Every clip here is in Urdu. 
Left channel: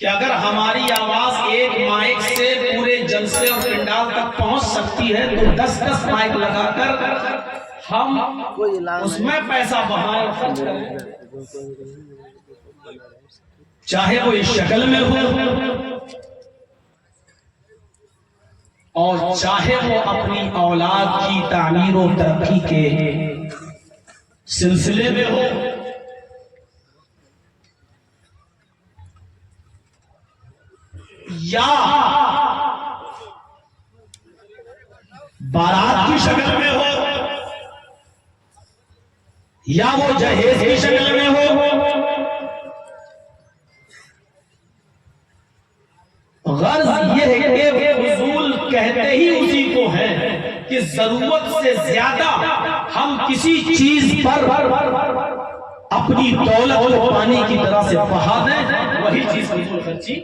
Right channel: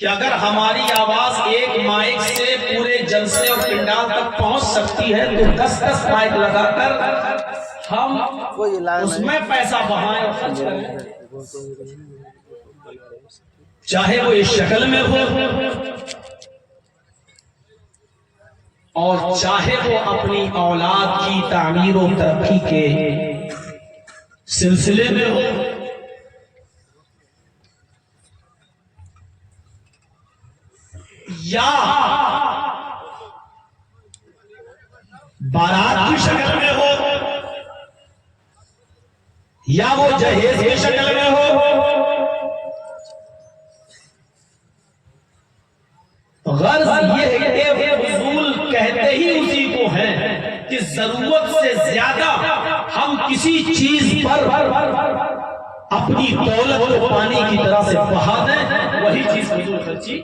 کہ اگر ہماری آواز ایک مائک سے پورے جلسے اور پنڈال تک پہنچ سکتی ہے تو 10 مائک لگا کر ہم اس میں پیسہ بہائیں اور خرچ کریں، چاہے وہ اس شکل میں ہو اور چاہے وہ اپنی اولاد کی تعمیر و ترقی کے سلسلے میں ہو، یا بارات کی شکل میں ہو، یا وہ جہیز کی شکل میں ہو، غرض یہ ہے کہ فضول کہتے ہی اسی کو ہیں کہ ضرورت سے زیادہ ہم کسی چیز پر اپنی دولت کو پانی کی طرح سے بہا دیں، وہی چیز فضول خرچی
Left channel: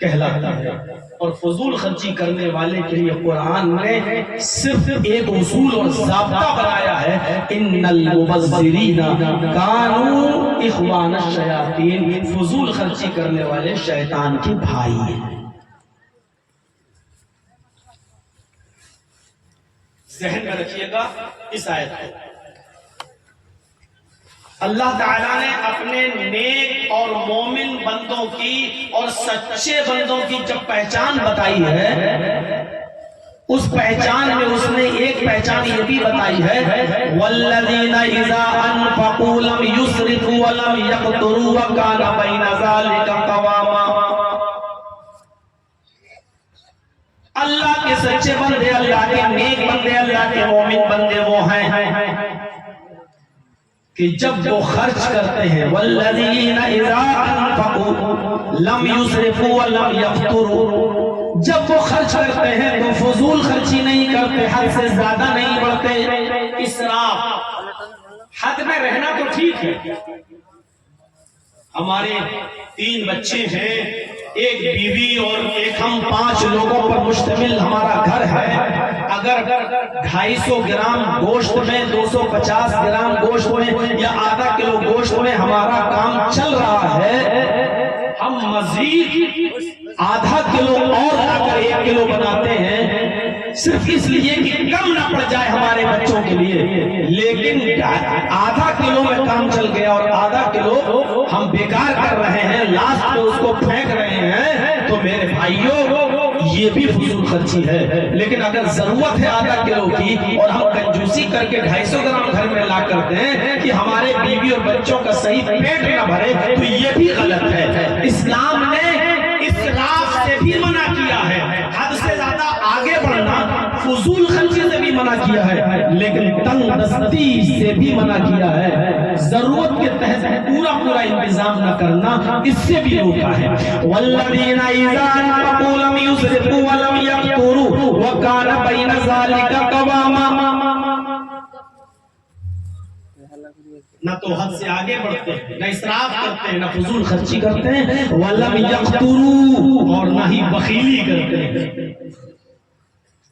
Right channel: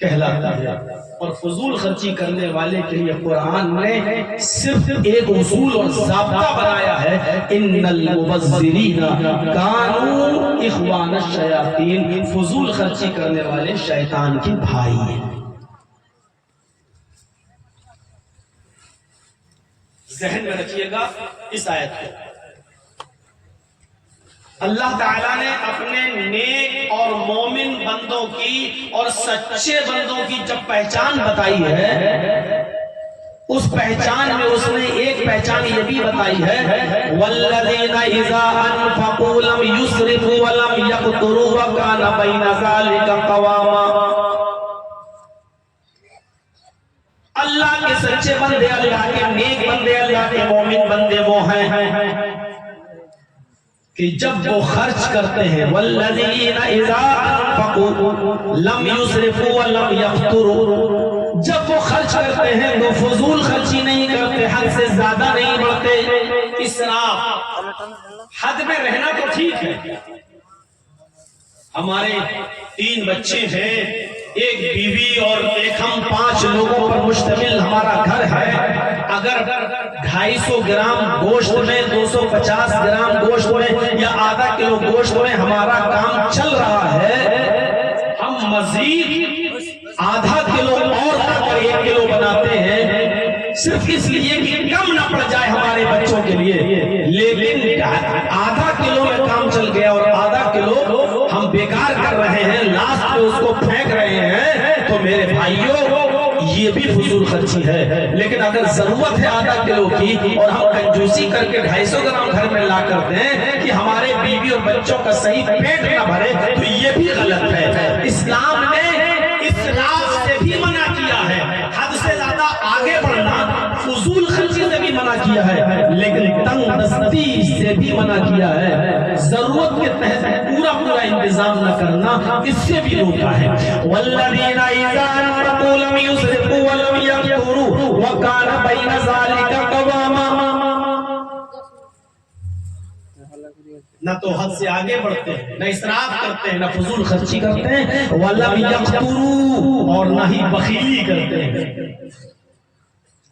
کہلاتا ہے۔ اور فضول خرچی کرنے والے کے لیے قرآن نے صرف ایک اصول اور ضابطہ بنایا ہے، ان المبذرین کانوا اخوان الشیاطین، فضول خرچی کرنے والے شیطان کے بھائی ہیں۔ ذہن میں رکھیے گا اس آیت کو۔ اللہ تعالیٰ نے اپنے نیک اور مومن بندوں کی اور سچے بندوں کی جب پہچان بتائی ہے، اس پہچان میں اس نے ایک پہچان یہ بھی بتائی ہے، وَالَّذِينَ إِذَا أَنفَقُوا لَمْ يُسْرِفُوا وَلَمْ يَقْتُرُوا وَكَانَ بَيْنَ ذَلِكَ قَوَامًا۔ اللہ کے سچے بندے، اللہ کے نیک بندے، اللہ کے مومن بندے وہ ہیں کہ جب وہ خرچ کرتے ہیں، وَالَّذِينَ إِذَا أَنفَقُوا لَمْ يُسْرِفُوا وَلَمْ يَقْتُرُوا، جب وہ خرچ کرتے ہیں تو فضول خرچی نہیں کرتے، حد سے زیادہ نہیں بڑھتے۔ اسراف، حد میں رہنا تو ٹھیک ہے، ہمارے 3 بچے ہیں، ایک بیوی اور ایک ہم 5 لوگوں پر مشتمل ہمارا گھر ہے۔ اگر 250 گرام گوشت میں، 250 گرام گوشت میں یا آدھا کلو گوشت میں ہمارا کام چل رہا ہے، ہم مزید آدھا کلو اور لا کر 1 کلو بناتے ہیں صرف اس لیے کہ کم نہ پڑ جائے ہمارے بچوں کے لیے، لیکن آدھا کلو میں کام چل گیا اور آدھا کلو ہم بیکار کر رہے ہیں، لاسٹ میں اس کو پھینک رہے ہیں، تو میرے بھائیوں یہ بھی فضول خرچی ہے۔ لیکن اگر ضرورت ہے آدھا کلو کی اور ہم کنجوسی کر کے 250 گرام گھر میں لا کر دیں کہ ہمارے بیوی اور بچوں کا صحیح پیٹ نہ بھرے، تو یہ بھی غلط ہے۔ اسلام نے اسراف سے بھی منع کیا ہے، حد سے زیادہ آگے بڑھنا، فضول خرچی سے بھی منع کیا ہے، لیکن تنگ دستی سے بھی منع کیا ہے، ضرورت کے تحت پورا انتظام نہ کرنا، اس سے بھی روکا ہے۔ وَالَّذِينَ إِذَا أَنفَقُوا لَمْ يُسْرِفُوا وَلَمْ يَقْتُرُوا وَكَانَ بَيْنَ ذَلِكَ قَوَامًا، نہ تو حد سے آگے بڑھتے ہیں، نہ اسراف کرتے ہیں، نہ فضول خرچی کرتے ہیں، وَلَمْ يَقْتُرُوا، اور نہ ہی بخیلی کرتے ہیں۔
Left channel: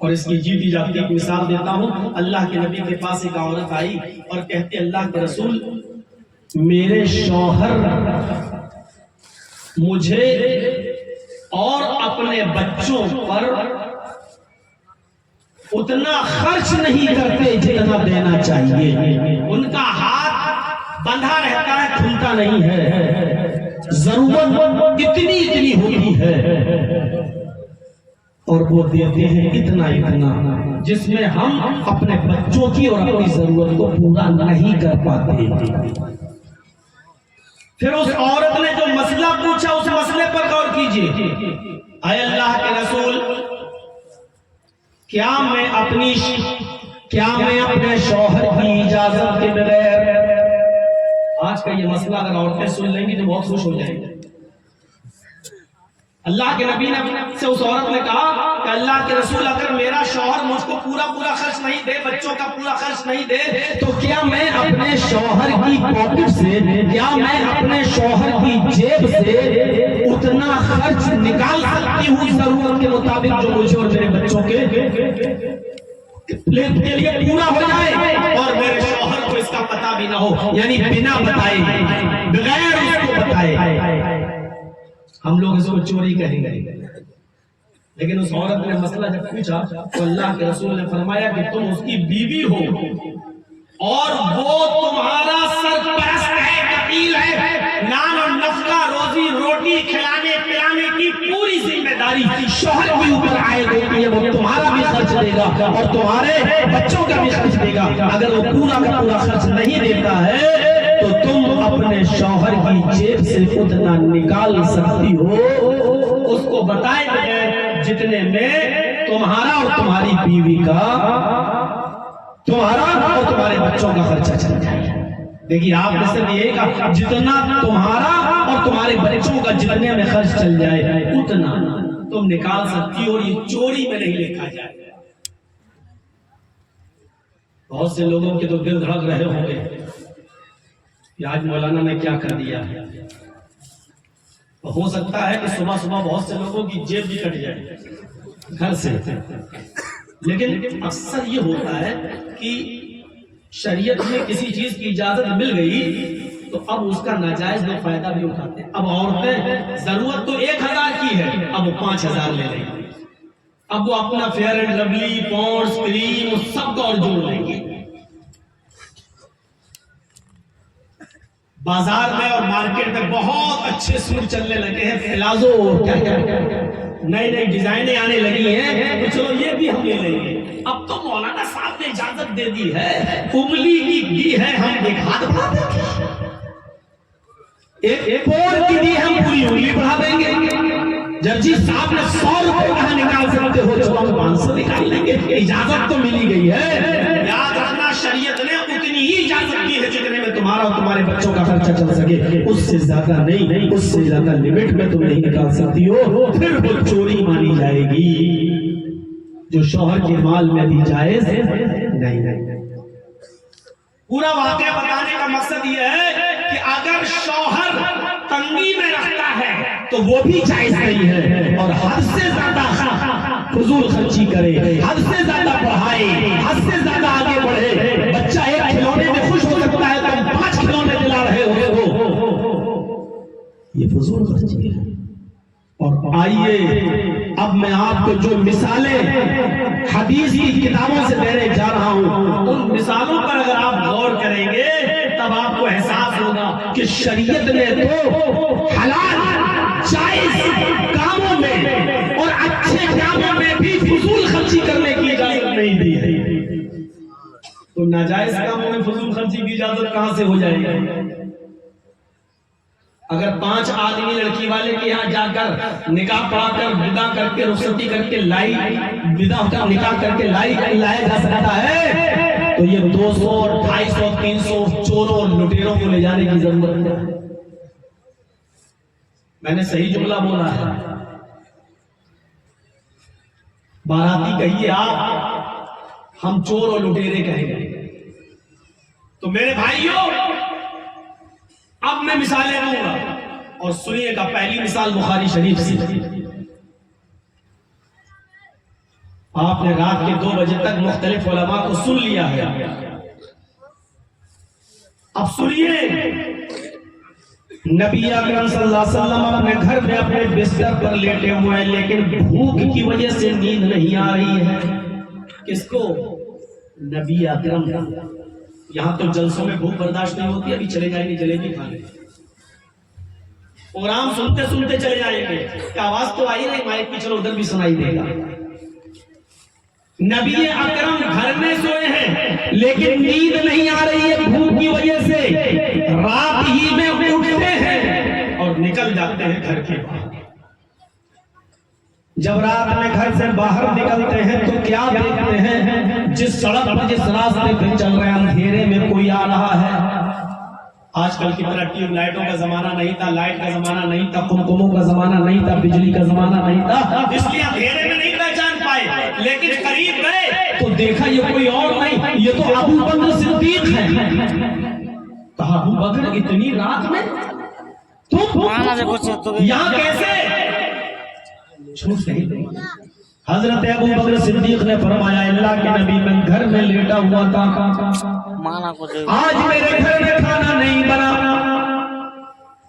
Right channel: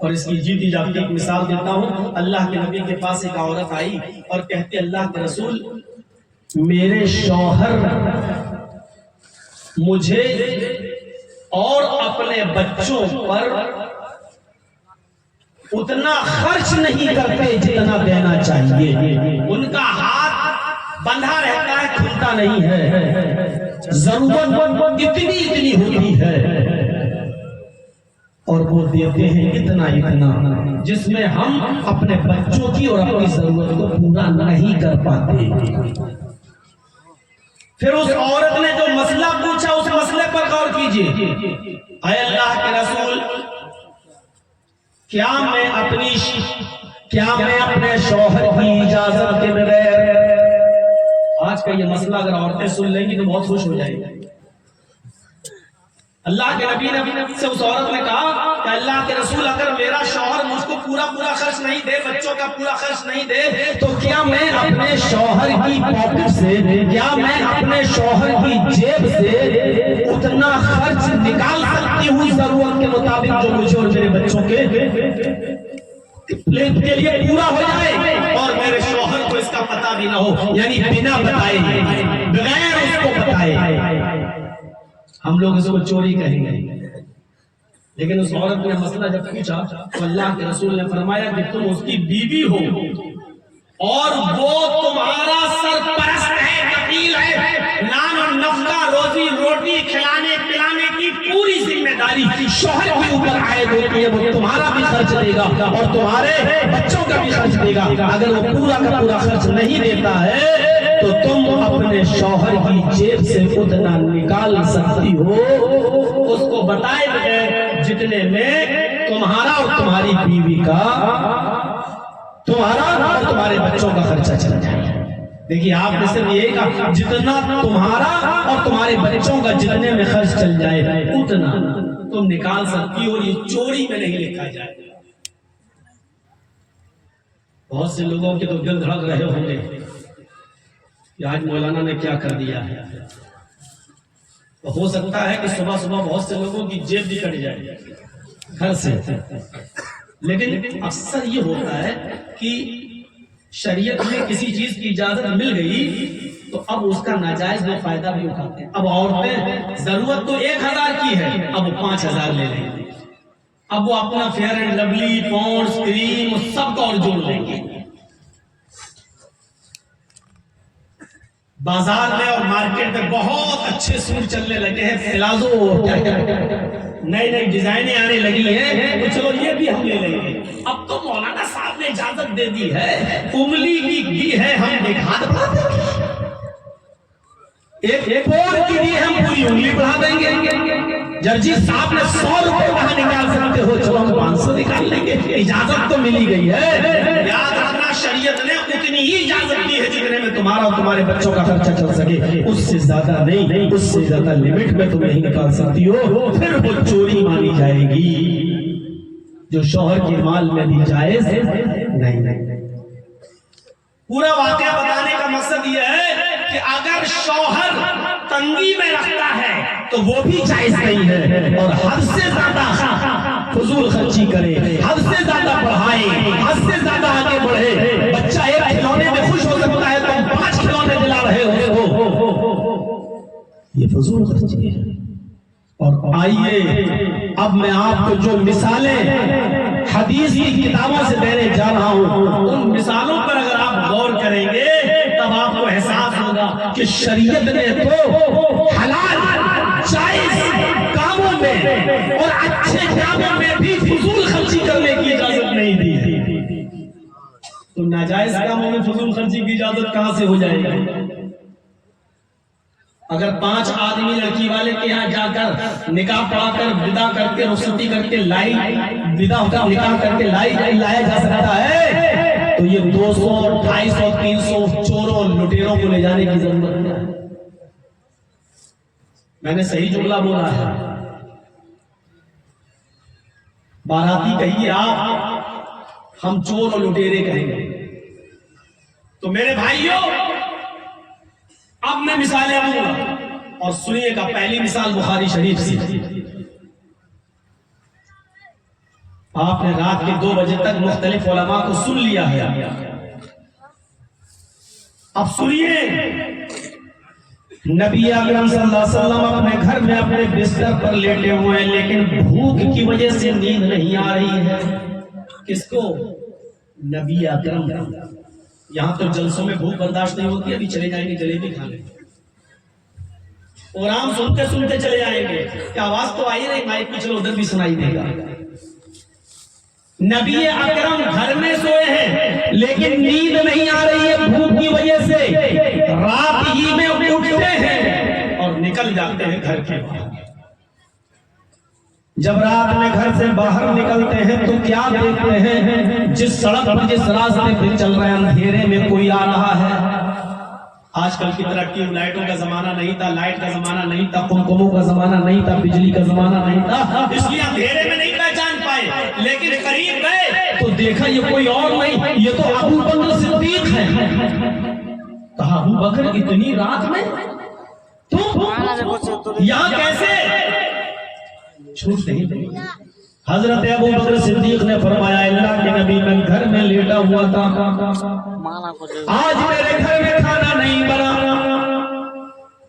اور اس کی جیتی جاگتی ایک مثال دیتا ہوں۔ اللہ کے نبی کے پاس ایک عورت آئی اور کہتی، اللہ کے رسول، میرے شوہر مجھے اور اپنے بچوں پر اتنا خرچ نہیں کرتے جتنا دینا چاہیے، ان کا ہاتھ بندھا رہتا ہے، کھلتا نہیں ہے، ضرورت اتنی ہوتی ہے اور وہ دیتے ہیں اتنا جس میں ہم اپنے بچوں کی اور اپنی ضرورت کو پورا نہیں کر پاتے۔ پھر اس عورت نے جو مسئلہ پوچھا، اس مسئلے پر غور کیجئے، اے اللہ کے رسول، کیا میں اپنے شوہر کی اجازت کے بغیر، آج کا یہ مسئلہ اگر عورتیں سن لیں گی تو بہت خوش ہو جائیں گی۔ اللہ کے نبی سے اس عورت نے کہا کہ اللہ کے رسول، اگر میرا شوہر مجھ کو پورا خرچ نہیں دے، بچوں کا پورا خرچ نہیں دے، تو کیا میں اپنے شوہر کی پاکٹ سے، کیا میں اپنے شوہر کی جیب سے اتنا خرچ نکال سکتی ہوں ضرورت کے مطابق جو مجھے اور میرے بچوں کے لیے پورا ہو جائے، اور میرے شوہر کو اس کا پتہ بھی نہ ہو، یعنی بنا بتائے، بغیر اس کو بتائے؟ ہم لوگ اس کو چوری کہیں گے، لیکن اس عورت نے مسئلہ جب پوچھا تو اللہ کے رسول نے فرمایا کہ تم اس کی بیوی ہو اور وہ تمہارا سرپرست ہے، کفیل ہے، نان اور نفقہ روزی روٹی کھلانے پلانے کی پوری ذمہ داری شوہر کے اوپر عائد ہوتی ہے، وہ تمہارا بھی خرچ دے گا اور تمہارے بچوں کا بھی خرچ دے گا۔ اگر وہ پورا کا پورا خرچ نہیں دیتا ہے تو تم اپنے شوہر کی جیب سے اتنا نکال سکتی ہو، اس کو بتائے بغیر جتنے میں تمہارا اور تمہاری بیوی کا، تمہارا اور تمہارے بچوں کا خرچہ چل جائے۔ دیکھیے آپ نے صرف یہ کہا جتنا تمہارا اور تمہارے بچوں کا جتنے میں خرچ چل جائے اتنا تم نکال سکتی ہو، اور یہ چوری میں نہیں لکھا جائے۔ بہت سے لوگوں کے تو دل دھڑک رہے ہوں گے کہ آج مولانا نے کیا کر دیا ہے۔ ہو سکتا ہے کہ صبح صبح بہت سے لوگوں کی جیب بھی کٹ جائے گھر سے، لیکن اکثر یہ ہوتا ہے کہ شریعت میں کسی چیز کی اجازت مل گئی تو اب اس کا ناجائز لوگ فائدہ بھی اٹھاتے ہیں۔ اب عورتیں ضرورت تو 1000 کی ہے، اب وہ 5000 لے لیں گے، اب وہ اپنا فیئر اینڈ لولی پونڈز کریم سب کا اور جوڑ لیں گے۔ بازار میں اور مارکیٹ میں بہت اچھے سوٹ چلنے لگے ہیں، پلازو نئی نئی ڈیزائنیں آنے لگی ہیں، تو چلو یہ بھی ہم لے لیں گے۔ اب تو مولانا صاحب نے اجازت دے دی ہے، انگلی کی ہے ہم دیکھا دیں گے، ایک پور کی دی ہم پوری انگلی بڑھا دیں گے۔ جرجی صاحب نے 100 روپے کہاں نکال سکتے ہو، چلو ہم 500 نکال لیں گے، اجازت تو ملی گئی ہے۔ یاد رکھنا شریعت نے اتنی ہی اجازت دی ہے جتنے میں تمہارا اور تمہارے بچوں کا خرچہ چل سکے، اس سے زیادہ نہیں، اس سے زیادہ لمٹ میں تم نہیں نکال سکتی ہو، پھر وہ چوری مانی جائے گی جو شوہر کے مال میں بھی جائز نہیں۔ پورا واقعہ بتانے کا مقصد یہ ہے کہ اگر شوہر تنگی میں رکھتا ہے تو وہ بھی جائز نہیں ہے، اور حد سے زیادہ فضول خرچی کرے، حد سے زیادہ پڑھائے، حد سے زیادہ آگے بڑھے۔ بچہ ایک کھلونے میں خوش ہو سکتا ہے تو 5 کھلونے دلا رہے ہو، یہ فضول خرچی ہے۔ اور آئیے اب میں آپ کو جو مثالیں حدیث کی کتابوں سے دینے جا رہا ہوں، ان مثالوں پر اگر آپ غور کریں گے تب آپ کو احساس ہوگا کہ شریعت نے تو حلال جائز کاموں میں اور اچھے کاموں میں بھی فضول خرچی کرنے کی اجازت نہیں دی ہے، تو ناجائز کاموں میں فضول خرچی کی اجازت کہاں سے ہو جائے گی؟ اگر 5 آدمی لڑکی والے کے یہاں جا کر نکاح پڑھا کر ودا کر کے رخصتی کر کے ودا ہو کر نکاح کر کے لایا جا سکتا ہے تو یہ 200 250 300 چوروں لٹیروں کو لے جانے کی ضرورت ہے۔ میں نے صحیح جملہ بولا ہے، باراتی کہیے آپ، ہم چور اور لٹیرے کہیں گے۔ تو میرے بھائیوں اب میں مثالیں دوں گا اور سنیے گا۔ پہلی مثال بخاری شریف سے، آپ نے رات کے 2 بجے تک مختلف علماء کو سن لیا ہے، اب سنیے۔ نبی اکرم صلی اللہ علیہ وسلم اپنے گھر میں اپنے بستر پر لیٹے ہوئے ہیں، لیکن بھوک کی وجہ سے نیند نہیں آ رہی ہے۔ کس کو؟ نبی اکرم۔ یہاں تو جلسوں میں بھوک برداشت نہیں ہوتی، ابھی چلے جائیں گے جلیبی کھانے، پروگرام سنتے سنتے چلے جائیں گے، کہ آواز تو آئی نہیں مائک پہ، چلو ادھر بھی سنائی دے گا۔ نبی اکرم گھر میں سوئے ہیں لیکن نیند نہیں آ رہی ہے بھوک کی وجہ سے، رات ہی میں اٹھتے ہیں اور نکل جاتے ہیں گھر کے باہر۔ جب رات میں گھر سے باہر نکلتے ہیں تو کیا دیکھتے ہیں؟ جس سڑک پر جس راستے پہ چل رہے ہیں اندھیرے میں کوئی آ رہا ہے۔ آج کل کی طرح ٹیوب لائٹوں کا زمانہ نہیں تھا، لائٹ کا زمانہ نہیں تھا، کمکموں کا زمانہ نہیں تھا، بجلی کا زمانہ نہیں تھا، اس لیے اندھیرے میں نہیں پہچان پائے، لیکن قریب گئے تو دیکھا یہ کوئی اور نہیں، یہ تو ابو بکر صدیق ہے۔ کہا ابو بکر اتنی رات میں تم یہاں کیسے؟ چھوٹ نہیں دیں۔ حضرت ابو بکر صدیق نے فرمایا اللہ کے نبی میں گھر میں لیٹا ہوا تھا، آج میرے گھر میں کھانا نہیں بنا،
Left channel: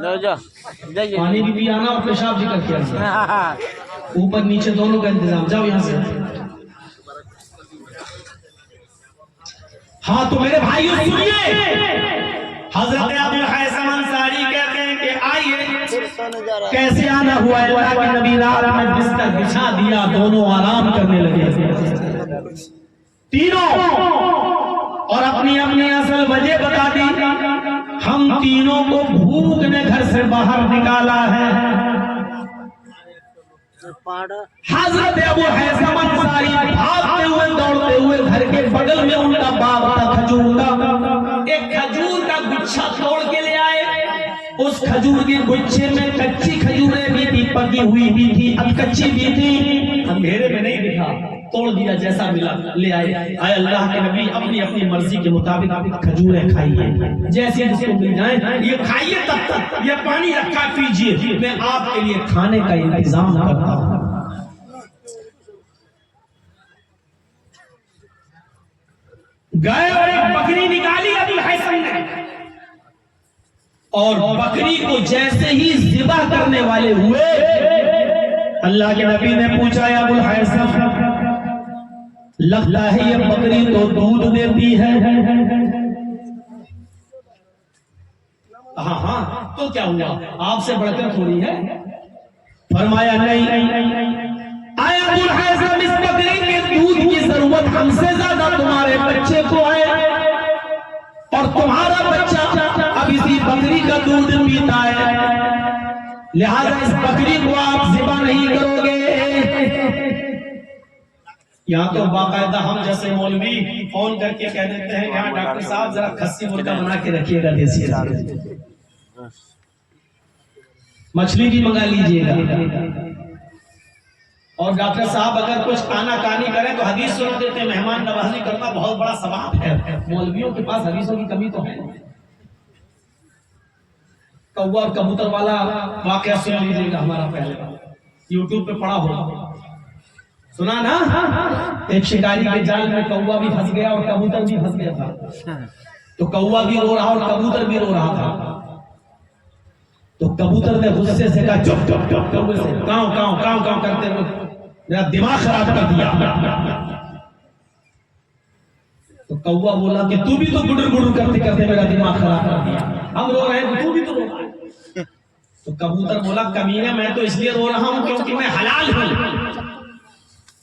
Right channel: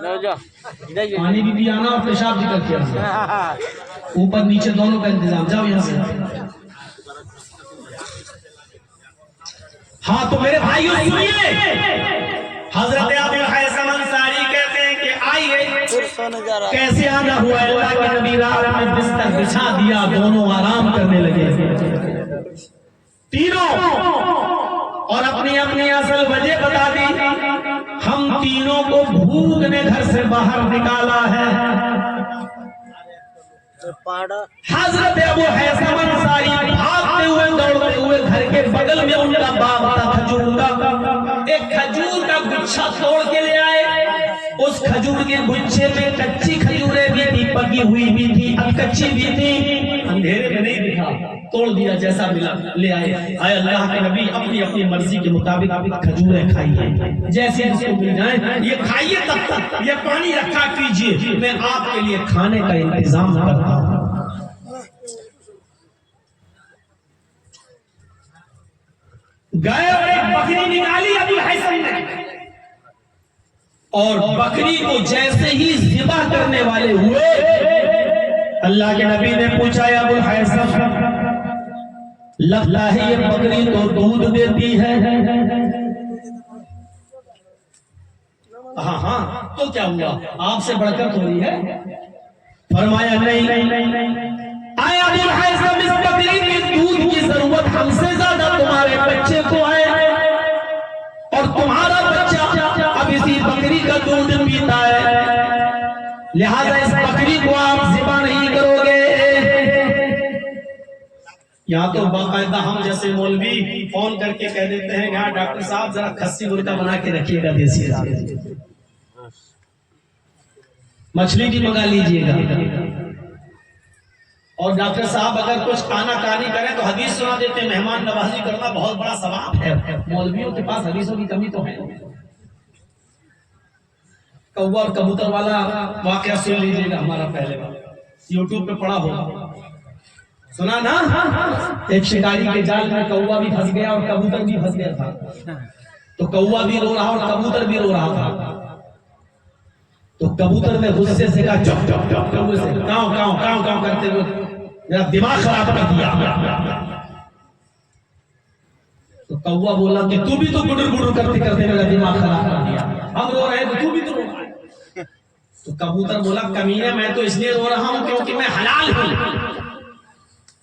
پانی بھی آنا اور پیشاب بھی کر کے آنا، اوپر نیچے دونوں کا انتظام. جاؤ یہاں سے. ہاں تو میرے بھائیو سنیے، حضرت ابو الحیثم انصاری کہتے ہیں کہ آئیے کیسے آنا ہوا. اللہ کے نبی رات میں بستر بچھا دیا، دونوں آرام کرنے لگے تینوں، اور اپنی اپنی اصل وجہ بتا دی. ہم تینوں کو بھوک نے گھر سے باہر نکالا ہے. حضرت ابو الحیثم انصاری بھاگتے ہوئے دوڑتے ہوئے گھر کے بغل میں ان کا باغ تھا کھجور کا، ایک کھجور کا گچھا توڑ کے لے آئے. اس کھجور کے گچھے میں کچی کھجوریں بھی تھی، پکی ہوئی بھی تھی، کچی بھی تھی. اندھیرے میں نہیں دکھا، توڑ دیا جیسا ملا لے آئے. آئے اللہ کے نبی اپنی اپنی مرضی کے مطابق کھجوریں کھائیے، جیسے جس کو مل جائیں یہ کھائیے، تب تک یہ پانی رکھا کیجئے، میں آپ کے لیے کھانے کا انتظام کرتا ہوں. گئے اور ایک بکری نکالی ابو الحیثم نے، اور بکری کو جیسے ہی ذبح کرنے والے ہوئے، اللہ کے نبی نے پوچھا یا ابو الحیثم، لگتا ہے یہ بکری تو دودھ دیتی ہے. ہاں ہاں تو کیا ہوا، آپ سے بڑھ کر تھوڑی ہے. فرمایا نہیں. آیا ابو الحیثم، اس بکری کے دودھ کی ضرورت ہم سے زیادہ تمہارے بچے کو ہے، اور تمہارا بچہ اب اسی بکری کا دودھ پیتا ہے، لہذا اس بکری کو آپ ذبح نہیں کرو گے. یہاں تو باقاعدہ ہم جیسے مولوی فون کر کے کہہ دیتے ہیں کہ ہاں ڈاکٹر صاحب ذرا کھسی مرغا بنا کے رکھیے گا، دیسی مچھلی بھی منگا لیجیے گا. اور ڈاکٹر صاحب اگر کچھ کھانا کانی کریں تو حدیث سنا دیتے ہیں، مہمان نوازی کرنا بہت بڑا ثواب ہے. مولویوں کے پاس حدیثوں کی کمی تو ہے. کوا اور کبوتر والا واقعہ سن لیجیے گا ہمارا پہلے والا، یوٹیوب پہ پڑا ہوگا، سنا نا. ایک شکاری کے جال میں کوا بھی پھنس گیا اور کبوتر بھی پھنس گیا تھا. تو کوا بھی رو رہا اور کبوتر بھی رو رہا تھا. تو کبوتر نے غصے سے کہا چپ چپ چپ، کوے سے کاؤں کاؤں کاؤں کاؤں کرتے ہوئے میرا دماغ خراب کر دیا. تو کوا بولا کہ تو بھی تو گڈر گڈر کرتے کرتے میرا دماغ خراب کر دیا، ہم رو رہے ہیں تو بھی تو رو رہا ہے. تو کبوتر بولا کمینے، میں تو اس لیے رو رہا ہوں کیونکہ میں حلال ہوں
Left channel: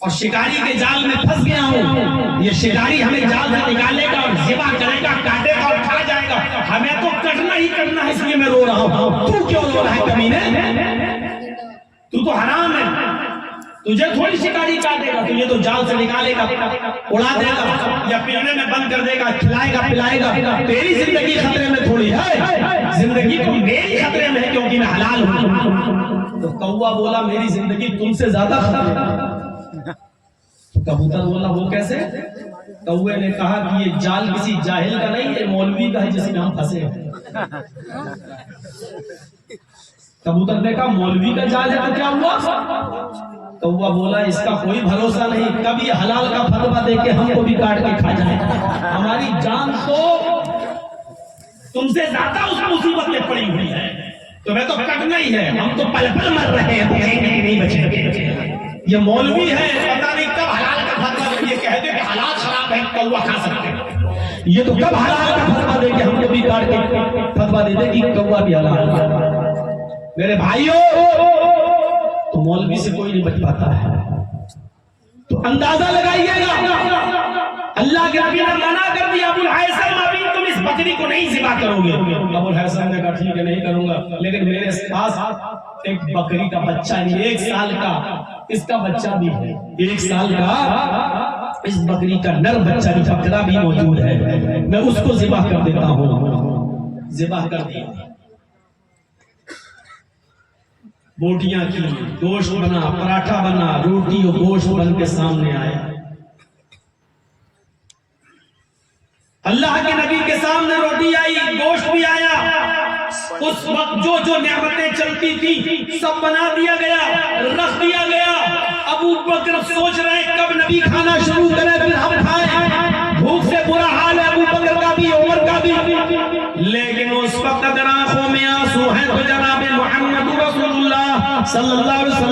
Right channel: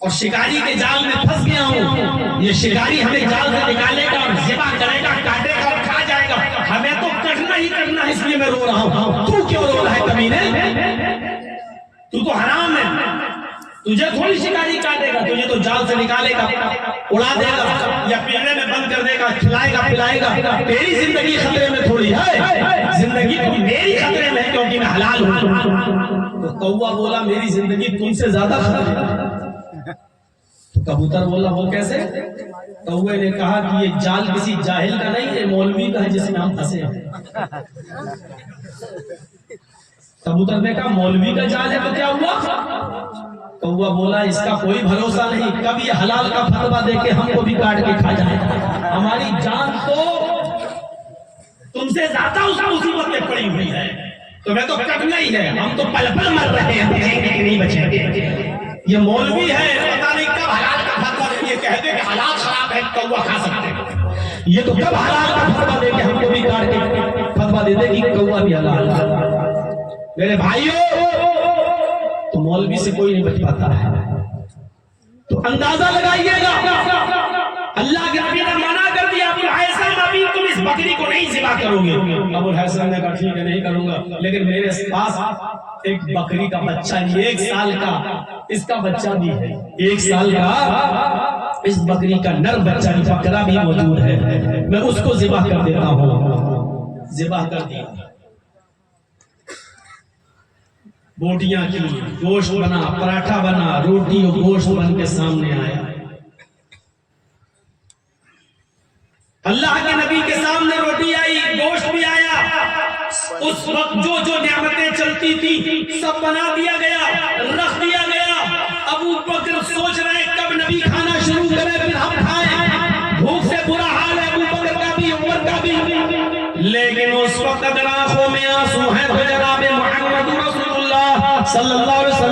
اور شکاری کے جال میں پھنس گیا ہوں. یہ شکاری ہمیں جال سے نکالے گا اور ذبح کرے گا، کاٹے گا اور کھا جائے گا، ہمیں تو کٹنا ہی کرنا ہے، اس لیے میں رو رہا ہوں. تو کیوں رو رہا ہے کمینے؟ تو حرام ہے، تجھے تھوڑی شکاری کاٹے گا، تجھے تو جال سے نکالے گا، اڑا دے گا یا پنجرے میں بند کر دے گا، کھلائے گا پلائے گا. تیری زندگی خطرے میں تھوڑی ہے، زندگی تو میری خطرے میں ہے کیونکہ میں حلال ہوں. تو کوا بولا میری زندگی تم سے زیادہ خطرے میں. کبوتر بولا وہ کیسے؟ کوے نے کہا کہ یہ جال کسی جاہل کا نہیں ہے، مولوی کا ہے جس میں ہم پھنسے. کبوتر نے کہا مولوی کا جال ہے تو کیا ہوا؟ کوا بولا اس کا کوئی بھروسہ نہیں، کب یہ حلال کا فتویٰ دے کے ہم کو بھی کاٹ کے کھا جائے. ہماری جان تو تم سے زیادہ اس مصیبت میں پڑی ہوئی ہے، تمہیں تو کٹنا ہی ہے، ہم تو پل پل مر رہے ہیں، بچیں گے کہ نہیں بچیں گے. یہ مولوی ہے پتہ نہیں کب حلال کا فتویٰ دے، یہ کہہ دے کہ حلال خراب ہے کوا کھا سکتے ہیں، یہ تو کب حلال کا فتویٰ دے کہ ہم کو بھی کاٹ کے فتویٰ دے دے کہ کوا بھی حلال ہے. میرے بھائیوں تو مولوی سے کوئی نہیں بچ پاتا ہے. تو اندازہ لگائیے گا، اللہ کے نبی نے منع کر دیا ابو الحیثم ابھی تم اس بکری کو نہیں ذبح کرو گے. ابو الحیثم نے کہا ٹھیک ہے نہیں کروں گا، لیکن میرے پاس ایک بکری کا بچہ نہیں، 1 سال کا اس کا بچہ بھی ہے، 1 سال کا اس بکری کا نر بچہ بھی، بکرا بھی موجود ہے، میں اس کو ذبح کر دیتا ہوں. ذبح کر دیا، بوٹیاں کی، گوشت بنا، پراٹھا بنا، روٹی اور گوشت بن کے سامنے آیا. اللہ کے نبی کے سامنے روٹی آئی، گوشت بھی آیا. اس وقت جو نعمتیں چلتی تھی سب بنا دیا گیا، رکھ دیا گیا. ابو بکر سوچ رہے ہیں کب نبی کھانا شروع کرے پھر ہم کھائیں. بھوک سے برا حال ہے ابو بکر کا بھی، عمر کا بھی، لیکن اس وقت اگر آنکھوں میں آنسو ہیں تو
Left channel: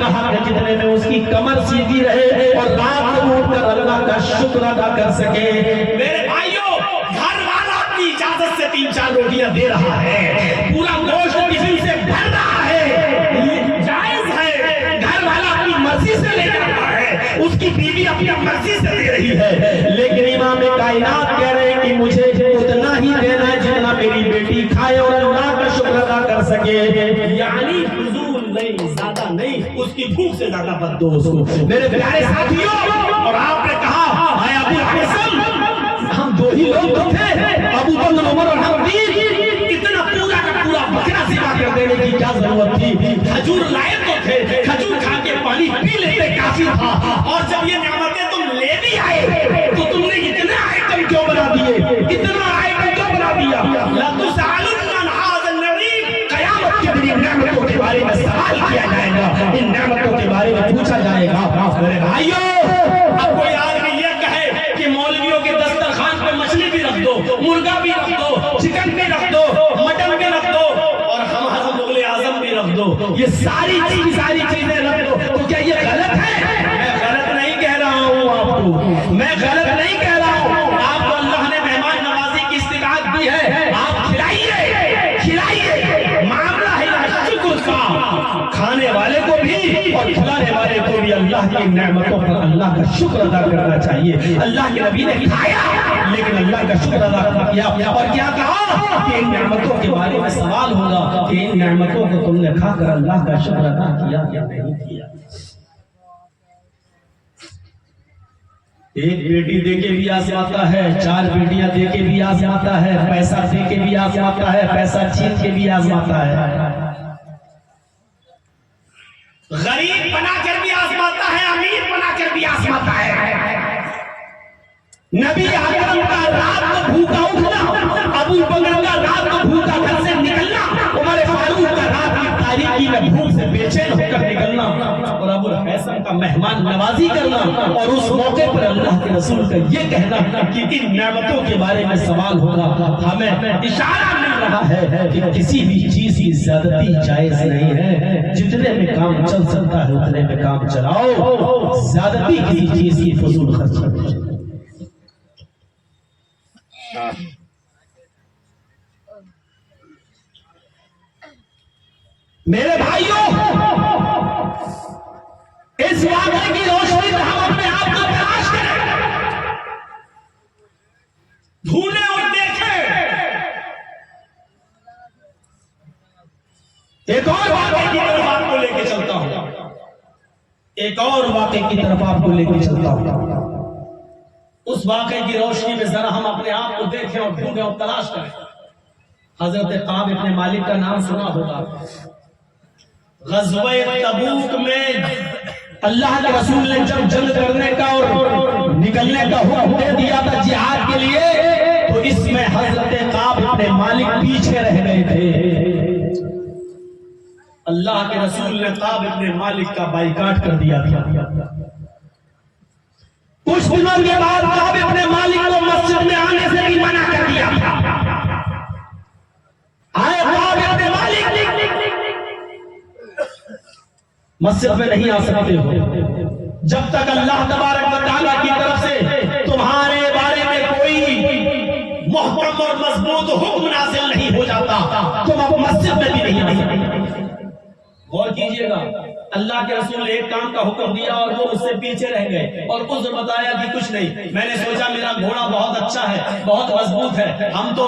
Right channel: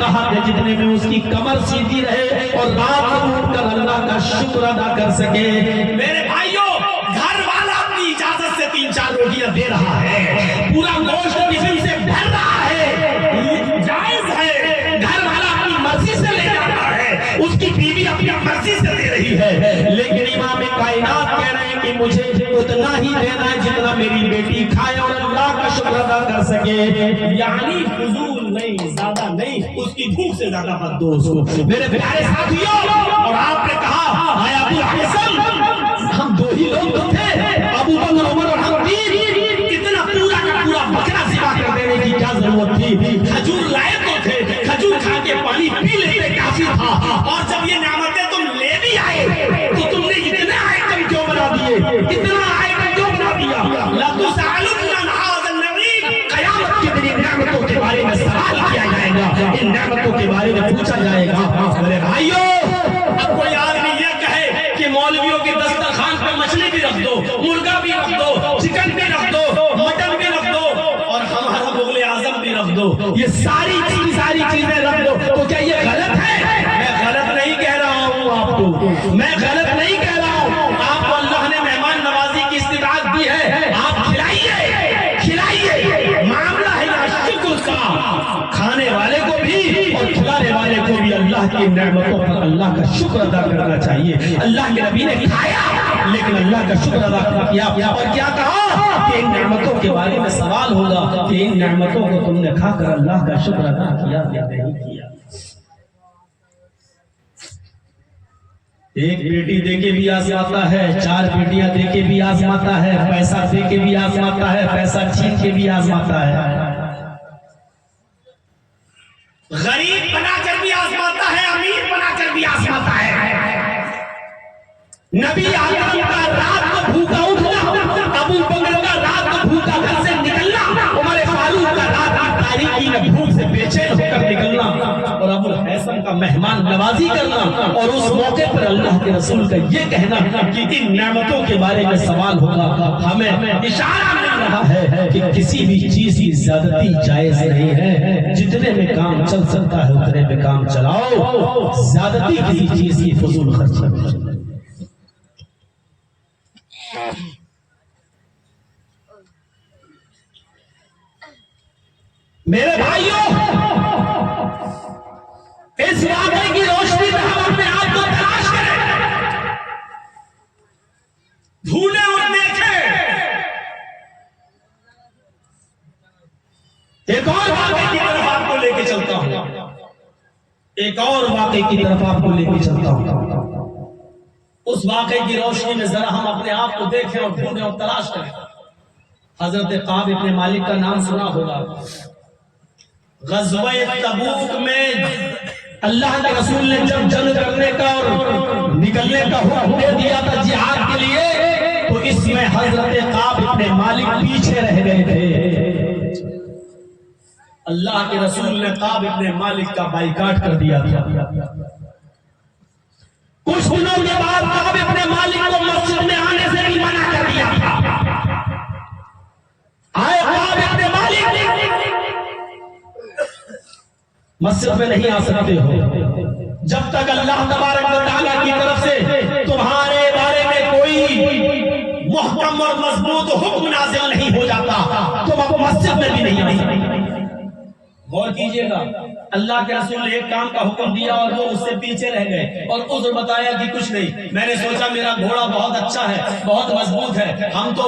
کا حق ہے جتنے میں اس کی کمر سیدھی رہے اور رات کو اٹھ کر اللہ کا شکر ادا کر سکے۔ میرے بھائیوں، گھر والا اپنی اجازت سے 3-4 روٹیاں دے رہا ہے، پورا گوشت ٹفن سے بھر رہا ہے، یہ جائز ہے۔ گھر والا اپنی مرضی سے لے جا رہا ہے، اس کی بیوی اپنی مرضی سے دے رہی ہے، لیکن امام کائنات کہہ رہے ہیں کہ مجھے اتنا ہی دینا ہے جتنا میری بیٹی کھائے اور اللہ کا شکر ادا کر سکے، یعنی فضول نہیں، زیادہ نہیں، اس کی بھوک سے زیادہ مت دو اس کو۔ میرے پیارے ساتھیوں، اور آپ نے کہا ہے ابو الحسن، ہم 2 ہی لوگ تو تھے، ابو بکر عمر اور ہم 3، اتنا پورا کا پورا بکرا سوا کر دینے کی کیا ضرورت تھی؟ کھجور لائے تو تھے، کھجور کھا کے پانی پی لیتے کافی تھا، اور جب یہ نعمتیں تم لے بھی آئے تو تم نے اتنے آئٹم کیوں بنا دیے؟ اتنا آئٹم کیوں بنا دیا؟ لَتُسْأَلُنَّ عَنْ هَٰذَا النَّعِيمِ، قیامت کے دن نعمتوں کے بارے میں سوال کیا جائے گا، ان نعمتوں کے بارے میں پوچھا جائے گا۔ میرے بھائیوں، اب کوئی آدمی یہ کہے کہ مولویوں کے دسترخوان پہ مچھلی بھی رکھ دو، مرغا بھی رکھ دو، چکن بھی رکھ دو، مٹن بھی رکھ دو، اور ہم حضرت مغل اعظم بھی رکھ دو، یہ ساری چیزیں رکھ دو، تو کیا یہ غلط ہے؟ میں غلط نہیں کہہ رہا ہوں آپ کو، میں غلط نہیں کہہ رہا ہوں، آپ کو اللہ نے مہمان نوازی کی استطاعت دی ہے، آپ کھلائیے، معاملہ ہے شکر کا، کھانے والے کو بھی اور کھلانے والے کو بھی اللہ کی نعمتوں پر اللہ کا شکر ادا کرنا چاہیے۔ اللہ کے نبی نے کھایا لیکن اللہ کا شکر ادا کیا، اور کیا کہا کہ ان نعمتوں کے بارے میں سوال ہوگا کہ ان نعمتوں کو تم نے کھا کر اللہ کا شکر ادا کیا یا نہیں کیا۔ ایک بیٹی دے کے بھی آزماتا ہے، 4 بیٹیاں دے کے بھی آزماتا ہے، پیسہ دے کے بھی آزماتا ہے، پیسہ چھین کے بھی آزماتا ہے، غریب بنا کر بھی آزماتا ہے، امیر بنا کر بھی آزماتا ہے۔ نبی اکرم کا رات کو بھوکا اٹھنا، ابو بکر کا رات کو بھوکا گھر سے نکلنا، عمر فاروق کا رات کی تاریکی میں بھوک سے بے چین ہو کر نکلنا، اور ابو الحسن کا مہمان نوازی کرنا، اور اس موقع پر اللہ کے رسول کا یہ کہنا کہ ان نعمتوں کے بارے میں سوال ہوگا۔ ہمیں اشارہ مل رہا ہے کہ کسی بھی چیز کی زیادتی جائز نہیں ہے، جتنے میں کام چل سکتا ہے اتنے میں کام چلاؤ، زیادتی کسی چیز کی فضول خرچی نہیں۔ میرے بھائیوں، اس واقعے کی روشنی میں ہم اپنے آپ کو تلاش کریں، ڈھونڈیں اور دیکھیں۔ ایک اور واقعے کی طرف آپ کو لے کے چلتا ہوں، ایک اور واقعے کی طرف آپ کو لے کے چلتا ہوں۔ اس واقعے کی روشنی میں ذرا ہم اپنے آپ کو دیکھیں اور ڈھونڈیں اور تلاش کریں۔ حضرت کعب بن مالک کا نام سنا ہوگا۔ غزوہ تبوک میں اللہ کے رسول نے جب جنگ کرنے کا اور نکلنے کا حکم دے دیا تھا جہاد کے لیے، تو اس میں حضرت کعب بن مالک پیچھے رہ گئے تھے۔ اللہ کے رسول نے کعب بن مالک کا بائیکاٹ کر دیا تھا۔ کچھ دنوں کے بعد کعب بن مالک کو مسجد میں آنے سے بھی منع کر دیا تھا۔ آئے کعب بن مالک مسجد میں نہیں آ سکتے ہو جب تک اللہ تبارک و تعالیٰ کی طرف سے تمہارے بارے میں کوئی محکم اور مضبوط حکم نازل نہیں ہو جاتا، تم اب مسجد میں بھی نہیں آ سکتے۔ غور کیجئے گا، اللہ کے رسول نے ایک کام کا حکم دیا اور وہ اس سے پیچھے رہ گئے اور عذر بتایا کہ کچھ نہیں، میں نے سوچا میرا گھوڑا بہت اچھا ہے، بہت مضبوط ہے، ہم تو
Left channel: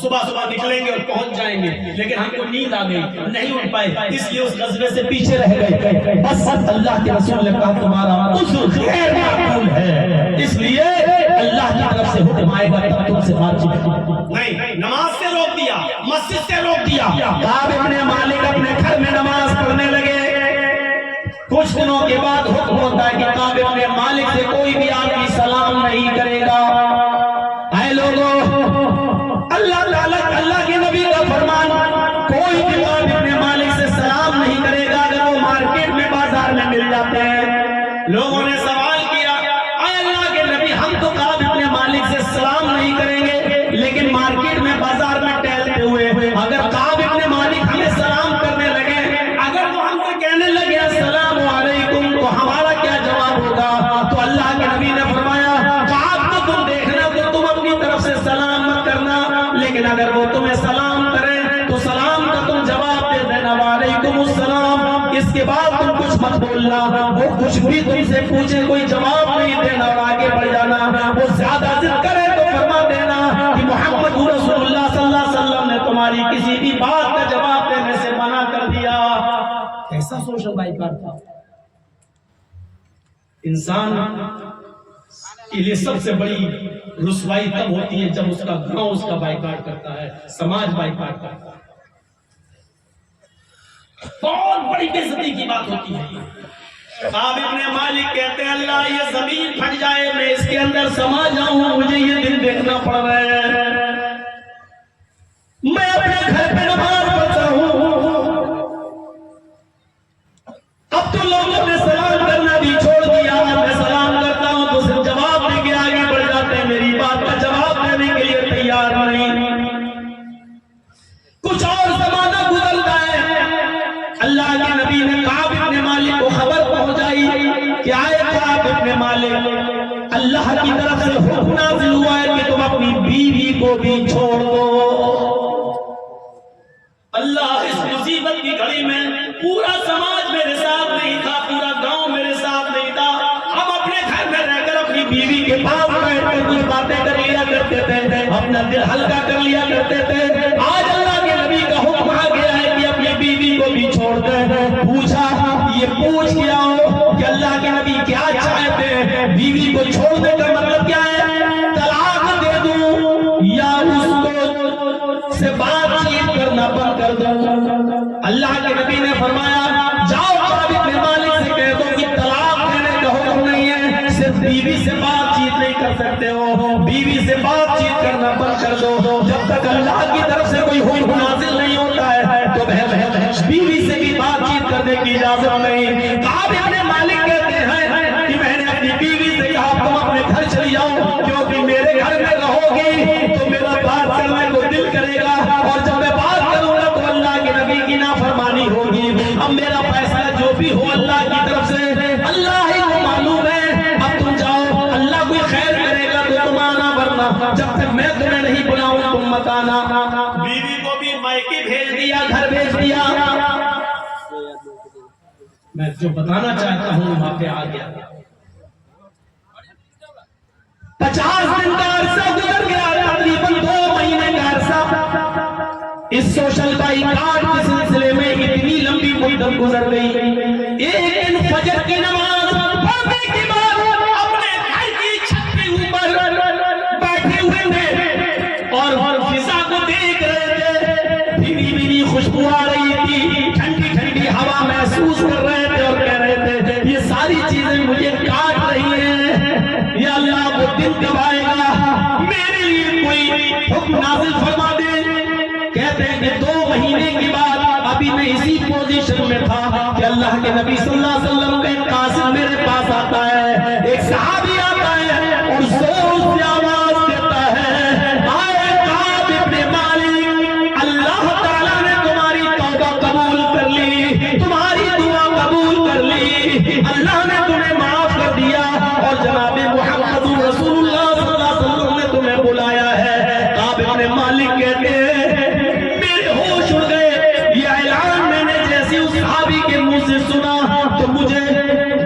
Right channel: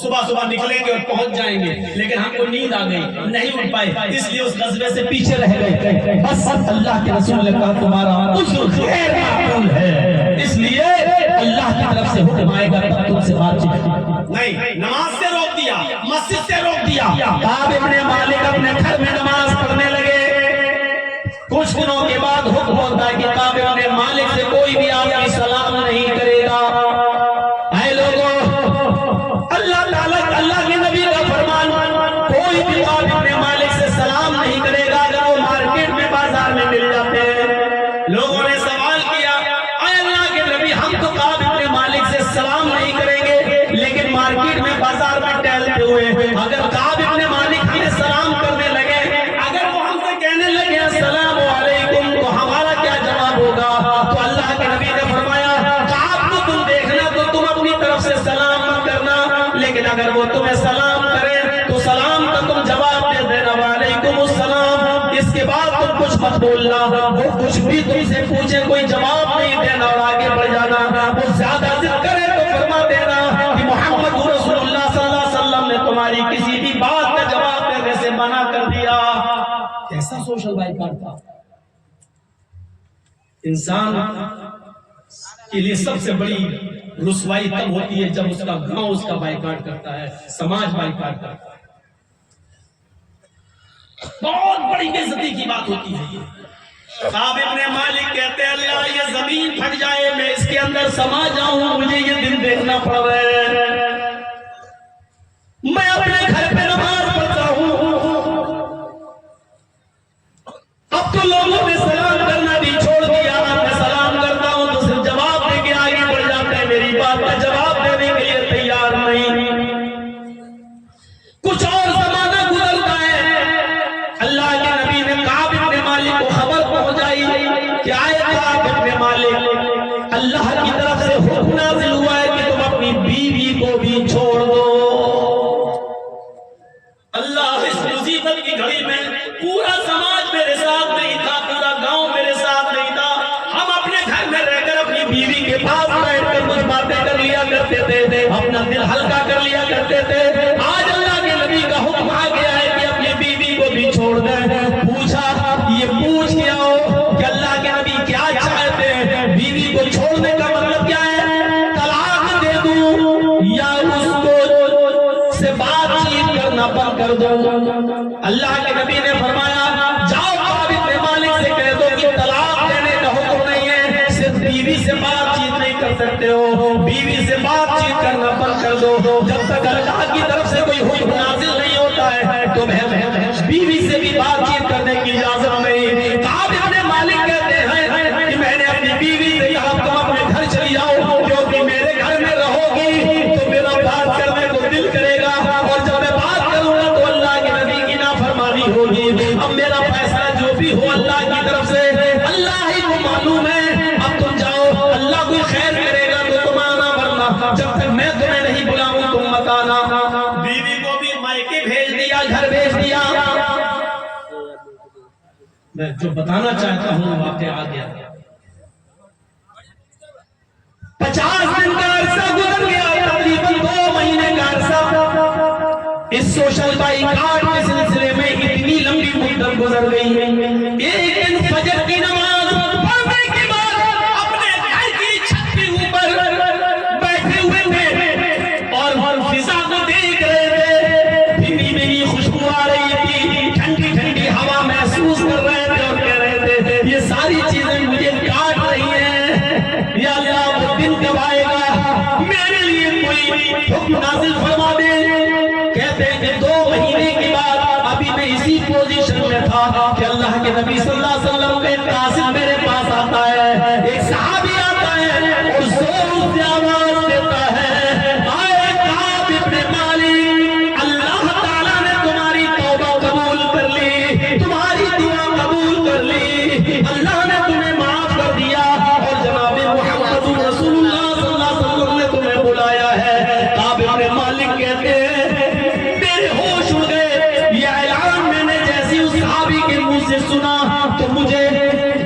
صبح صبح نکلیں گے اور پہنچ جائیں گے، لیکن ہم کو نیند آ گئی، نہیں اٹھ پائے، اس لیے اس غزوے سے پیچھے رہ گئے۔ بس اللہ کے رسول نے کہا تمہارا عذر غیر معقول ہے، اس لیے اللہ کی طرف سے حکم آئے گا تب تم سے بات چیت نہیں۔ نماز سے روک دیا، مسجد سے روک دیا۔ کعب بن مالک اپنے گھر میں نماز پڑھنے لگے۔ کچھ دنوں کے بعد حکم ہوتا ہے کہ کعب بن مالک سے کوئی بھی آدمی سلام نہیں کرے گا۔ اے لوگوں، اللہ کے نبی کا فرمان، کوئی بھی کعب بن مالک سے سلام نہیں کرے گا اگر وہ مارکیٹ میں بازار میں مل جاتے ہیں۔ لوگوں نے سوال کیا، اے اللہ کے نبی، ہم تو کعب بن مالک سے سلام نہیں کریں گے، لیکن مارکیٹ میں بازار میں ٹہلتے ہوئے اگر کعب بن مالک ہمیں سلام کرنے لگے، اگر وہ ہم سے کہنے لگے اس کے بعد تم کچھ مت بولنا، وہ کچھ بھی تم سے پوچھے کوئی جواب نہیں دینا، آگے بڑھ جانا، وہ زیادہ ضد کرے تو فرما دینا کہ محمد رسول اللہ صلی اللہ علیہ وسلم نے تمہاری کسی بھی بات کا جواب دینے سے منع کر دیا۔ کیسا سوشل بائیکاٹ تھا؟ انسان کے لیے سب سے بڑی رسوائی تب ہوتی ہے جب اس کا گاؤں اس کا بائیکاٹ کرتا ہے، سماج بائیکاٹ کرتا ہے، بہت بڑی بے عزتی کی بات ہوتی ہے۔ کعب ابن مالک کہتے ہیں اللہ یہ زمین پھٹ جائے میں اس کے اندر سما جاؤں، مجھے یہ دن دیکھنا پڑ رہا ہے، میں اپنے گھر پہ نماز پڑھتا ہوں، اب تو لوگوں نے سلام کرنا بھی چھوڑ دیا، میں سلام کرتا ہوں تو صرف جواب دے کے آگے بڑھ جاتے ہیں، میری بات کا جواب دینے کے لیے تیار نہیں۔ کچھ اور زمانہ گزرتا ہے، اللہ کے نبی نے کعب ابن مالک کو خبر پہنچائی کہ آئے کعب ابن مالک، اللہ کی طرف سے حکم نازل ہوا ہے کہ تم اپنی بیوی کو بھی چھوڑ دو۔ اللہ اس مصیبت کی گھڑی میں پورا سماج میرے ساتھ نہیں تھا، پورا گاؤں میرے ساتھ نہیں تھا، ہم اپنے گھر میں رہ کر اپنی بیوی کے پاس بیٹھ کر کچھ باتیں کر لیا کرتے تھے، اپنا دل ہلکا کر لیا کرتے تھے، آج اللہ کے نبی کا حکم آ گیا ہے کہ اپنی بیوی کو بھی چھوڑ دیں۔ پوچھا یہ پوچھ کیا ہو کہ اللہ کے نبی کیا چاہتے ہیں، بیوی کو چھوڑنے کا مطلب کیا ہے؟ طلاق دے دوں یا اس کو سے بات چیت کرنا بند کر دوں؟ اللہ کے نبی نے فرمایا جاؤ کعب ابن مالک سے کہہ دو کہ طلاق دینے کا حکم نہیں ہے، صرف بیوی سے بات چیت نہیں کر سکتے ہو، بیوی سے بات چیت کرنا بند کر دو۔ جب تک اللہ کی طرف سے کوئی حکم نازل نہیں ہوتا ہے تو بیوی سے بھی بات چیت کرنے کی اجازت نہیں۔ کعب ابن مالک کہتے ہیں کہ میں نے اپنی بیوی سے کہا تم اپنے گھر چلی جاؤ، کیونکہ میرے گھر میں رہو گی تو میرا بات کرنے کو دل کرے گا، اور جب میں بات کروں گا تو اللہ کے نبی کی نافرمانی ہوگی، اب میرا فیصلہ جو بھی ہو اللہ کی طرف سے، اللہ ہی کو معلوم ہے، اب تم جاؤ، اللہ کوئی خیر کرے گا تو تم آنا، ورنہ جب تک میں تمہیں نہیں بلاؤں تم مت آنا۔ بیوی کو بھی مائکے بھیج دیا، گھر بھیج دیا۔ میں جو بتانا چاہتا ہوں واقعہ آ گیا، 50 دن کا عرصہ گزر گیا، تقریباً 2 مہینے کا عرصہ اس سوشل بائیکاٹ کے سلسلے میں اتنی لمبی مدت گزر گئی۔ ایک دن فجر کی نماز پڑھنے کے بعد اپنے گھر کی چھت کے اوپر بیٹھے ہوئے تھے اور فضا کو دیکھ رہے تھے، بھیگی بھیگی خوشبو آ رہی تھی، ٹھنڈی ٹھنڈی ہوا محسوس کر رہے تھے اور کہہ رہے تھے یہ ساری چیزیں مجھے کاٹ رہی ہیں، یا اللہ وہ دن کب آئے گا میرے لیے کوئی حکم نازل فرما دے۔ کہتے ہیں کہ 2 مہینے کے بعد ابھی میں اسی پوزیشن میں تھا کہ اللہ کے نبی صلی اللہ علیہ وسلم کا ایک قاصد میرے پاس آتا ہے، ایک صحابی آتا ہے اور زور سے آواز دیتا ہے آئے کعب ابن مالک، اللہ تعالیٰ نے تمہاری توبہ قبول کر لی، تمہاری دعا قبول کر لی، اللہ نے تمہیں معاف کر دیا، اور جناب محمد رسول اللہ صلی اللہ علیہ وسلم نے تمہیں بلایا ہے۔ کعب ابن مالک کہتے ہیں میرے ہوش اڑ گئے، یہ اعلان میں نے جیسے اس صحابی کے منہ سے سنا تو مجھے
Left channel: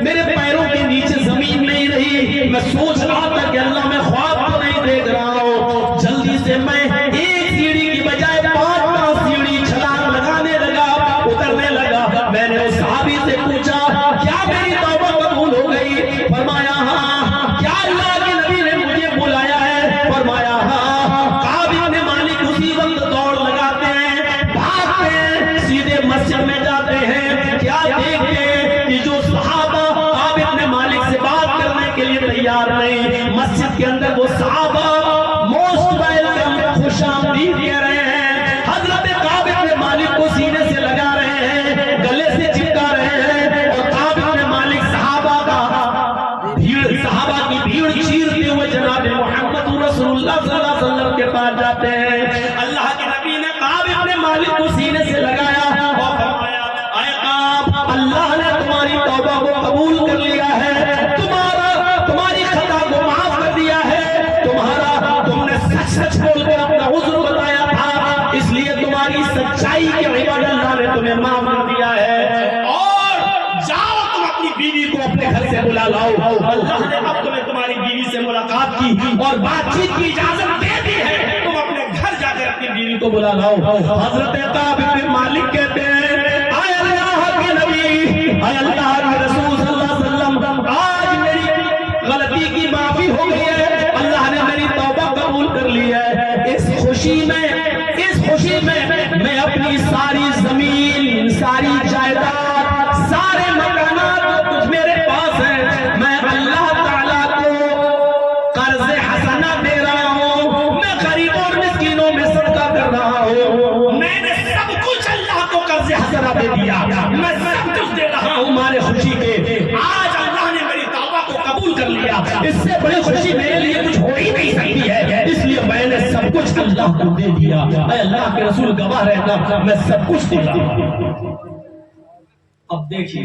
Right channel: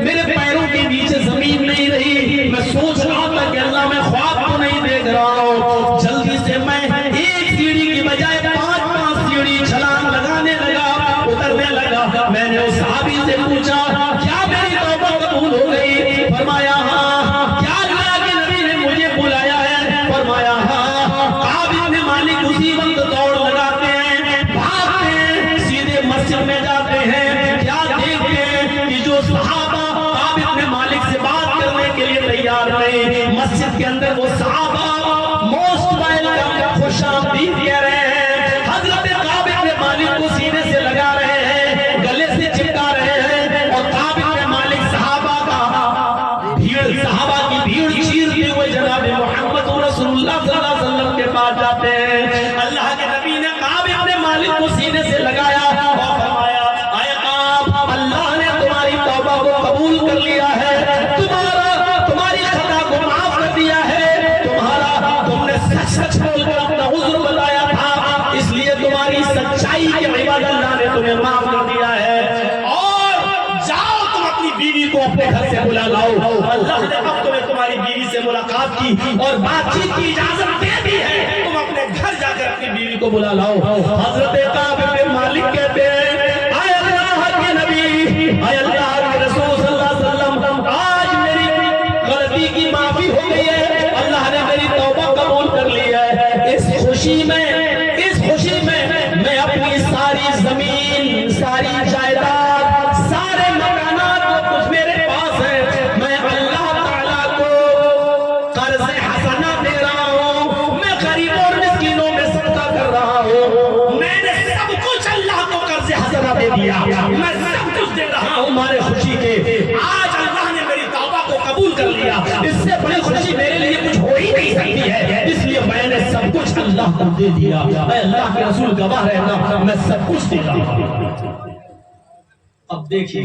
میرے پیروں کے نیچے زمین نہیں رہی، میں سوچ رہا تھا کہ اللہ میں خواب تو نہیں دیکھ رہا ہوں، جلدی سے میں ایک سیڑھی کی بجائے 5 سیڑھی چھلانگ لگانے لگا، اترنے لگا۔ میں نے اس صحابی سے پوچھا کیا میری توبہ قبول ہو گئی؟ فرمایا ہاں۔ کیا اللہ کے نبی نے مجھے بلایا ہے؟ فرمایا ہاں۔ کعب ابن مالک اسی وقت دوڑ لگاتے ہیں، بھاگتے ہیں، سیدھے مسجد میں جاتے ہیں، کیا دیکھتے ہیں کہ جو صحابہ کعب ابن مالک سے بات کرنے کے لیے تیار نہیں، مسجد کے اندر وہ صحابہ موسٹ ویلکم، خوش آمدید کہہ رہے ہیں، حضرت کعب ابن مالک کو سینے سے لگا رہے ہیں، گلے سے چپکا رہے ہیں، اور کعب ابن مالک صحابہ کی بھیڑ چیرتے ہوئے جناب محمد رسول اللہ صلی اللہ علیہ وسلم کے پاس جاتے ہیں۔ اللہ کے نبی نے کعب ابن مالک کو سینے سے لگایا اور فرمایا اے کعب، اللہ نے تمہاری توبہ کو قبول کر لیا ہے، تمہاری خطا کو معاف کر دیا ہے، تمہارا کو اپنے گھر سے بلا لاؤ. اللہ نے اب تمہیں تمہاری بیوی سے ملاقات کی اور بات چیت کی اجازت دے دی ہے. تم اپنے گھر جا کر اپنی بیوی کو بلا لاؤ. حضرت کعب بن مالک کہتے ہیں اے اللہ کے نبی، اے اللہ کے رسول صلی اللہ علیہ وسلم، آج میری غلطی کی معافی ہو گئی ہے، اللہ نے میری توبہ قبول کر لی ہے. اس خوشی میں میں اپنی ساری زمین، ساری جائیداد، سارے مکانات جو کچھ میرے پاس ہے، میں اللہ تعالیٰ کو قرض حسنہ دے رہا ہوں. میں غریبوں اور مسکینوں میں صدقہ کر رہا ہوں. میں نے سب کچھ اللہ کو قرض حسنہ دے دیا، میں سب کچھ دے رہا ہوں مارے خوشی کے. آج اللہ نے میری توبہ کو قبول کر لیا. اس سے بڑی خوشی میرے لیے کچھ ہو ہی نہیں سکتی ہے، اس لیے میں نے سب کچھ اللہ کو دے دیا. اے اللہ کے رسول گواہ رہنا، میں سب کچھ دے دیا. اب دیکھیے،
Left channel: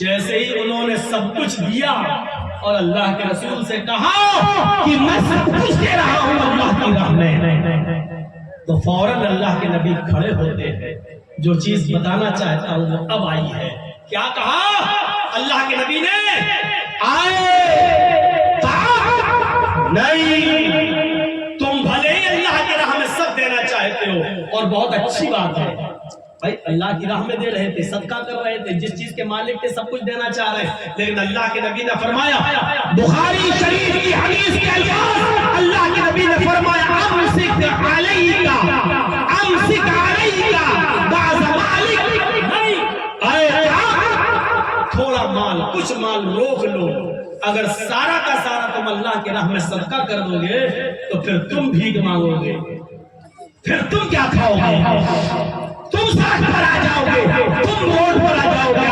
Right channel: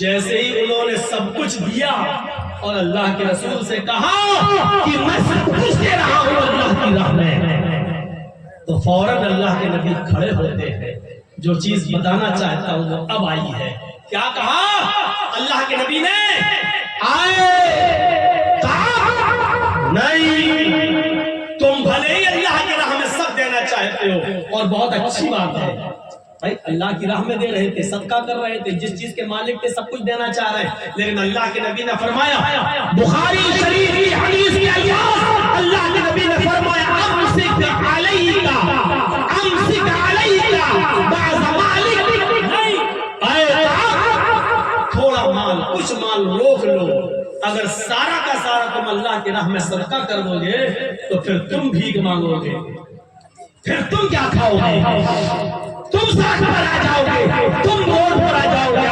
جیسے ہی انہوں نے سب کچھ دیا اور اللہ کے رسول سے کہا کہ میں سب کچھ دے رہا ہوں اللہ کی راہ میں، تو فوراً اللہ کے نبی کھڑے ہوتے ہیں. جو چیز بتانا چاہتا ہوں وہ اب آئی ہے. کیا کہا اللہ کے نبی نے؟ نہیں، تم بھلے ہی اللہ کی راہ میں سب دینا چاہتے ہو اور بہت اچھی بات ہے بھائی، اللہ کی راہ میں دے رہے تھے، صدقہ کر رہے تھے، جس چیز کے مالک تھے سب کچھ دینا چاہ رہے ہیں. لیکن اللہ کے نبی نے فرمایا، بخاری شریف کی حدیث کے الفاظ، اللہ کے نبی نے فرمایا امسک علیکا بعض مالک. نہیں، تھوڑا مال، کچھ مال روک لو. اگر سارا کا سارا تم اللہ کی راہ میں صدقہ کر دو گے تو پھر تم بھیک مانگو گے، پھر تم کیا کھاؤ گے؟ تم سڑک پر آ جاؤ گے، تم روڈ پر آ جاؤ گے.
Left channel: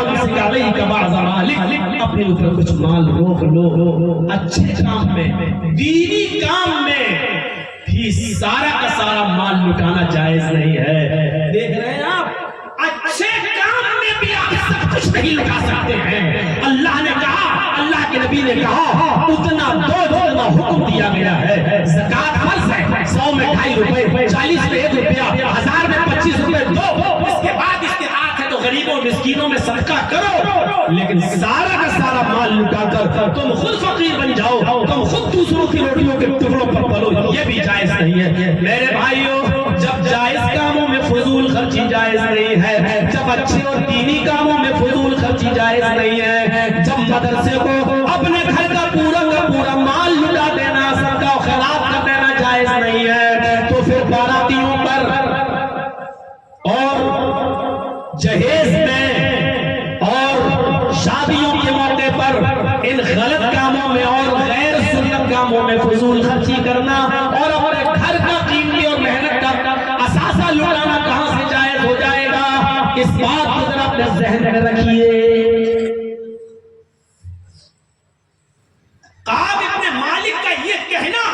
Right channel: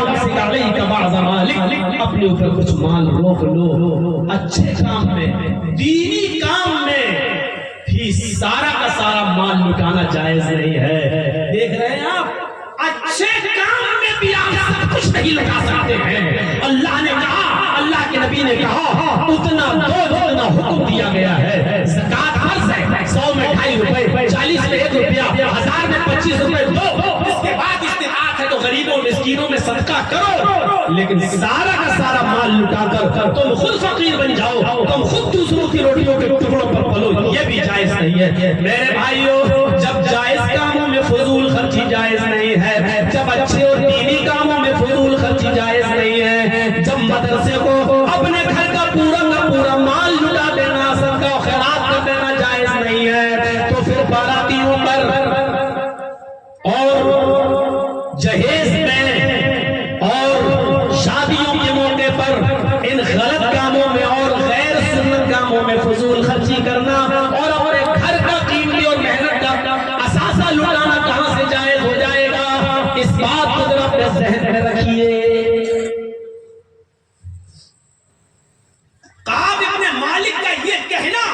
اپنے اوپر کچھ مال روک لو. اچھے کام میں، دینی کام میں بھی سارا کا سارا مال لٹانا جائز نہیں ہے. دیکھ رہے ہیں آپ، اچھے کام میں بھی آپ سب کچھ نہیں لٹا سکتے ہیں. اللہ نے کہا، اللہ کے نبی نے کہا اتنا دو اتنا حکم دیا گیا ہے. زکات فرض ہے، 100 میں 2.5 روپے، 40 میں 1 روپیہ، 1000 میں 25 روپے دو. اس کے بعد استطاعت ہے تو غریبوں مسکینوں میں صدقہ کرو. لیکن سارا کا سارا مال لٹا کر تم خود فقیر بن جاؤ، تم خود دوسروں کی روٹیوں کے ٹکڑوں پر پلو، یہ بھی جائز نہیں ہے. میرے بھائیوں، جب جائز کاموں میں فضول خرچی جائز نہیں ہے، جب اچھے اور دینی کاموں میں فضول خرچی جائز نہیں ہے، جب مدرسے کو اپنے گھر کا پورا مال لٹا دینا، صدقہ و خیرات کر دینا جائز نہیں ہے، تو پھر باراتیوں پر اور جہیز میں اور شادیوں کے موقع پر ان غلط کاموں میں اور غیر سنت کاموں میں فضول خرچی کرنا اور اپنے گھر کا قیمتی اور محنت کا اثاثہ لٹانا کہاں سے جائز ہو جائے گا؟ اس بات کو ذرا اپنے ذہن میں رکھیے. کعب ابن مالک کا یہ کہنا،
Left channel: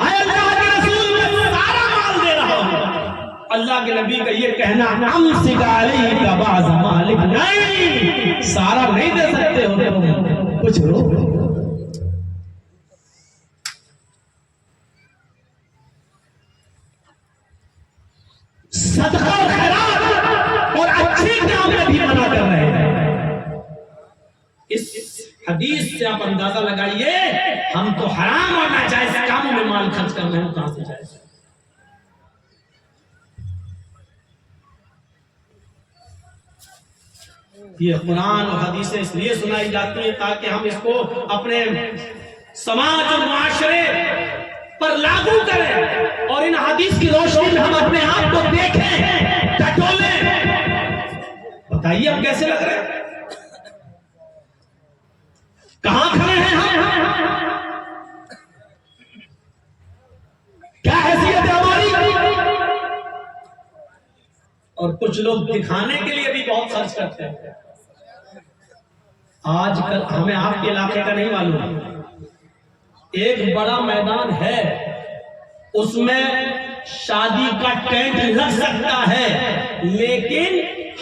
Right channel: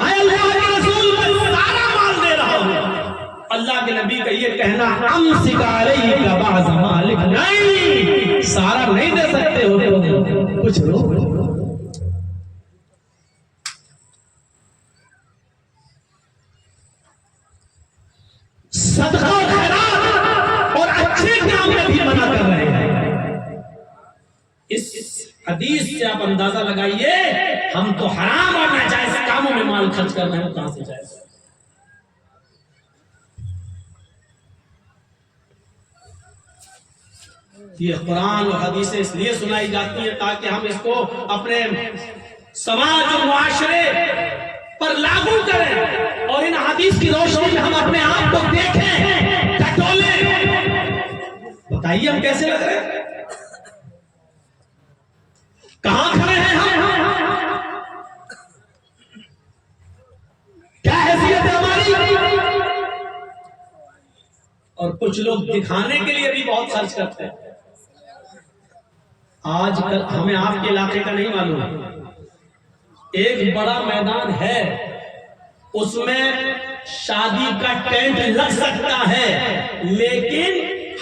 اے اللہ کے رسول میں سارا مال دے رہا ہوں، اللہ کے نبی کا یہ کہنا امسک علیک بعض مالک، نہیں، سارا نہیں دے سکتے ہو، کچھ رو. صدقہ خیرات اور اچھے کام میں بھی منع کر رہے ہیں. اس حدیث سے آپ اندازہ لگائیے، ہم تو حرام اور ناجائز کاموں میں مال خرچ کر رہے ہیں، کہاں سے جائز؟ یہ قرآن اور حدیثیں اس لیے سنائی جاتی ہیں تاکہ ہم اس کو اپنے سماج اور معاشرے پر لاگو کریں اور ان حدیث کی روشنی میں ہم اپنے آپ کو دیکھیں، ٹٹولیں. بتائیے ہم کیسے لگ رہے ہیں؟ کہاں کھڑے ہیں ہم؟ کیا حیثیت ہے ہماری؟ اور کچھ لوگ دکھانے کے لیے بھی بہت خرچ کرتے ہیں. آج کل ہمیں آپ کے علاقے کا نہیں معلوم، ایک بڑا میدان ہے، اس میں شادی کا ٹینٹ لگ سکتا ہے، لیکن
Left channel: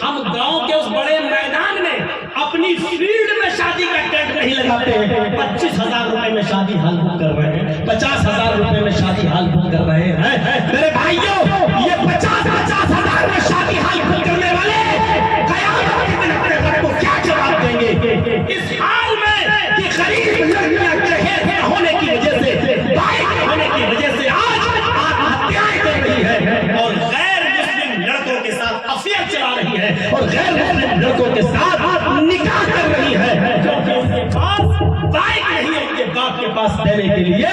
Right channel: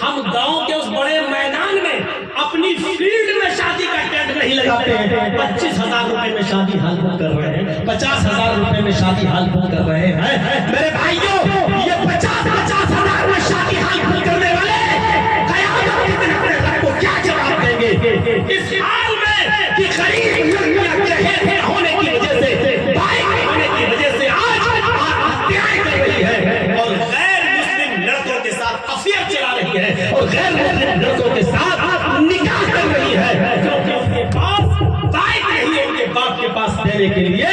ہم گاؤں کے اس بڑے میدان میں اپنی فیلڈ میں شادی کا ٹینٹ نہیں لگاتے ہیں. 25,000 روپے میں شادی ہال بک کر رہے ہیں، 50,000 روپے میں شادی ہال بک کر رہے ہیں. میرے بھائیوں، یہ 50,000 میں شادی ہال بک کرنے والے قیامت اور غیر مسلم لڑکوں کے ساتھ نکاح کر رہی ہے، کیونکہ ان کے پاس بائک نہیں ہے، ان کے باپ کے پاس دینے کے لیے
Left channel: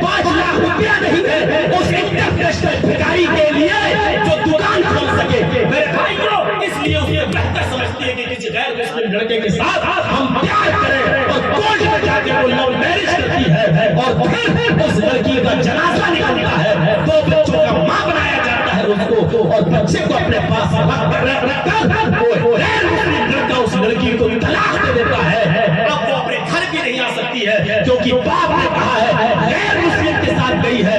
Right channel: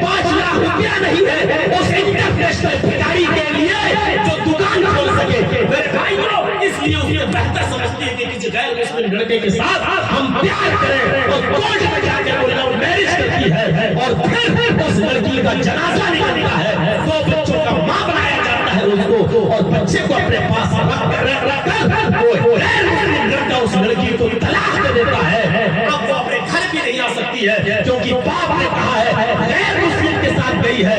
5 لاکھ روپیہ نہیں ہے اس انٹرنیشنل بھکاری کے لیے جو دکان کھول سکے۔ میرے بھائیوں، اس لیے اسے بہتر سمجھتی ہے کہ کسی غیر مسلم لڑکے کے ساتھ ہم پیار کریں، اور کورٹ میں جا کے وہ لو میرج کرتی ہے اور پھر اس لڑکی کا جنازہ نکلتا ہے، 2 بچوں کا ماں بنایا جاتا ہے اس کو، اور بچے کو اپنے پاس رکھ کر وہ غیر مسلم لڑکا اس لڑکی کو طلاق دے دیتا ہے۔ اب وہ اپنے گھر بھی نہیں آ سکتی ہے، کیونکہ باپ نے کہا ہے غیر مسلم کے ساتھ گئی ہے،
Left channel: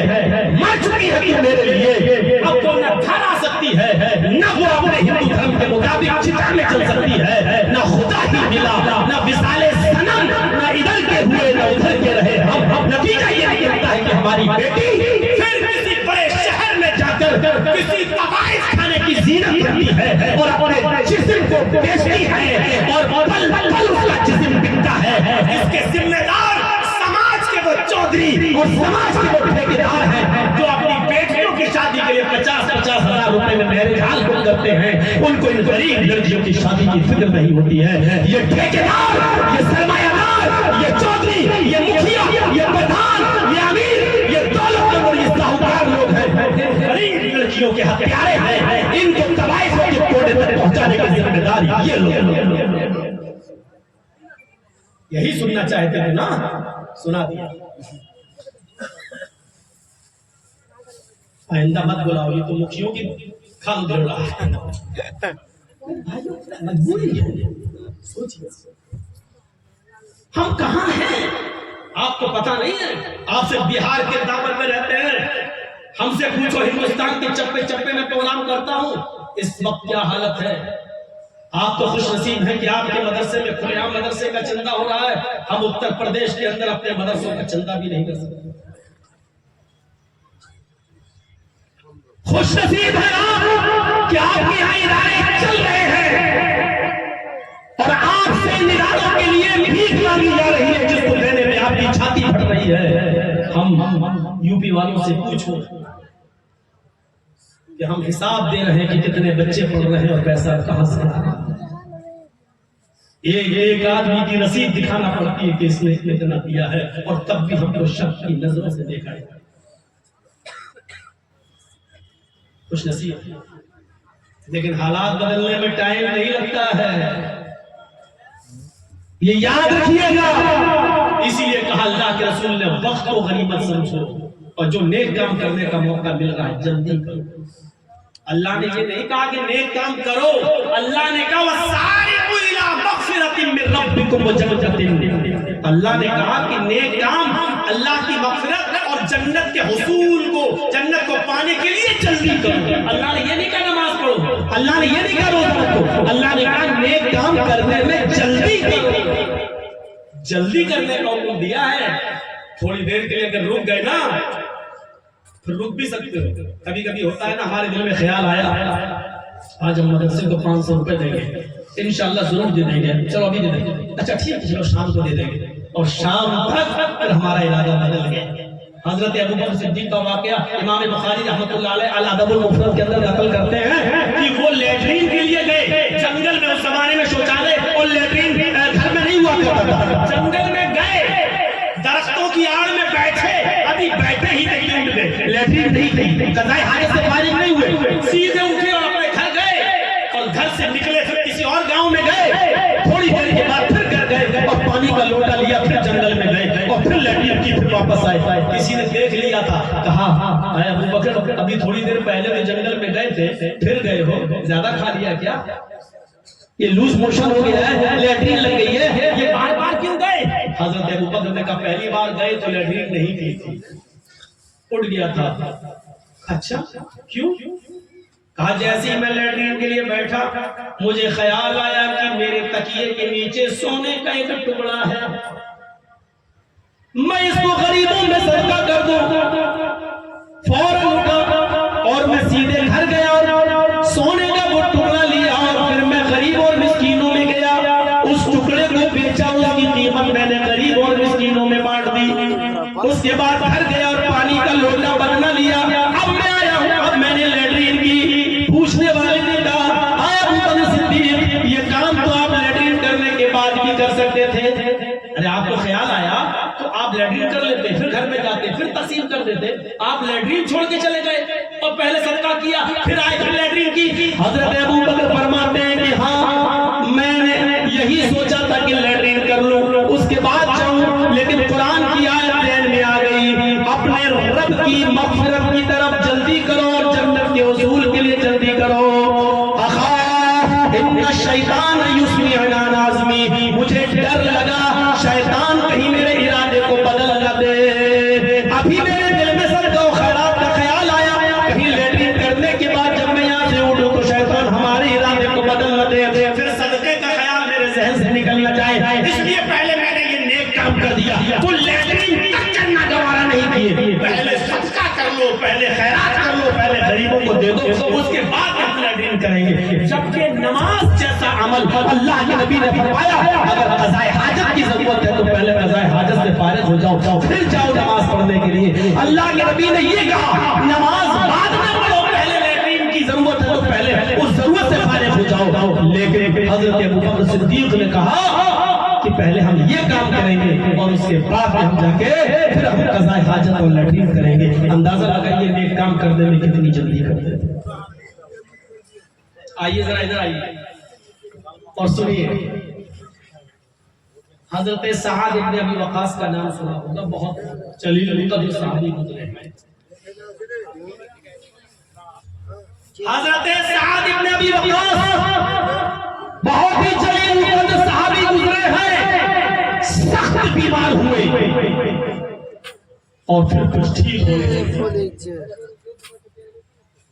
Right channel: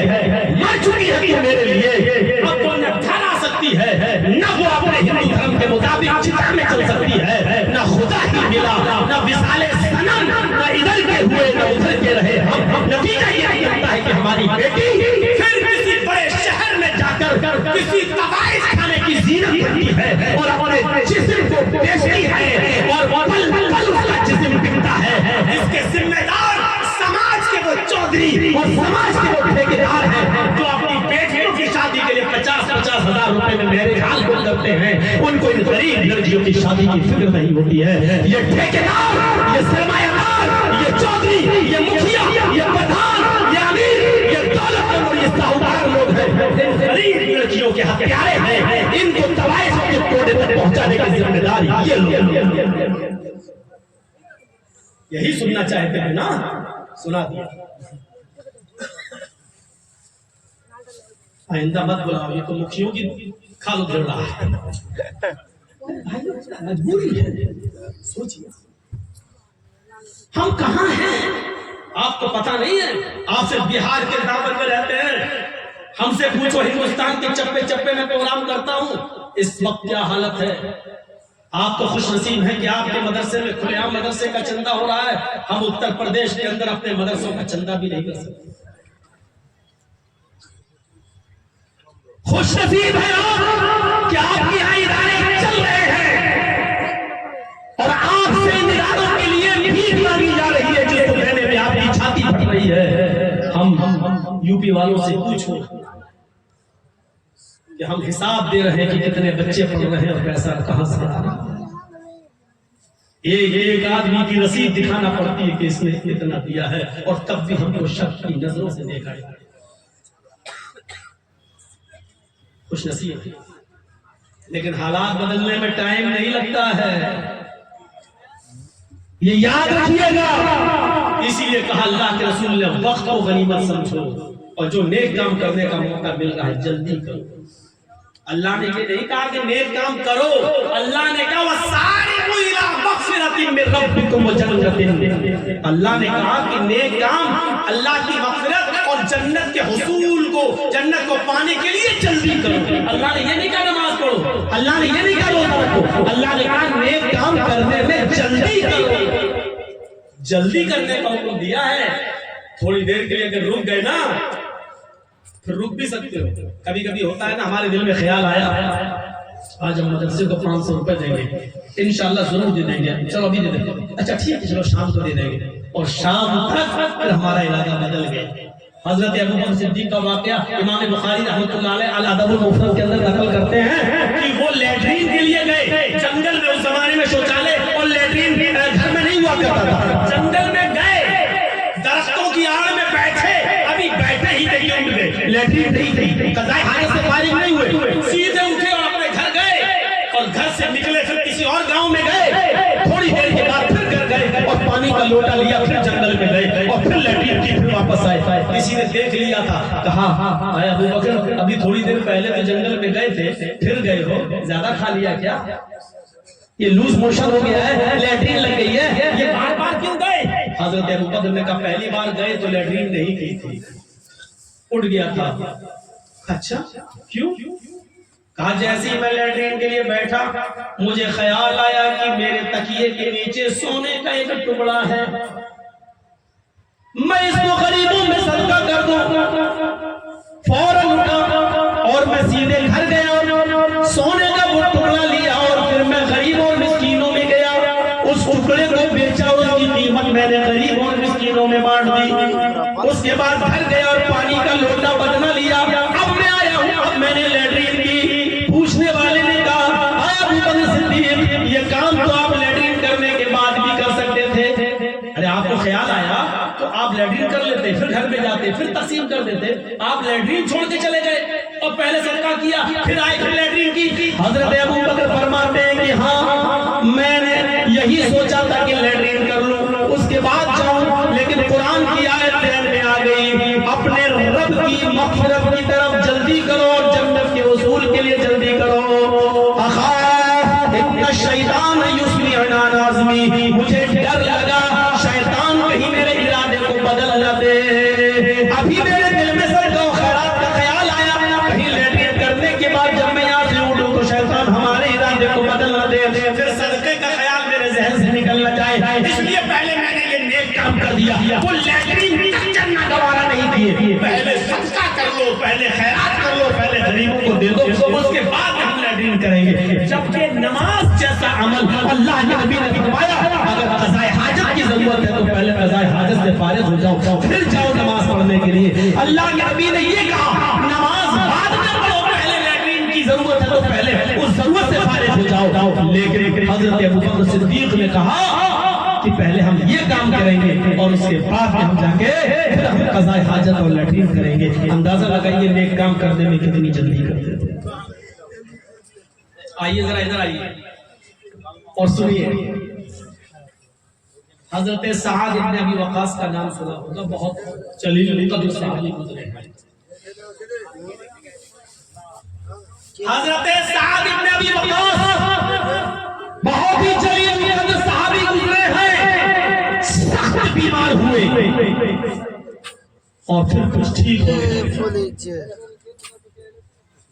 مر چکی ہے کہ میرے لیے، اب وہ نہ گھر آ سکتی ہے، نہ وہ اپنے ہندو دھرم کے مطابق چتا میں چل سکتی ہے، نہ خدا ہی ملا، نہ وصال صنم، نہ ادھر کے ہوئے نہ ادھر کے رہے ہم۔ نتیجہ یہ نکلتا ہے کہ ہماری بیٹی پھر کسی بڑے شہر میں جا کر کسی طوائف کھانے کی زینت کرتی ہے اور اپنے جسم کو بیچتی ہے، اور پل پل اس کا جسم بکتا ہے۔ اس کے ذمہ دار سماج کے وہ چودھری اور سماج کے وہ ٹھیکیدار ہیں جو اپنی بیٹیوں کی شادی کے لیے 50-50 ہزار روپے میں میرے حال کو کرتے ہیں، ان کو ان غریب لڑکیوں کی شادی کی فکر نہیں ہوتی ہے۔ یہ ٹھیکیدار، یہ سرمایہ دار، یہ چودھری، یہ مکھیا، یہ پردھان، یہ امیر، یہ دولت مند اور یہ ساہوکار لوگ ہیں، غریب لڑکیوں کے ہتھیارے ہیں، ان کو طوائف کے کوڑے تک پہنچانے کی ذمہ داری یہ لوگ۔ یہی سننا چاہتے تھے نا، سنا دیا۔ آئندہ مت بلاؤ، یہ تو مکھیوں کی کھالو دھر رہا ہے، مجبوری ہے۔ سوچیے ہم کہاں ہیں، آپ کو پتہ نہیں ہے، آپ صرف بہار کے دامن میں رہتے ہیں، ہم سے پوچھو ہندوستان کے چپے چپے میں پروگرام کرتا ہوں، اس وقت کیا حالت ہے۔ آپ تو خوش نصیب ہیں کہ آپ کے مدرسے میں کھلے عام مدرسے کا چندہ ہو رہا ہے، ہم اتر پردیش کے اندر اپنے مدرسوں کا چندہ بھی نہیں کر سکتے۔ خوش نصیب ہے آپ کہ آپ کے یہاں ادارے چل رہے ہیں اور آپ سے ان اداروں کے لیے بھیک مانگی جا رہی ہے، جس کو دینے میں آپ کی چھاتی پھٹ رہی ہے۔ ہم یو پی والوں سے پوچھو کہ ہم حساب دے رہے ہیں کہ کتنے بچے پڑھ رہے ہیں اور پیسہ کہاں سے آ رہا ہے۔ ایک آدمی کی رسید دکھانا پڑتی ہے کہ اس نے اتنا دیا ہے، اور تب بھی ہم کو شک کی نظروں سے دیکھا ہے۔ خوش نصیب ہے، لیکن حالات بدلنے میں ٹائم نہیں لگتا ہے، یہ یاد رکھیے گا۔ اسی لیے کہا اللہ کے رسول نے وقت کو غنیمت سمجھو، اور جو نیک کام کرنے کا موقع مل رہا ہے جلدی کرو۔ اللہ نے یہ نہیں کہا کہ نیک کام کرو، اللہ نے کہا وَسَارِعُوا إِلَىٰ مَغْفِرَةٍ مِّن رَّبِّكُمْ وَجَنَّةٍ، اللہ نے کہا کہ نیک کام اللہ کی مغفرت اور جنت کے حصول کو، جنت کو پانے کے لیے جلدی کرو۔ اللہ نے یہ نہیں کہا نماز پڑھو، اللہ نے یہ نہیں کہا روزہ رکھو، اللہ نے کہا نیک کام کرنے میں جلدی کرو۔ جلدی کرنے کا حکم دیا ہے، تھوڑی دیر کے لیے اگر رک گئے نا پھر رک بھی سکتے ہو۔ کبھی کبھی ہوتا ہے نا، ہمارے دل میں خیال آیا آج ہم مدرسے کو 500 روپے دیں گے، انشاءاللہ ضرور دے دیں گے، چلو ابھی دے دیں گے، اچھا ٹھیک ہے چلو شام کو دے دیں گے، اور شام تک پھر ہمارا ارادہ بدل گیا۔ حضرت ابو بکر صدیق کا واقعہ امام بخاری رحمۃ اللہ علیہ الادب المفرد کے اندر نقل کرتے ہیں کہ وہ لیٹرین کے لیے گئے جنگل میں، اس زمانے میں شوچالے اور لیٹرین گھر میں نہیں ہوا کرتا تھا، جنگل میں گئے، درختوں کی آڑ میں بیٹھے، ابھی بیٹھے ہی نہیں اٹھ گئے، لیٹرین نہیں تھی، قضائے حاجت سے فارغ نہیں ہوئے، سیدھے اٹھے اور اپنے گھر گئے، اور گھر سے نکلے پھر کسی اور گاؤں میں گئے، تھوڑی دیر کے بعد پھر گھر گئے اور پانی کا لوٹا لیا، پھر جنگل میں گئے اور پھر لیٹرین کی، پھر واپس آئے۔ کسی نے دیکھ لیا تھا، کہا آیا ابو بکر ابھی تھوڑی دیر پہلے بھی جنگل میں گئے تھے، پھر گئے ہو، زیادہ کھا لیا کیا؟ یہ لوز موشن ہو گیا ہے، لیٹرین لگ گئی ہے، یہ بار بار کیوں گئے؟ حضرت ابو بکر نے کہا پہلی بار گئے تو لیٹرین نہیں کی تھی، اٹھ گیا تھا۔ اچھا کیوں؟ کہا جیسے ہی میں لیٹرین کے لیے بیٹھا مجھے خیال آیا کہ میرے تکیے کے نیچے سونے کا ایک ٹکڑا ہے، میں اس کو غریبوں میں صدقہ کر دوں۔ فوراً اٹھا اور میں سیدھے گھر گیا اور سونے کا وہ ٹکڑا لیا، اور پھر میں غریب اور مسکینوں میں گیا، اس ٹکڑے کو بیچا، اس کی قیمت میں نے غریب اور مسکینوں میں بانٹ دی۔ اس کے بعد گھر گیا اور پانی کا لوٹا بدلا لیا، اب میں آیا ہوں، اب میں نے لیٹرین کی۔ پوچھنے والے نے کہا آیا ابو بکر صدیق لیتے پھر گھر میں جاتے پھر تقسیم کر دیتے. آپ لیٹرین چھوڑ کے چلے گئے اور پہلے صدقہ کیا پھر آئے پھر لیٹرین کی. حضرت ابو بکر فرماتے ہیں کہ ہاں میں نے یہی سوچا تھا کہ لیٹرین کر لوں اس کے بعد جاؤں, لیکن قرآن کی آیت ذہن میں آ گئی اپنے رب کی مغفرت کی طرف جلدی کرو اور جنت کے حصول کے لیے جلدی کرو. شیطان یسمعنا نازمی, مجھے ڈر لگا شیطان کہیں میرے ارادے کو بدل نہ دے. ابھی میرے دل میں صدقہ و خیرات کا خیال آیا کہیں لیٹرین کرنے کے بعد جب میں یہاں سے اٹھوں تو شیطان ہمارے ارادے کو بدل نہ دے, پھر صدقے کا خیال میرے ذہن سے نکل نہ جائے, اس لیے پہلے میں نے یہ نیک کام کر دیا. تو لیٹرین تک کرنا گوارا نہیں کیے, پہلے صدقہ کر لو, پہلے خیرات کر لو, پہلے غریبوں کو دے دو, اس کے بعد ہم لیٹرین کریں گے. جبکہ نماز جیسا عمل اللہ کے نبی نے فرمایا اگر قضاء حاجت کی ضرورت ہے تو پہلے قضاء حاجت سے فارغ ہو جاؤ پھر جاؤ نماز پڑھنے کے لیے. اللہ کے نبی نے یہ کہا نماز بعد میں پڑھو, پہلے لیٹرین کی ضرورت ہے تو پہلے اس ضرورت سے فارغ ہو جاؤ. لیکن حضرت ابوبکر صدیق نے کہا کہ پہلے ہم یہ کام کریں گے اور اس کے بعد ہم جا کے پھر ہم قضاء حاجت اور لیٹرین کریں گے. اندازہ لگائیے نیک کام کرنے میں کتنی جلدی کرتے تھے. آئیے ذرا ادھر آئیے اور سنیے. حضرت سعد ابن ابی وقاص کا نام سنا ہوگا, بہت جلیل قدر صحابی گزرے ہیں. حضرت سعد ابن ابی وقاص بہت ہی جلیل قدر صحابی گزرے ہیں, سخت بیمار ہوئے اور پھر کچھ ٹھیک ہوئے.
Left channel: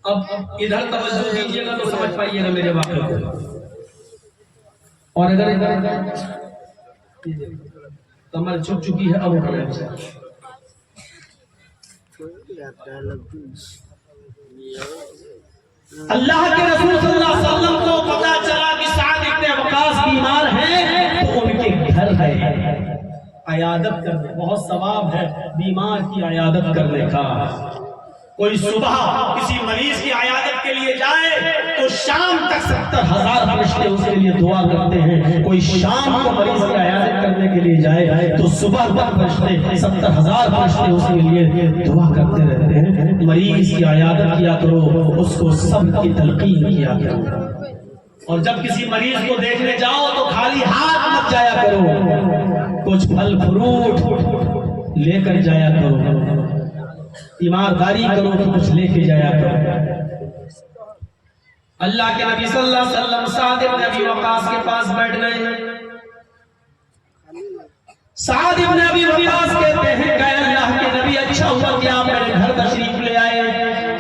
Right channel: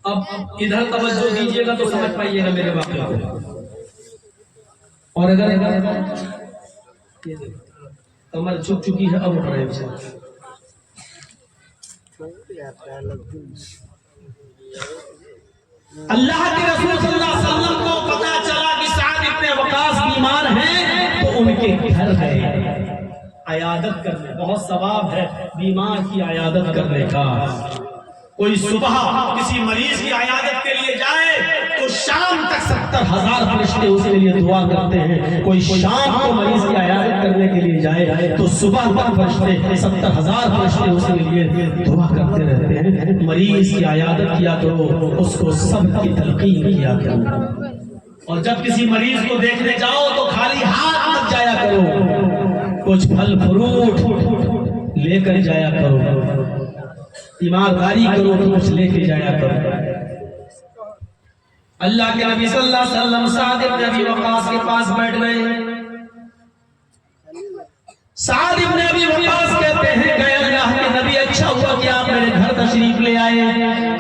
اب ادھر توجہ دیجیے گا تو سمجھ پائیے گا میرے واقعے کو, اور اگر کمر جھک چکی ہے اب اٹھ رہے ہیں. اللہ کے رسول صلی اللہ علیہ وسلم کو پتا چلا کہ سعد ابن وقاص بیمار ہیں تو ان کے گھر ہے عیادت کرنے. بہت ثواب ہے بیمار کی عیادت کرنے کا. کوئی صبح کسی مریض کی عیادت کے لیے جائے تو شام تک 70,000 فرشتے اس کے لیے دعا کرتے ہیں. کوئی شام کو مریض کی عیادت کرنے کے لیے جائے تو صبح تک فرشتے 70,000 فرشتے اس کے لیے دعا کرتے رہتے ہیں. مریض کی عیادت کیا کرو, اس کو سب کی تلقین کیا کرو, اور جب کسی مریض کو دیکھنے جاؤ تو خالی ہاتھ مت جایا کرو, کچھ پھل فروٹ لے کر جایا کرو, ایمانداری کرو تو کچھ لے کے جایا کرو. اللہ کے نبی صلی اللہ علیہ وسلم سعد ابن ابی وقاص کے پاس بیٹھ گئے. سعد ابن ابی وقاص کہتے ہیں کہ اللہ کے نبی اچھا ہوا کہ آپ میرے گھر تشریف لے آئے,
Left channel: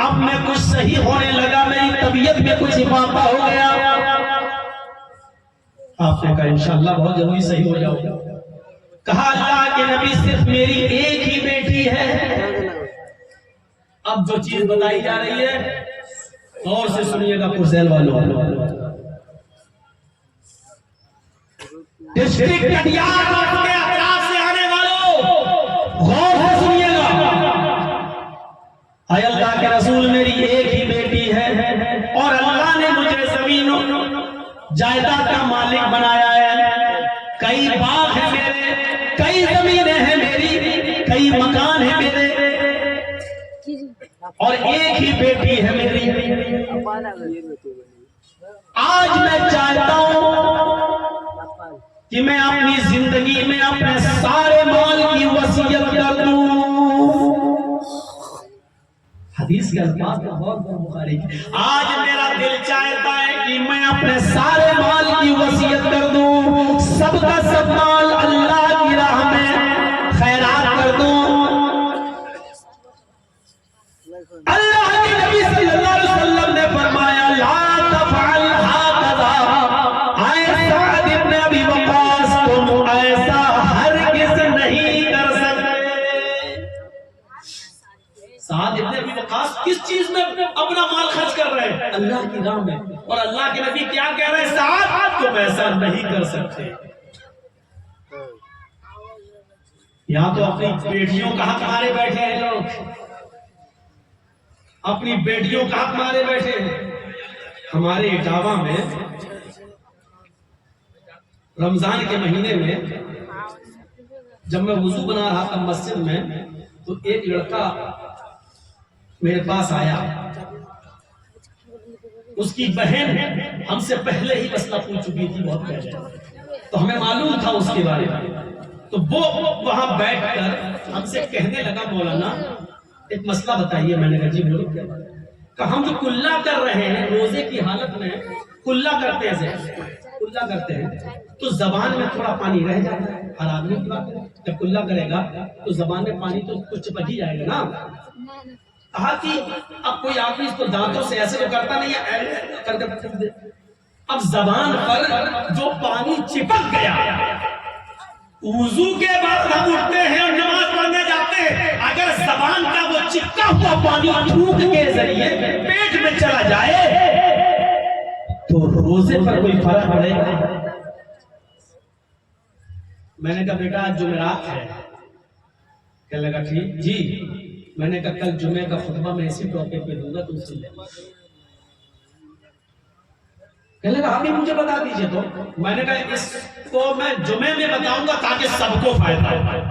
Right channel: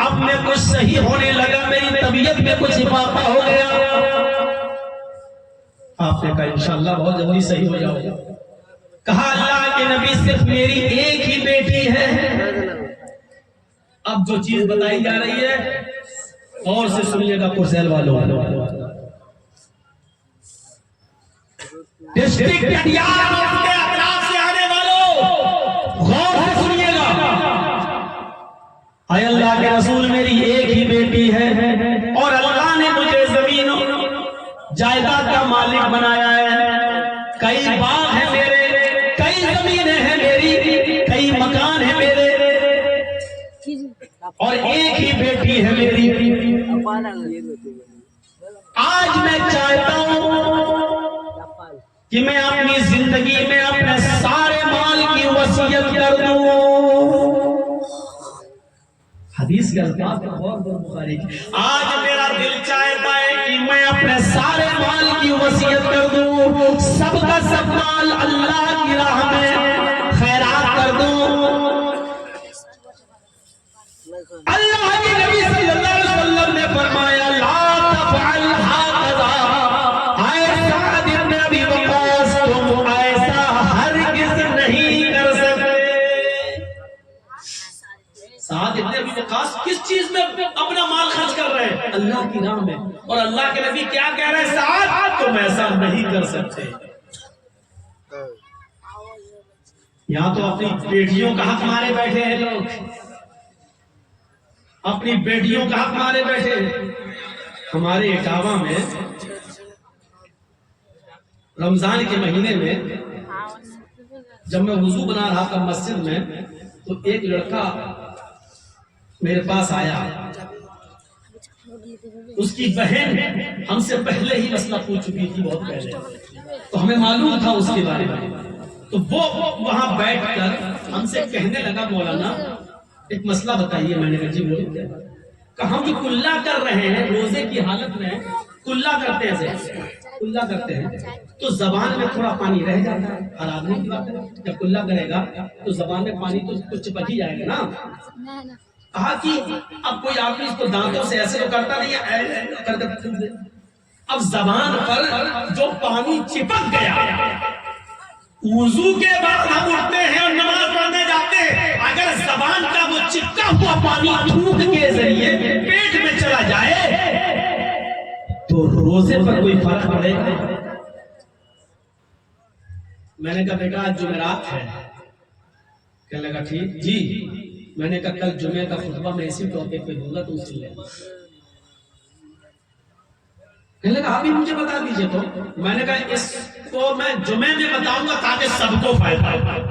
اب میں کچھ صحیح ہونے لگا, میری طبیعت میں کچھ اضافہ ہو گیا. آپ نے کہا انشاءاللہ بہت جلدی صحیح ہو جاؤ. کہا اللہ کے نبی صرف میری ایک ہی بیٹی ہے. اب جو چیز بتائی جا رہی ہے غور سے سنیے گا کرسیل والوں, ڈسٹرکٹ کٹیہار کے اطراف سے آنے والوں غور سے سنیے گا. اے اللہ کے رسول میری ایک ہی بیٹی ہے اور اللہ نے مجھے زمین جائیداد کا مالک بنایا ہے. کئی باغ ہیں میرے, کئی زمینیں ہیں میری, کئی مکان ہیں میرے, اور ایک ہی بیٹی ہے میری. آج میں چاہتا ہوں کہ میں اپنی زندگی میں اپنے سارے مال کی وصیت کر دوں. حدیث کے الفاظ پر غور کرو بخاری کی. آج میرا دل چاہتا ہے کہ میں اپنے سارے مال کی وصیت کر دوں, سب کا سب مال اللہ کی راہ میں خیرات کر دوں. اللہ کے نبی صلی اللہ علیہ وسلم نے فرمایا لا تفعل هكذا. اے سعد ابن ابی وقاص تم ایسا ہرگز نہیں کر سکتے. سعد ابن ابی وقاص کس چیز میں اپنا مال خرچ کر رہے ہیں؟ اللہ کی راہ میں. اور اللہ کے نبی کیا کہہ رہے ہیں؟ سعد تم ایسا نہیں کر سکتے. یہاں تو اپنی بیٹیوں کا حق مارے بیٹھے ہیں لوگ, اپنی بیٹیوں کا حق مارے بیٹھے. ہمارے اٹاوا میں رمضان کے مہینے میں جب میں وضو بنا رہا تھا مسجد میں تو ایک لڑکا میرے پاس آیا، اس کی بہن ہم سے پہلے ہی مسئلہ پوچھ چکی تھی بہت پہلے، تو ہمیں معلوم تھا اس کے بارے میں، تو وہ وہاں بیٹھ کر ہم سے کہنے لگا مولانا ایک مسئلہ بتائیے۔ میں نے کہا جی بولو کیا بات ہے؟ کہ ہم جو کلا کر رہے ہیں روزے کی حالت میں، کلا کرتے ہیں، کلا کرتے ہیں تو زبان میں تھوڑا پانی رہ جاتا ہے، ہر آدمی کی بات ہے، جب کلا کرے گا تو زبان میں پانی تو کچھ چپک ہی جائے گا نا۔ کہا کہ اب کوئی آدمی اس کو دانتوں سے ایسے تو کرتا نہیں ہے، کر کے پھینک دے، اب زبان پر جو پانی چپک گیا، وضو کے بعد ہم اٹھتے ہیں اور نماز پڑھنے جاتے ہیں، اگر زبان کا وہ چپکا ہوا پانی تھوک کے ذریعے پیٹ میں چلا جائے تو روزے پر کوئی فرق پڑے گا؟ میں نے کہا بیٹا آج جمعرات ہے۔ کہنے لگا ٹھیک جی۔ میں نے کہا کل جمعے کا خطبہ میں اسی ٹاپک پہ دوں گا، تم سن لے۔ کہنے لگا آپ ہی مجھے بتا دیجئے تو۔ میں نے کہا اس کو میں جمعے میں بتاؤں گا تاکہ سب کو فائدہ ہو۔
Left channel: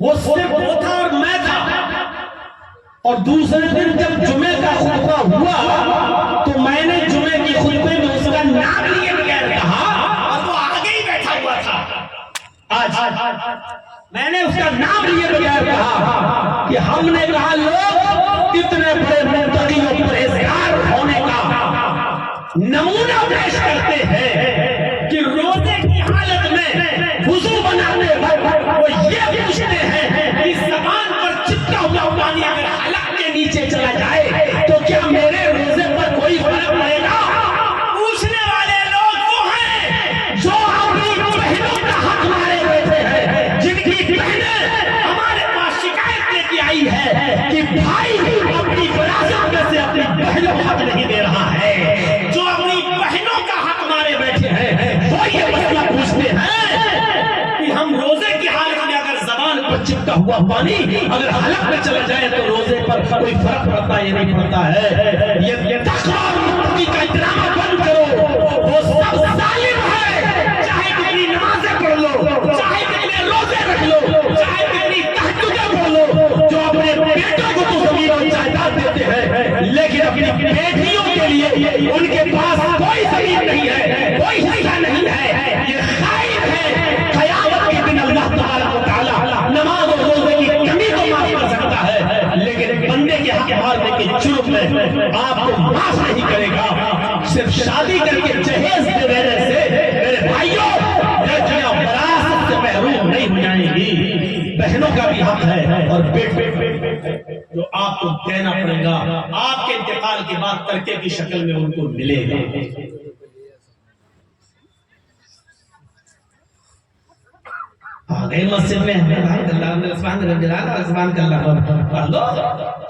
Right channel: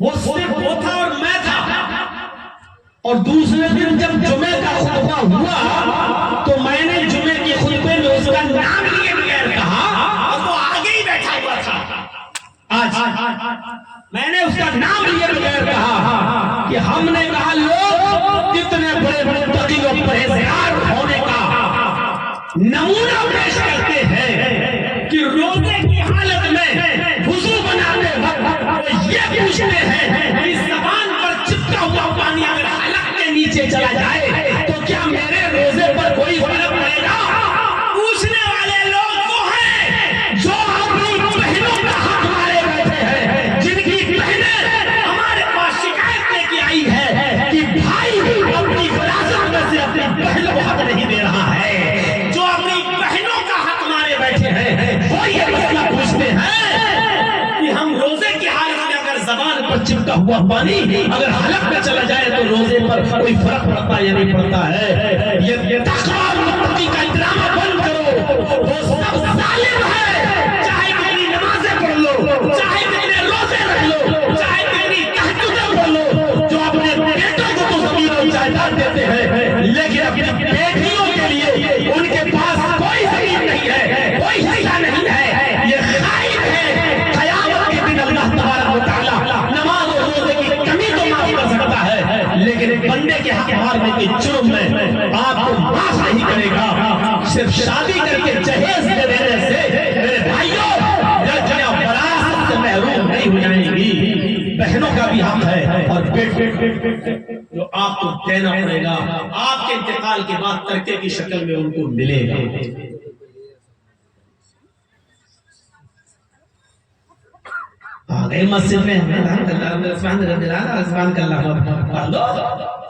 وہ صرف وہ تھا اور میں تھا، اور دوسرے دن جب جمعے کا خطبہ ہوا تو میں نے جمعے کی خطبے میں اس کا نام لیے بغیر کہا، اور وہ آگے ہی بیٹھا ہوا تھا۔ آج میں نے اس کا نام لیے بغیر کہا کہ ہم نے کہا لوگ کتنے بڑے متقی اور پرہیزگار ہونے کا نمونہ پیش کرتے ہیں کہ روزے کی حالت میں وضو بناتے وقت وہ یہ پوچھتے ہیں کہ زبان پر چپکا ہوا پانی اگر حلق کے نیچے چلا جائے تو کیا میرے روزے پر کوئی فرق پڑے گا؟ پوچھنے والے لوگ وہ ہیں جو اپنی بہنوں کا حق مارے بیٹھے ہیں، جن کی بہنیں ہمارے پاس شکایت لے کے آئی ہے کہ بھائی اپنی وراثت میں سے اپنی بہن کو حق نہیں دے رہا ہے، جو اپنی بہنوں کا حق مارے بیٹھے ہیں وہ یہ مسئلہ پوچھتے ہیں کہ ہم روزے کی حالت میں اگر زبان پر چپکا ہوا پانی اگر حلق میں چلا جائے تو روزے پر کوئی فرق پڑتا یا نہیں پڑتا ہے؟ یہ تقویٰ اور متقی کا ڈرامہ بند کرو، وہ سب ظالم ہے، چاہے کتنی نمازیں پڑھ لو، چاہے کتنے روزے رکھ لو، چاہے کتنی تہجدیں پڑھ لو، جو اپنے بیٹوں کو تو زمین اور جائیداد دیتے ہیں لیکن اپنی بیٹیوں کے لیے ان کے پاس کوئی زمین نہیں ہے، کوئی حصہ نہیں ہے، یہ خائن ہے۔ قیامت کے دن اللہ تبارک و تعالی نماز اور روزے کی کمی کو معاف کر سکتا ہے لیکن بندے کے حق مارنے کے جرم میں آپ کو معاف نہیں کرے گا۔ صرف شادی کر کے جہیز دے دینے سے میرے بھائیوں لڑکیاں وراثت سے محروم نہیں ہو جائیں گی، بہنوں کا بھی حق ہے اور بیٹے جو آپ کو دینا پڑے گا، آپ کے انتقال کے بعد ترکے کی شکل میں ان کو ملے گا۔ آگئے مسجد میں پڑھ لو،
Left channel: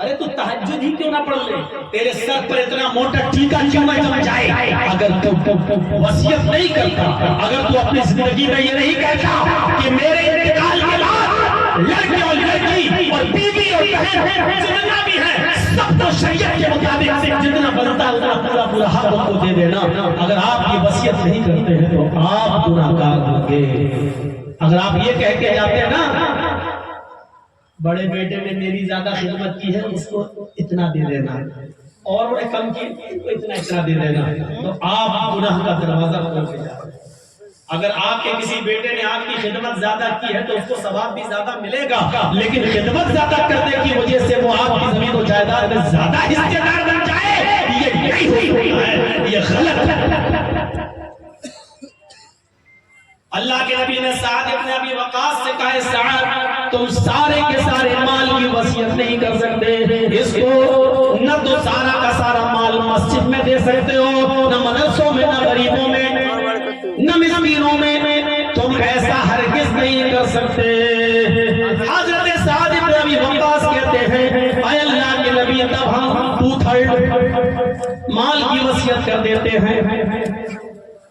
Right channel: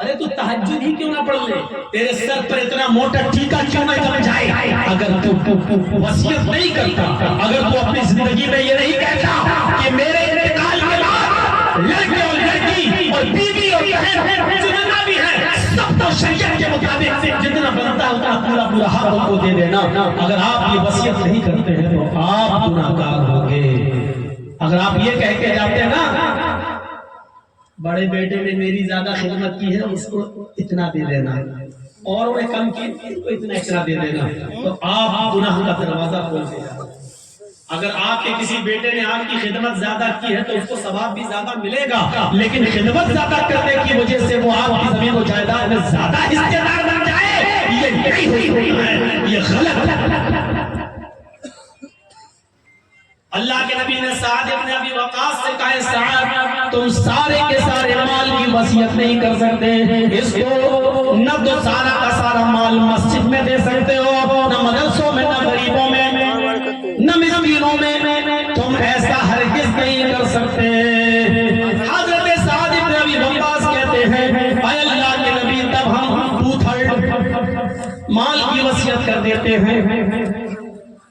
ارے تو تہجد ہی کیوں نہ پڑھ لے؟ تیرے سر پر اتنا موٹا ٹیکا کیوں نہ چل جائے؟ اگر تو وصیت نہیں کرتا، اگر تو اپنی زندگی میں یہ نہیں کہتا کہ میرے انتقال کے بعد لڑکے اور لڑکی اور بیوی اور بہن جتنا بھی ہے سب کو شریعت کے مطابق جتنا بنتا ہے اتنا پورا حق ان کو دے دینا۔ اگر آپ یہ وصیت نہیں کرتے ہیں تو آپ گناہگار ہوں گے۔ اگر آپ یہ کہہ کے جاتے ہیں نا بڑے بیٹے نے میری زیادہ خدمت کی ہے اس کو اتنا دے دینا، اور انہیں کم کی تو اتنا دے دینا، تو آپ گناہ کا دروازہ کھول کے جاتے ہیں۔ اگر آپ کے کسی بیٹے نے آپ کی خدمت زیادہ کی ہے تو اس کو ثواب بھی زیادہ ملے گا، لیکن خدمت زیادہ کرنے کی وجہ سے وہ آپ کی زمین و جائیداد میں زیادہ حصے دار بن جائے، یہ نہیں ہوئی ہے، یہ غلط ہے۔ اللہ کے نبی نے سعد ابن ابی وقاص سے کہا سعد تم سارے کے سارے مال کی وصیت نہیں کر سکتے، اس کو نہ تو سارا کا سارا مال مسجد میں دے سکتے ہو، نہ مدرسوں میں، نہ غریبوں میں، نہ مسکینوں میں، تم ایسا ہرگز نہیں کر سکتے۔ حضرت سعد ابن ابی وقاص کہتے ہیں اے اللہ کے نبی تب ہم 2/3 مال کی وصیت کر دیتے ہیں،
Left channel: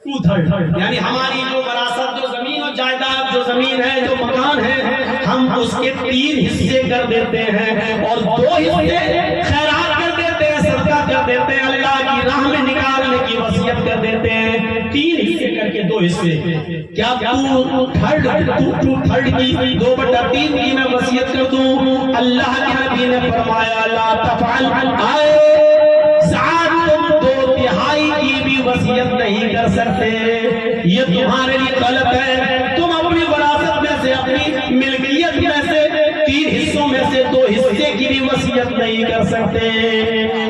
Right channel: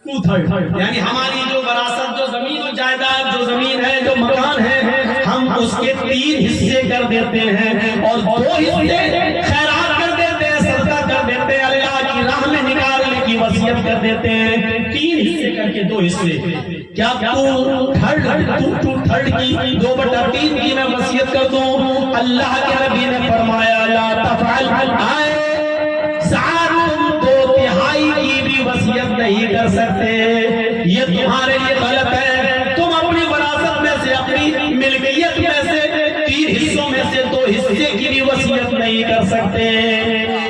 2/3 یعنی ہماری جو وراثت، جو زمین و جائیداد، جو زمین ہے، جو مکان ہے، ہم اس کے 3 حصے کر دیتے ہیں اور 2 حصے خیرات کر دیتے ہیں، صدقہ کر دیتے ہیں، اللہ کی راہ میں نکالنے کی وصیت کر دیتے ہیں۔ 3 حصے کر کے 2 حصے. کیا 2/3 کی 2/3 کی میں وصیت کر دوں؟ اللہ کے نبی نے فرمایا لا تفعل. آئے سعد تم 2/3 کی بھی وصیت نہیں کر سکتے، یہ تمہارے لیے غلط ہے. تم اپنی وراثت میں سے، اپنی ملکیت میں سے 3 حصوں میں سے 2 حصے کی بھی وصیت نہیں کر سکتے.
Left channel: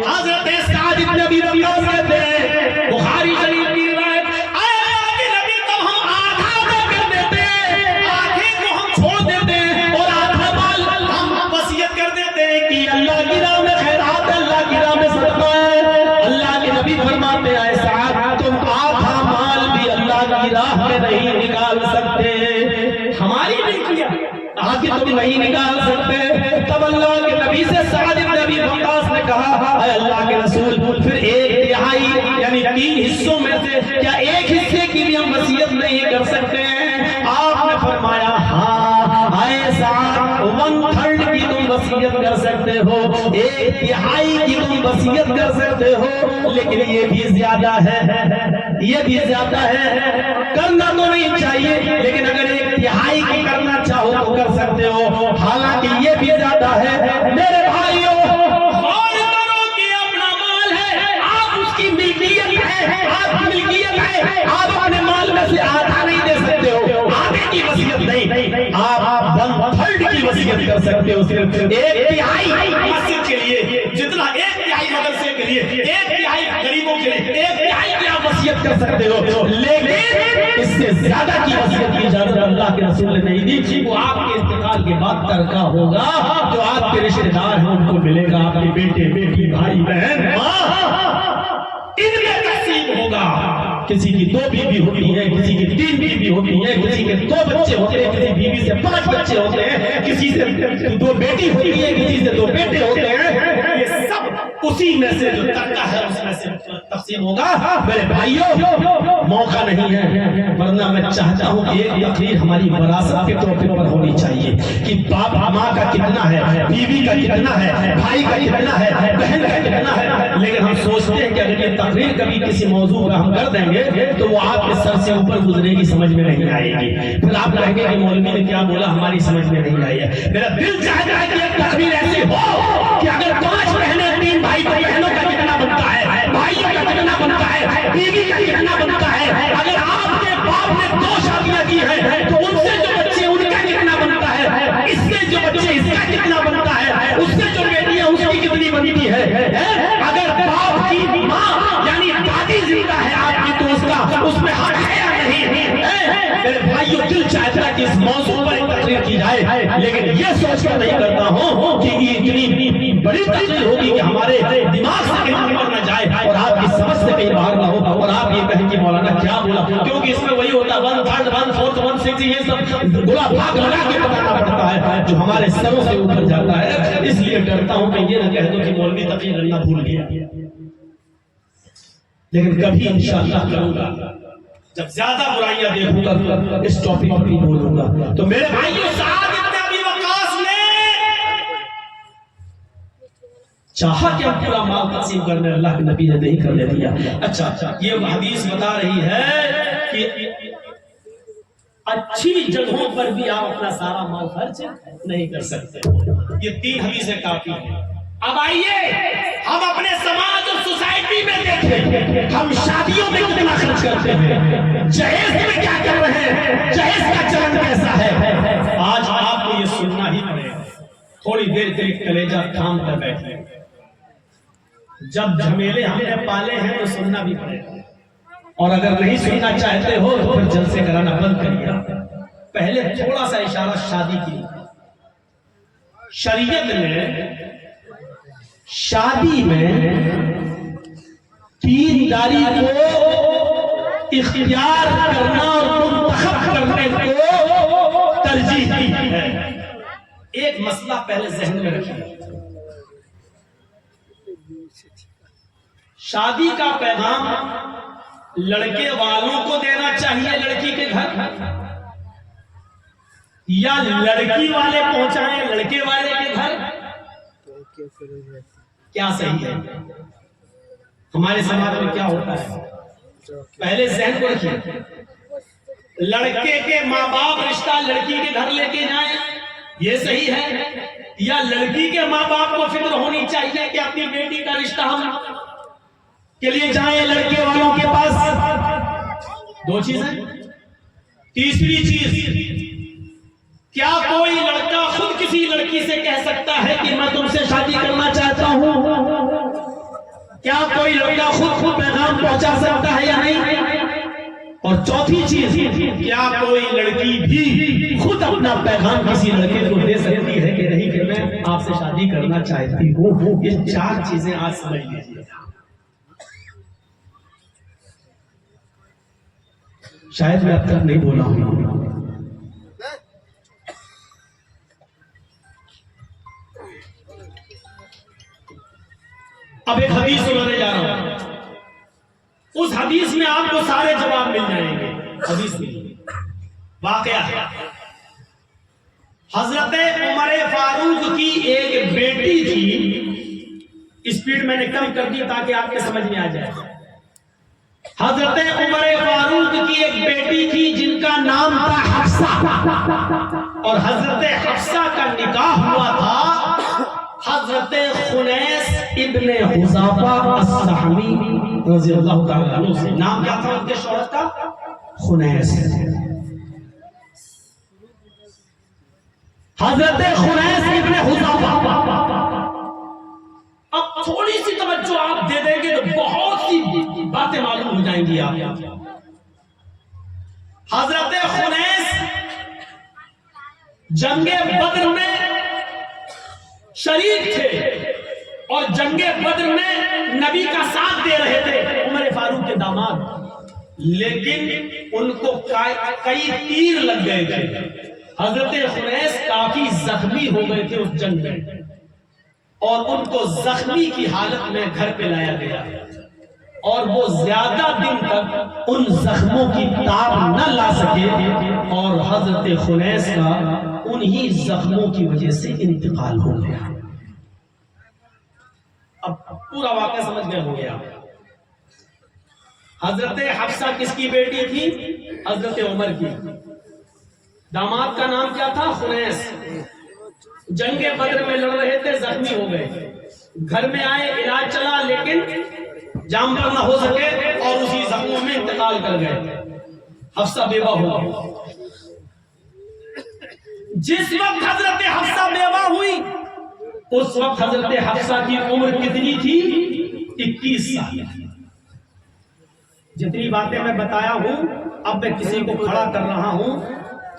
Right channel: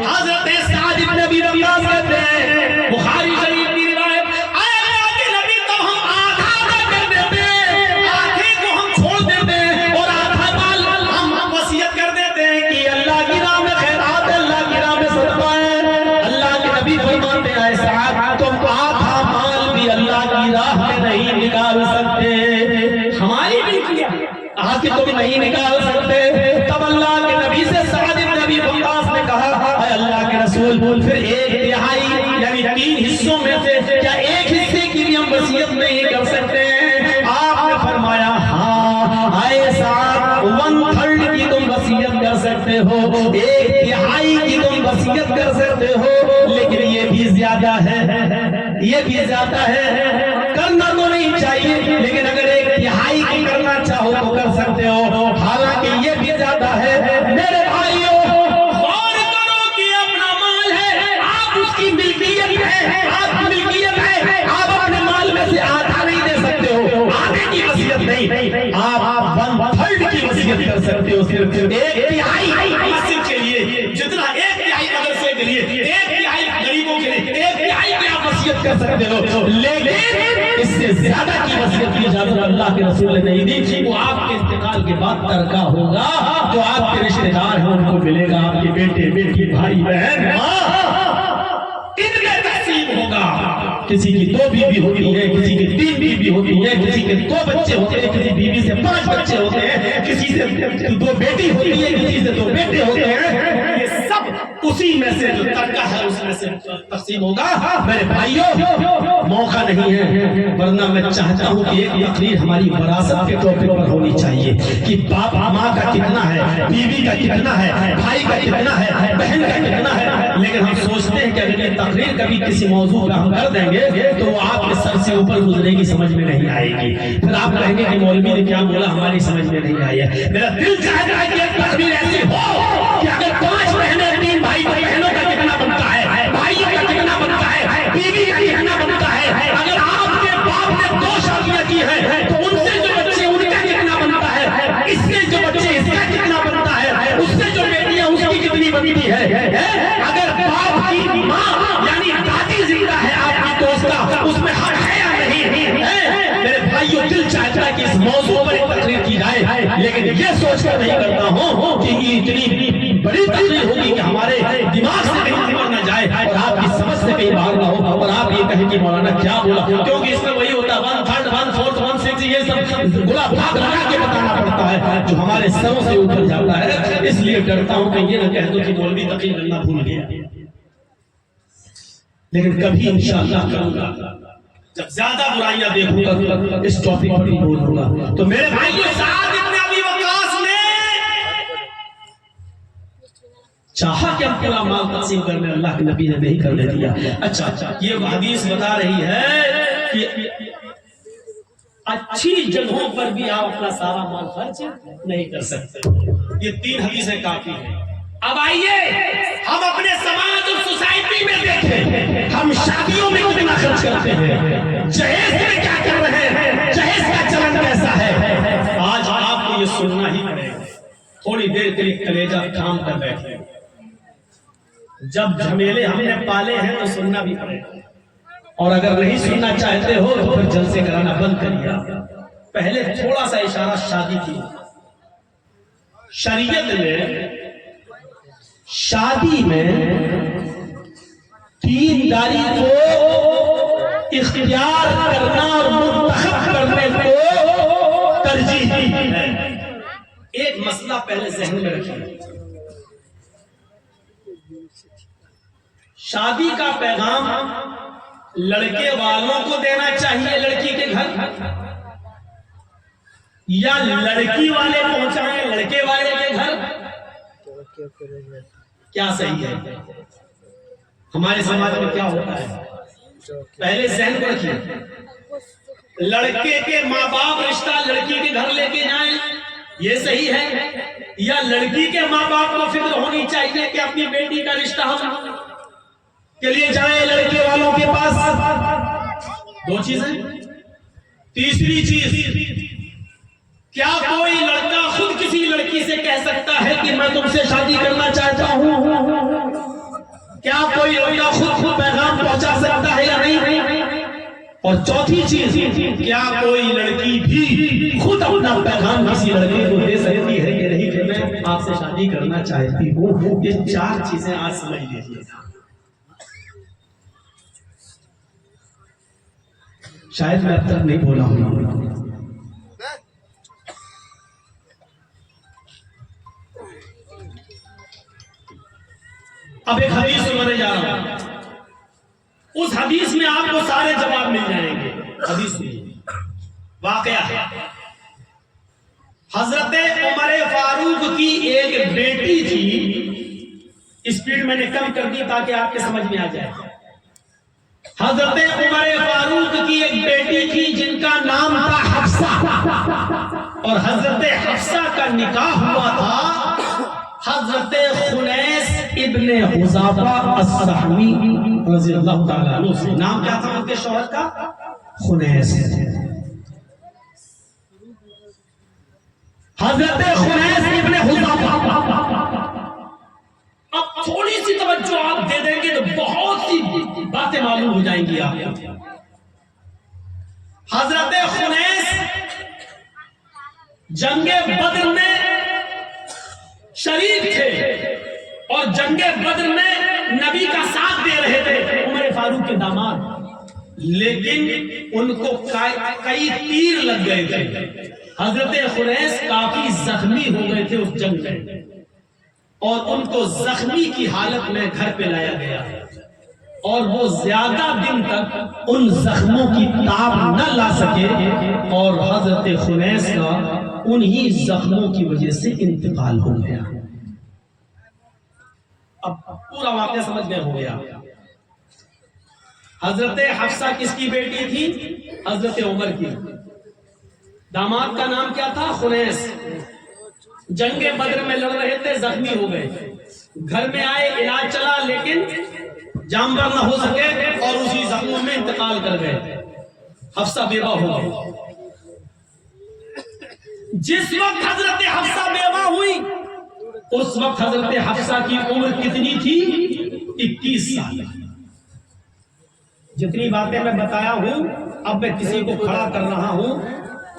حضرت سعد بن ابی وقاص کہتے ہیں بخاری شریف کی روایت، اے اللہ کے نبی تب ہم آدھا کر دیتے، آدھے کو ہم چھوڑ دیتے اور آدھا مال ہم وصیت کر دیتے کہ اللہ کی راہ میں خیرات ہے، اللہ کی راہ میں صدقہ ہے. اللہ کے نبی فرماتے ہیں سعد تم آدھا مال بھی اللہ کی راہ میں نہیں نکال سکتے، ہماری ملکیت آدھی تم نہیں نکال سکتے. تب اللہ کے نبی سے سعد بن ابی وقاص نے کہا اے اللہ کے رسول پھر 1/3 یعنی 3 حصوں میں سے کیا 1 حصے کی بھی ہم وصیت نہیں کر سکتے ہیں؟ آپ نے فرمایا ہاں اے سعد 1/3 کی تم وصیت کر سکتے ہو، 1/3 کی تم وصیت کر سکتے ہو، لیکن یہ بھی زیادہ ہے، یہ بھی زیادہ ہے. کرنا تو نہیں چاہیے لیکن اگر 1/3 کی کرنا چاہو تو کر سکتے ہو، حالانکہ یہ بھی زیادہ ہے. میرے بھائیوں غور کرو کہ اپنا مال ہے، آپ اس کی ملکیت ہے، آپ کی ملکیت ہے، آپ اپنے مال میں سے آدھا نہیں دے سکتے ہو، آدھے کی وصیت نہیں، آپ 1/3 کی وصیت کر سکتے ہو. صرف 1/3 مسجد کے لیے جتنا 1/3 مدرسے کے لیے، 1/3 غریبوں کے لیے، 1/3 کی آپ وصیت کر سکتے ہو، لیکن اس سے زیادہ کی وصیت کی اجازت اللہ کے رسول نے نہیں دی. وہ آپ کے انتقال کے بعد ترکہ ہوگا، جو آپ کے رشتہ دار ہیں ان کو ملے گا، آپ کے بیٹے بیٹی بھائی بہن ماں ان میں تقسیم ہوگا. کسی کی 2 بیوی ہوتی ہیں، کسی کی 3 بیوی ہوتی ہیں، کسی کے 2 بچے ہوتے ہیں، کسی بیوی سے 5 بچے ہوتے ہیں، کسی سے 2 بیٹی ہوتی ہے، کسی سے 2 بیٹے ہوتے ہیں. یہ سب اسی میں سے جو ترکہ ہے اس میں سے تقسیم ہوگا. میرے بھائیوں موقع نہیں ہے ورنہ میں چاہتا ہوں کہ ایک تقریر ہماری وراثت کے ٹاپک پر ہونی چاہیے کہ باپ ماں کا کتنا ہے، بیوی کا کتنا ہے، بھائی کا کتنا ہے، بہن کا کتنا ہے. لیکن ہم سوچتے ہیں کہ اگر یہ تقریر کبھی کسی موضوع پر ہم کر دیں گے تو وہ آپ کے سر سے اوپر گزرے گی، سمجھ میں نہیں آئے گی. پھر آپ کہیں گے کہ مولوی نے کیا بولا ہماری سمجھ میں نہیں آئی ہے. میرا دل چاہتا ہے کہ ایک تقریر ایسی ہو کہ اگر 5 بہنیں 3 بھائی تو بہنوں کا کتنا بنتا ہے، بھائیوں کا کتنا بنتا ہے، بیوی کا کتنا بنتا ہے. اگر آپ کے باپ نے 2 شادیاں کی ہیں تو ان سے جو بچے ان کا کتنا بنتا ہے، اس سے جو بچے اس کا کتنا بنتا ہے، اس سے جو بیٹیاں اس کی کتنی بنتی ہے. اگر باپ کی ماں یعنی دادی زندہ ہے آپ کی تو اس میں حق ہے یا نہیں؟ میرے بھائیوں دل چاہتا ہے کہ اس موضوع پر ایک تقریر کی جائے، لیکن یہ سوچ کر نہیں کرتا ہوں کہ یہ اتنی بڑی تقریر ہوگی کہ ہمارے دماغ سے کہیں اوپر نہ جائے اور آپ کی سمجھ سے کہیں باہر نہ ہو اور آپ یہ کہیں کہ مولانا کیا بولا، کیونکہ اس میں وہی ہوتا ہے 1/3 1/4 1/6 یہ سب گلا بھاگ لگا کے بتانا پڑتا ہے جو ہمارے سروں سے اوپر جاتا ہے. اس لیے ڈرتا ہوں کہ یہ نہ کہہ دو کہ مولوی تقریر کرنا بھول گیا، لیکن کبھی انشاءاللہ کروں گا جب زیادہ برائیاں دیکھوں گا اس ٹاپک پر بھی بولوں گا. تو میرے بھائیوں سعد بن ابی وقاص نے چاہا کہ ہم پورا مال تقسیم کرنے، اللہ کے نبی نے نہیں کرنے دیا. اچھا یہ حدیث بتا رہی ہے کہ اچھی جگہوں پر بھی آپ اپنا سارا مال خرچ نہیں کر سکتے. یہ 3 حدیثیں کافی ہیں. اب آئیے ہم اپنے سماج اور سوسائٹی میں دیکھیں ہم شادیوں میں کتنا خرچ کرتے ہیں، جہیز میں کیا کر رہے ہیں، جہیز کا چلن کیسا ہے. آج آپ کو یہ سننا ہی پڑے گا. تھوڑی دیر کے لیے کلیجہ تھام کر بیٹھے، جب جھمیلے ہم نے پالے ہیں تو سننا بھی پڑے گا، اور اگر نہیں سننا چاہتے ہو تو پھر جلسے کرانا بند کریے. پہلے تھوڑا سا اشارہ شادی کی. شریعت میں شادی میں تیرداری کو اختیار کرنا اور منتخب کرنے کو ترجیح دی ہے. ایک مسئلہ پہلے ذہن میں رکھیے، شادی کا پیغام لڑکے والوں کو دینا چاہیے لڑکی کے گھر، یا لڑکی والے پہنچائیں لڑکے والے کے گھر؟ کیا صحیح ہے؟ ہمارے سماج میں کیا ہوتا ہے، پہلے ذہن کو رکھیے، لڑکے کے ماں باپ رشتہ لڑکی کے گھر لے کے جائیں یہ صحیح ہے، یا لڑکی کے ماں باپ کو فکر ہونی چاہیے کہ اپنی بیٹی کا رشتہ ہم کے لیے جائیں لڑکے والوں کے پاس؟ دو چیزیں۔ تیسری چیز، کیا کوئی لڑکا خود کسی لڑکی سے کہہ سکتا ہے کہ میں تم سے شادی کرنا چاہتا ہوں؟ کیا کوئی لڑکا خود پیغام پہنچا سکتا ہے یا نہیں؟ اور چوتھی چیز، کیا کوئی لڑکی بھی خود اپنا پیغام کسی لڑکے کو دے سکتی ہے کہ نہیں کہ میں آپ سے شادی کرنا چاہتی ہوں؟ یہ چار چیزیں آج سمجھ لیجیے گا۔ شاید میں اب تک نہیں بولا ہوں۔ اب ایک حدیث سنانے جا رہا ہوں، اس حدیث میں آپ کو سارے جواب مل جائیں گے۔ حدیث میں واقعہ ہے، حضرت عمر فاروق کی ایک بیٹی تھی، اسپیڈ میں نے کم کر دی تاکہ آپ کے سمجھ میں آ جائے۔ حضرت عمر فاروق کی ایک بیٹی تھی جن کا نام تھا حفصہ، اور حضرت حفصہ کا نکاح ہوا تھا حضرت خنیس ابن حذافہ السہمی رضی اللہ تعالیٰ عنہ سے۔ نام کیا تھا ان کے شوہر کا؟ خنیس۔ حضرت خنیس ابن حذافہ۔ اب تھوڑی سی توجہ آپ دے دیں گے تو بہت سی باتیں معلوم ہو جائیں گی آپ۔ حضرت خنیس جنگ بدر میں شریک تھے اور جنگ بدر میں نبی کا ساتھ دے رہے تھے، عمر فاروق کے داماد، لیکن ان کو کئی تیر لگ گئے تھے۔ حضرت خنیس کافی زخمی ہو گئے تھے اس جنگ میں، اور ان کو زخمی کی حالت میں گھر پہ لایا گیا، اور وہ زیادہ دن تک ان زخموں کی تاب نہ لا سکے، اور حضرت خنیس کا انہی زخموں کی وجہ سے انتقال ہو گیا۔ اب پورا واقعہ سمجھ گئے ہو گیا۔ حضرت حفصہ کس کی بیٹی تھی؟ حضرت عمر کی۔ داماد کا نام کیا تھا؟ خنیس۔ جنگ بدر میں لڑ رہے تھے، زخمی ہو گئے، گھر میں آئے، علاج چلا، لیکن جام پر نہ ہو سکے اور اسی زخموں میں انتقال کر گئے۔ حفصہ بیوہ ہو گئی۔ جس وقت حضرت حفصہ بیوہ ہوئی اس وقت حضرت حفصہ کی عمر کتنی تھی؟ 21 سال۔ جتنی باتیں میں بتایا ہوں اب میں کسی کو کھڑا کر رہا ہوں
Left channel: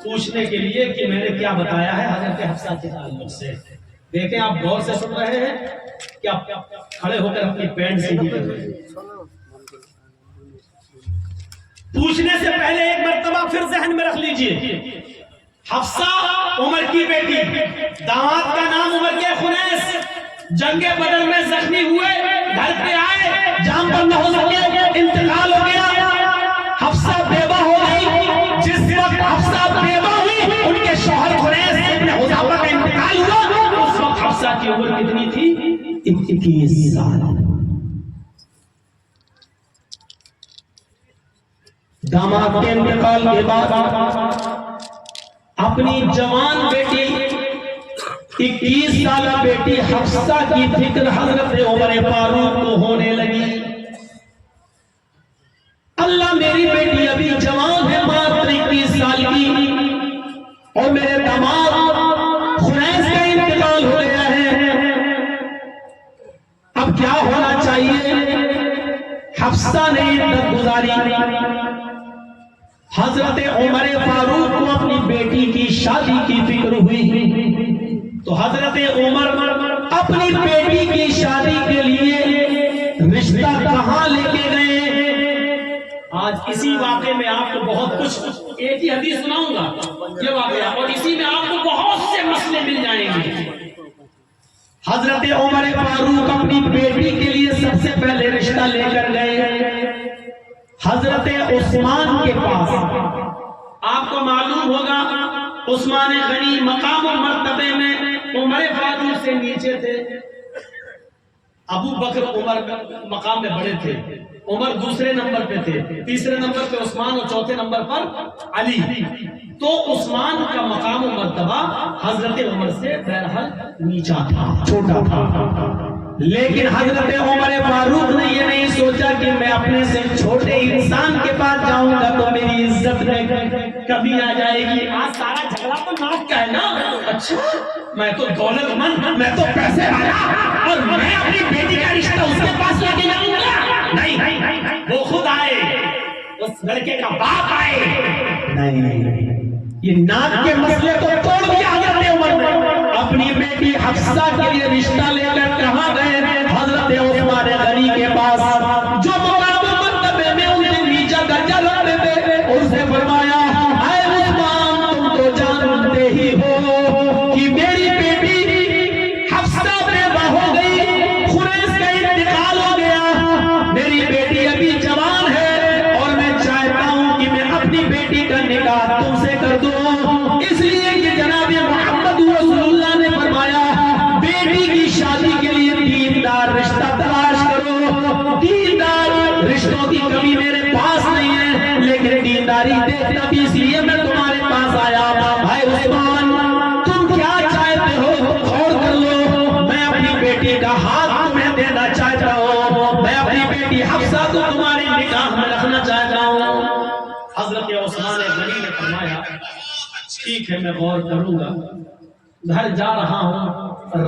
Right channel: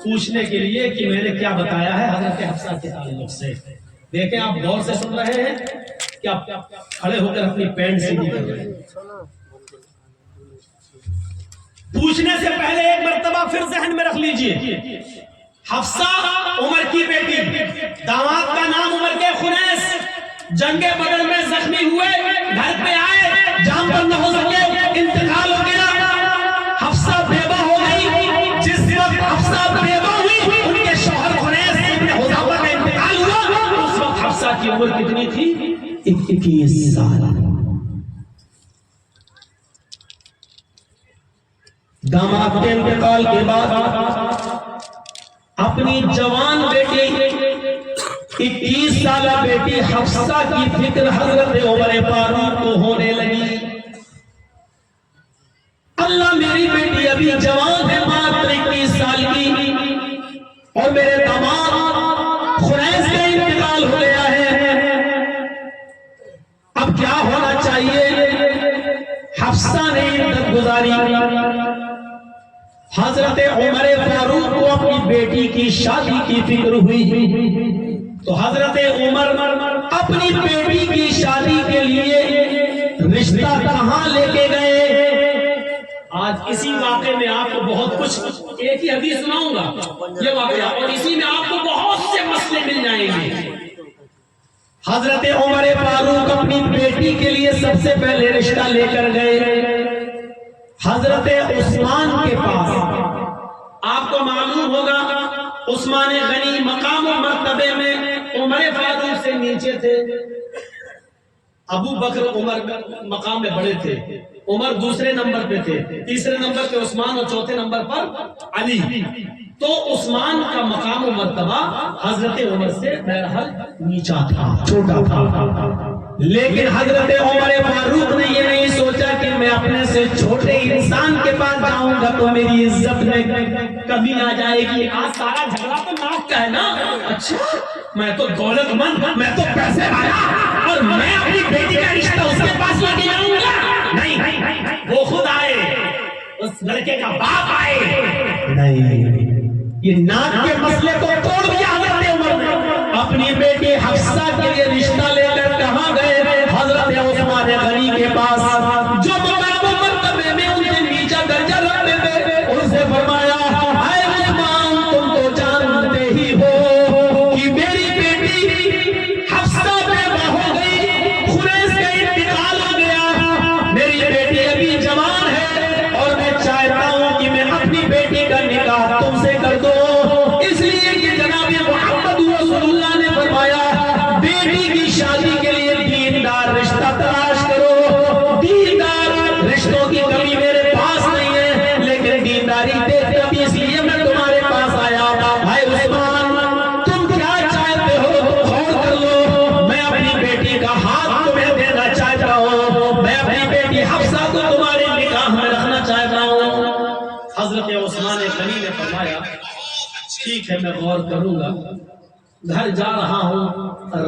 پوچھنے کے لیے کہ میں نے کیا بتایا ہے حضرت حفصہ کے تعلق سے۔ دیکھیں آپ غور سے سن رہے ہیں کہ آپ کھڑے ہو کر اپنی پینٹ سیدھی کر رہے ہیں۔ پوچھنے سے پہلے ایک مرتبہ پھر ذہن میں رکھ لیجئے، حفصہ عمر کی بیٹی، داماد کا نام عمر کے خنیس، جنگ بدر میں زخمی ہوئے، گھر پہ آئے، جام پر نہ ہو سکے، انتقال ہو گیا، حفصہ بیوہ ہو گئی۔ جس وقت حفصہ بیوہ ہوئی ان کے شوہر خنیس ابن حذافہ کا انتقال ہوا، اس وقت حفصہ کی عمر کتنی تھی؟ 21 سال۔ داماد کے انتقال کے بعد اپنی جوان بیٹی 21 سالہ بیٹی حفصہ کی فکر حضرت عمر فاروق کو ہونے لگی۔ اللہ میری بیٹی ابھی جوان ہے، ماتر 21 سال کی، اور میرے داماد خنیس کا انتقال ہو گیا ہے، اب کیا ہونا چاہیے؟ حفصہ نے عدت گزاری۔ حضرت عمر فاروق کو اپنی بیٹی کی شادی کی فکر ہوئی تو حضرت عمر اپنی بیٹی کی شادی کے لیے رشتہ کہاں لے کے گئے؟ آج اسی واقعے میں آپ کو بہت کچھ، ایک ہی حدیث سناؤں گا یہ واقعہ، اور اسی میں آپ کو بہت سے مسئلے مل جائیں گے۔ حضرت عمر فاروق اپنی بیٹی کے لیے سب سے پہلے رشتہ لے کر گئے حضرت عثمان کے پاس۔ آپ کو معلوم ہوگا عثمان غنی مقام و مرتبے میں عمر فاروق سے نیچے تھے، ابو بکر عمر مقام میں بڑے تھے، عمر دوسرے نمبر پہ تھے، تیسرے نمبر پہ عثمان اور چوتھے نمبر پر علی. تو عثمان کا مقام و مرتبہ حضرت عمر سے بہرحال نیچا تھا، چھوٹا تھا. لیکن حضرت عمر فاروق نے یہ نہیں سوچا کہ میں اپنے سے چھوٹے انسان کے پاس جاؤں گا تو میری عزت میں کبھی آ جائے گی. آج سارا جھگڑا تو ناک کا ہے نا. اچھا میں تو دولت مند، میں تو پیسے والا، اور میں اپنی بیٹی کا رشتہ اس کے پاس لے کے جاؤں گا؟ نہیں، وہ خود آئے، اس لڑکے کا باپ آئے. نہیں، یہ ناک کے مسئلے کو توڑ دیا حضرت عمر نے. اپنی بیٹی حفصہ کے لیے رشتہ لے کر کہاں گئے؟ حضرت عثمان غنی کے پاس، جو مقام و مرتبے میں ان سے نیچا درجہ رکھتے تھے. ان سے فرمایا اے عثمان، تم تو جانتے ہی ہو کہ میری بیٹی حفصہ بیوہ ہو گئی، خریس کا انتقال ہو گیا. میری بیٹی ابھی جوان ہے اور میں چاہتا ہوں کہ میں اپنی بیٹی کا نکاح تم سے کر دوں. اس لیے کہ جناب محمد رسول اللہ نے فرمایا بیٹی کی شادی کے لیے دیندار رشتہ تلاش کرو. دیندار رشتوں کی کمی میرے پاس نہیں ہے، لیکن دینداری دیکھتا بھی اس لیے میں تمہارے پاس آیا. بھائی عثمان، تم کیا چاہتے ہو غور کر لو. میں اپنی بیٹی کا ہاتھ تمہیں دینا چاہتا ہوں، میں اپنی بیٹی حفصہ کو تمہارے نکاح میں رکھنا چاہتا ہوں. حضرت عثمان غنی نے فرمایا ٹھیک ہے، میں غور کروں گا، گھر جا رہا ہوں،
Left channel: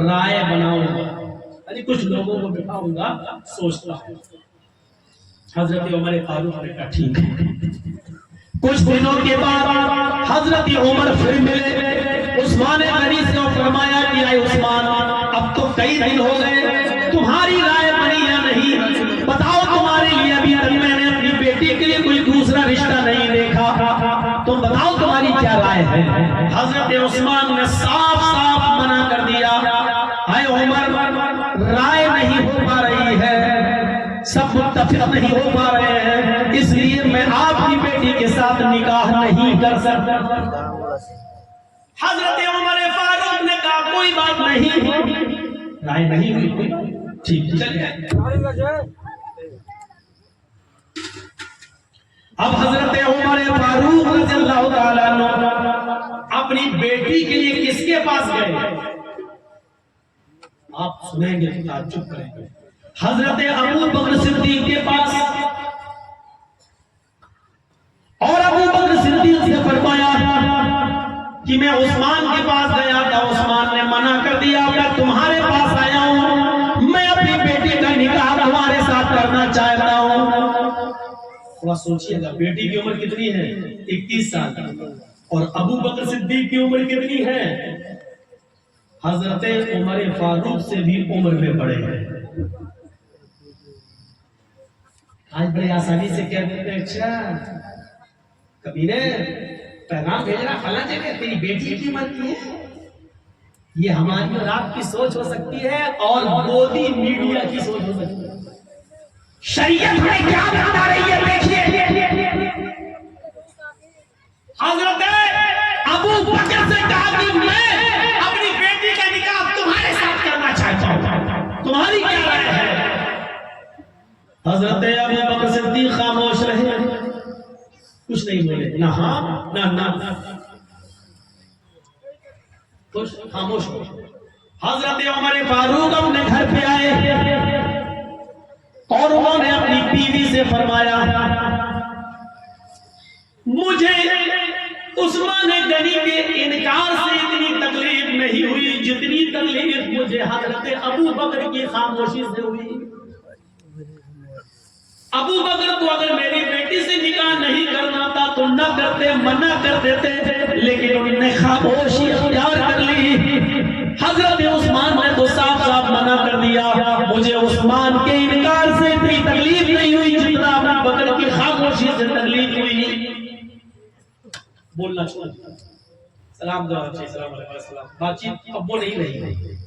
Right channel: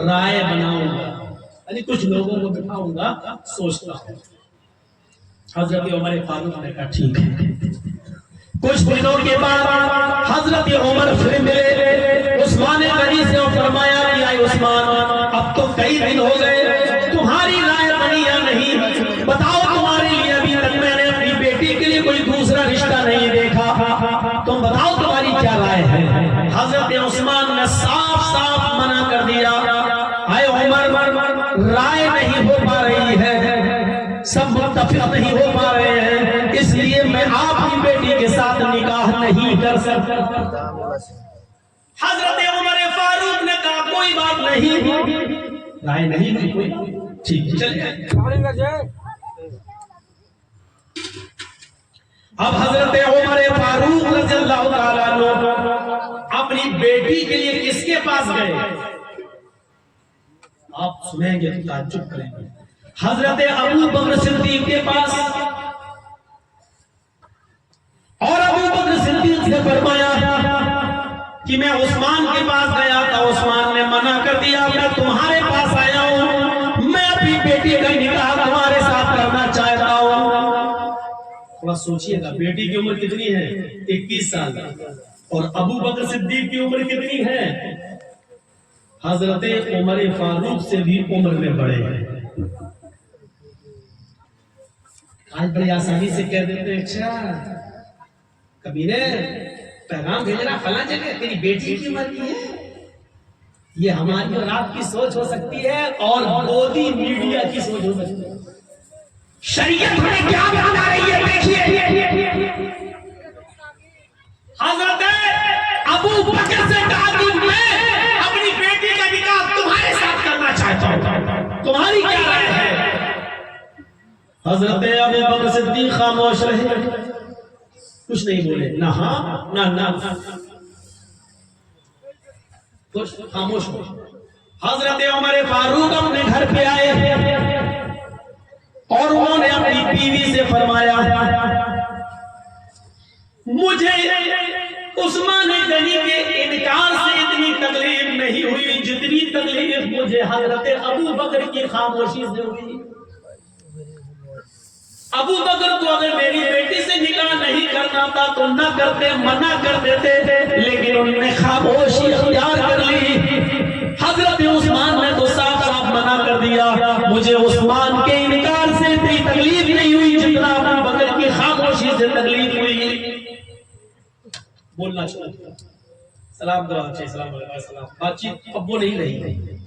رائے بناؤں گا، یعنی کچھ لوگوں کو بٹھاؤں گا، سوچتا ہوں. حضرت عمر فاروق نے کہا ٹھیک ہے. کچھ دنوں کے بعد حضرت عمر پھر ملے عثمان غنی سے اور فرمایا کہ اے عثمان، اب تو کئی دن ہو گئے، تمہاری رائے بنی یا نہیں؟ بتاؤ، تمہارے لیے ابھی تک میں نے اپنی بیٹی کے لیے کوئی دوسرا رشتہ نہیں دیکھا، تم بتاؤ تمہاری کیا رائے ہے؟ حضرت عثمان نے صاف صاف منع کر دیا. اے عمر، رائے نہیں ہو پا رہی ہے، سب متفق نہیں ہو پا رہے ہیں، اس لیے میں آپ کی بیٹی کے ساتھ نکاح نہیں کر سکتا. حضرت عمر فاروق نے کہا کوئی بات نہیں، رائے نہیں ہوئی کوئی، ٹھیک چلیے. اب حضرت عمر فاروق رضی اللہ تعالیٰ عنہ اپنی بیٹی کے لیے کس کے پاس گئے؟ آپ سنیں گے تو تعجب کریں گے. حضرت ابو بکر صدیق کے پاس. اور ابو بکر صدیق سے فرمایا کہ میں عثمان کے پاس گیا تھا، عثمان نے منع کر دیا، میں تمہارے پاس آیا ہوں، میں اپنی بیٹی کا نکاح تمہارے ساتھ کرنا چاہتا ہوں. تھوڑا سوچئے گا، بیٹی کی عمر کتنی ہے؟ 21 سال. اور ابو بکر صدیق کی عمر کتنی ہے؟ حضرت عمر فاروق سے بھی عمر میں بڑے ہیں. آج بڑی آسانی سے کہہ دیتے ہیں اچھا کبیرے پیغام بھیج رہا فلاں جگہ، تیری بیٹی کی عمر کی ہے. یہ ہماری اور آپ کی سوچ ہو سکتی ہے، اور مودی میڈیا کی سوچ ہو سکتی ہے. شریعت میں کیا بتا رہی ہے دیکھیے. حضرت ابو بکر سے کہا کہ میں اپنی بیٹی کا نکاح تمہارے ساتھ کرنا چاہتا ہوں، تمہاری کیا رائے ہے؟ حضرت ابو بکر صدیق خاموش رہے، کچھ نہیں بولے، نہ ہاں نہ کچھ، خاموش ہو. حضرت عمر فاروق اپنے گھر پہ آئے اور انہوں نے اپنی بیوی سے فرمایا مجھے عثمان غنی کے انکار سے اتنی تکلیف نہیں ہوئی جتنی تکلیف مجھے حضرت ابو بکر کی خاموشی سے ہوئی. ابو بکر کو اگر میری بیٹی سے نکاح نہیں کرنا تھا تو نہ کرتے، منع کر دیتے، لیکن انہوں نے خاموشی اختیار کر لی. حضرت عثمان نے تو صاف صاف منع کر دیا. مجھے عثمان کے انکار سے اتنی تکلیف نہیں ہوئی جتنا ابو بکر کی خاموشی سے تکلیف ہوئی. بولنا چھوڑ دیا، سلام دعا اچھے، السلام علیکم السلام، بات چیت اب وہ نہیں رہی.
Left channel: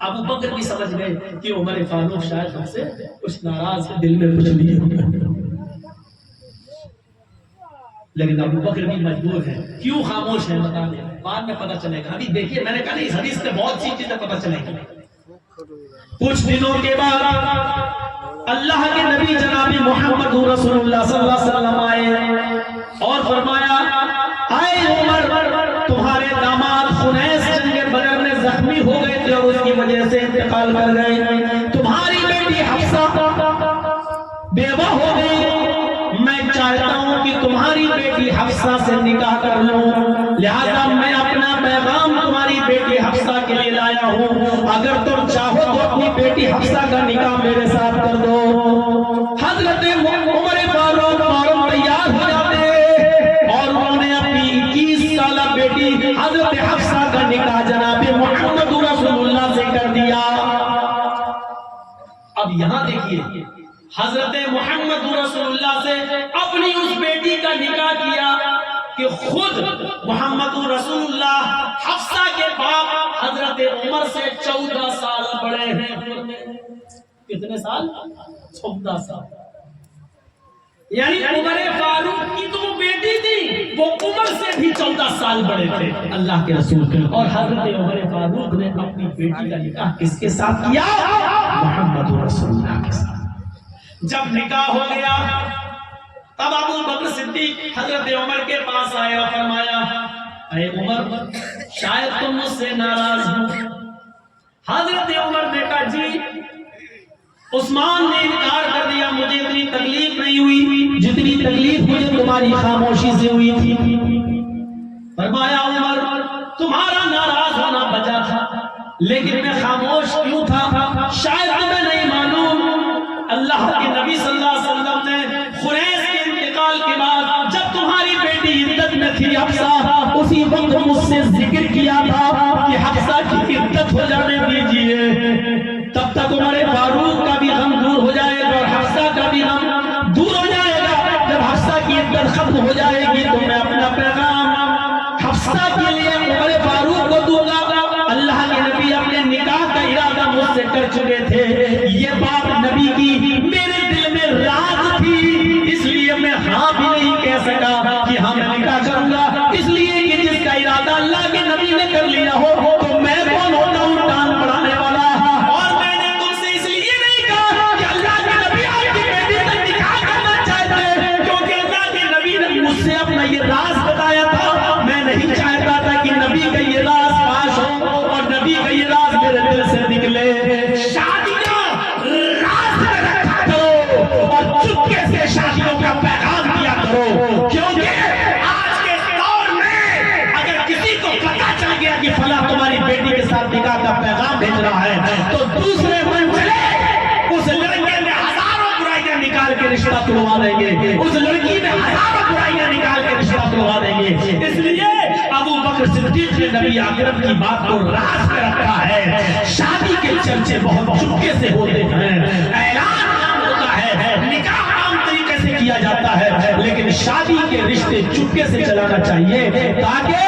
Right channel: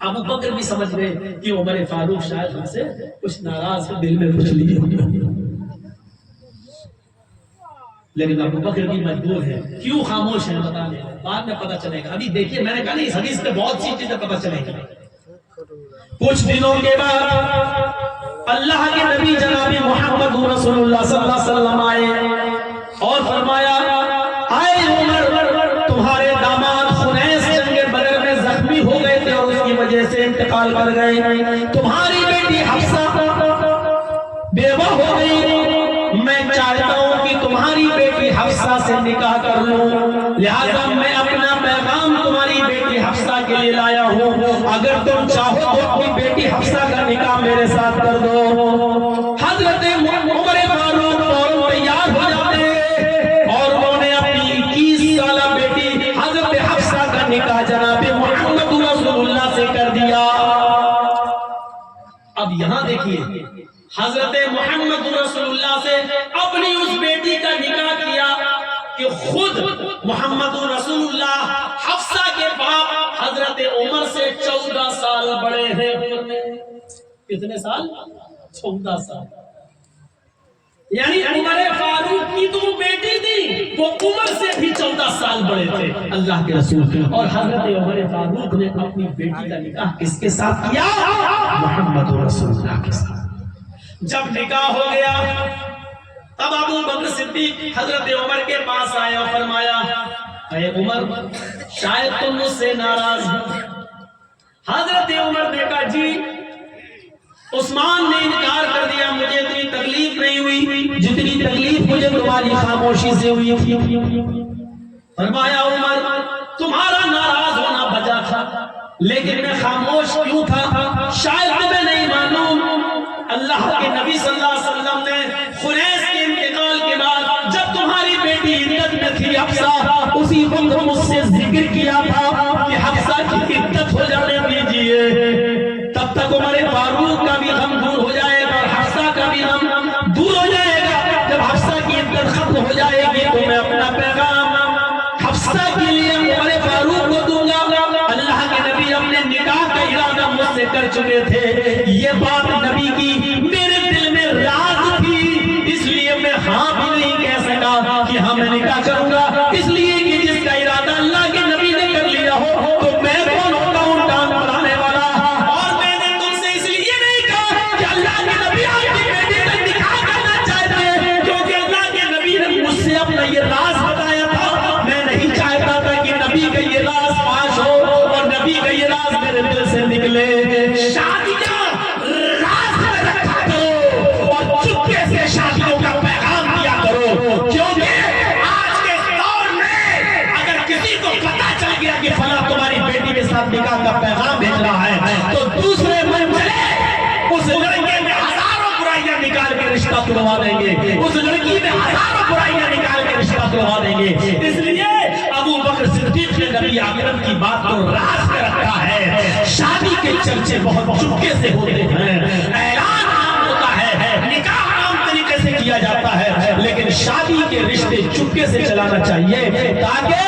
ابو بکر بھی سمجھ گئے کہ عمر فاروق شاید ہم سے کچھ ناراض ہے، دل میں کچھ لیے ہوگا، لیکن ابو بکر بھی مجبور ہے. کیوں خاموش ہے بتا دیں، بعد میں پتہ چلے گا. ابھی دیکھیے میں نے کہا نہیں، اس حدیث پہ بہت سی چیزیں پتہ چلے گی. کچھ دنوں کے بعد اللہ کے نبی جناب محمد رسول اللہ صلی اللہ علیہ وسلم آئے اور فرمایا آئے عمر تمہارے داماد خنیس جنگ بدر میں زخمی ہو گئے تھے اور اس کی وجہ سے انتقال کر گئے، تمہاری بیٹی حفصہ بیوہ ہو گئی، میں چاہتا ہوں کہ تمہاری بیٹی حفصہ سے نکاح کر لوں، لہذا میں اپنا پیغام تمہاری بیٹی حفصہ کے لیے لایا ہوں، اگر تم چاہو تو اپنی بیٹی حفصہ کا نکاح میرے ساتھ کر دو۔ حضرت عمر فاروق فوراً تیار ہو جاتے اور انہوں نے اپنی 21 سالہ بیٹی حضرت حفصہ کا نکاح جناب محمد رسول اللہ سے کر دیا۔ اب یہاں دیکھیے حضرت محمد رسول اللہ سے اپنی اس بیٹی کا نکاح کیا کہ خود محمد رسول اللہ حفصہ کے باپ حضرت عمر سے 14 سال بڑے ہیں عمر میں۔ کتنے سال؟ 14 سال۔ یعنی عمر فاروق کی تو وہ بیٹی تھی، وہ عمر سے بھی 14 سال بڑے تھے اللہ کے رسول، اور حضرت عمر فاروق نے اپنی بیٹی کا نکاح کس کے ساتھ کیا؟ محمد رسول اللہ کے ساتھ۔ جب نکاح ہو گیا تب ابو بکر صدیق حضرت عمر کے پاس آئے اور فرمایا اے عمر شاید تم مجھ سے ناراض ہو۔ حضرت عمر نے کہا جی عثمان نے انکار کر دیا، مجھے اتنی تکلیف نہیں ہوئی جتنی تکلیف مجھے تمہاری خاموشی سے ہوئی تھی۔ فرمایا عمر تمہارا ناراض ہونا بچا تھا، لیکن میں خاموش کیوں تھا؟ شاید تمہیں نہیں معلوم اللہ کے نبی صلی اللہ علیہ وسلم نے خنیس کے انتقال کے بعد جب تمہاری بیٹی عدت میں تھی حفصہ، اسی وقت مجھ سے ذکر کیا تھا کہ حفصہ کی عدت ہو جانے دیجیے، تب تک عمر فاروق کا بھی غم دور ہو جائے گا اور حفصہ کا بھی غم دور ہو جائے گا۔ جب حفصہ کی عدت ختم ہو جائے گی تو میں اپنا پیغام حفصہ کے لیے عمر فاروق کو دوں گا۔ اللہ کے نبی اپنے نکاح کا ارادہ مجھ سے کر چکے تھے، یہ بات نبی کی میرے دل میں راز تھی، اس لیے میں ہاں بھی نہیں کہہ سکا کہ ہاں میں نکاح کروں گا، اس لیے کہ جس کا ارادہ اللہ کے نبی نے کر لیا ہو تو میں کون ہوتا ہوں ٹانگ بڑھانے والا۔ اور میں نے تم سے اس لیے نہیں کہا کہ اللہ کے نبی آپ کی بیٹی کا نکاح کرنا چاہتے ہیں، کیونکہ اللہ کے نبی نے مجھ سے اپنا یہ راز بتایا تھا، میں نہیں چاہتا تھا کہ نبی کا یہ راز فاش ہو اور نبی کا یہ راز میرے دل سے نکلے۔ شادیاں راز میں رکھا کرو اور چپکے سے شادیوں کا پیغام دیا کرو، کیونکہ آج کے دور میں اگر کسی کو پتا چل گیا کہ فلاں تمہاری بیٹی کے ساتھ نکاح کا پیغام بھیج رہا ہے تو دوسرے منزلے اس لڑکے میں ہزاروں برائیاں نکال کے رشتہ توڑوا دیں گے، اس لڑکی میں ہزاروں برائیاں نکال کے رشتہ توڑوا دیں گے۔ اس لیے ابو بکر صدیق نے نبی اکرم کی بات کو راز میں رکھا ہے۔ شادی کے چرچے بہت چپکے سے ہوتے ہیں، اعلان عام ہوتا ہے، نکاح عام طریقے سے کیا جاتا ہے، لیکن شادی کے رشتے چپکے سے چلانا چاہیے تاکہ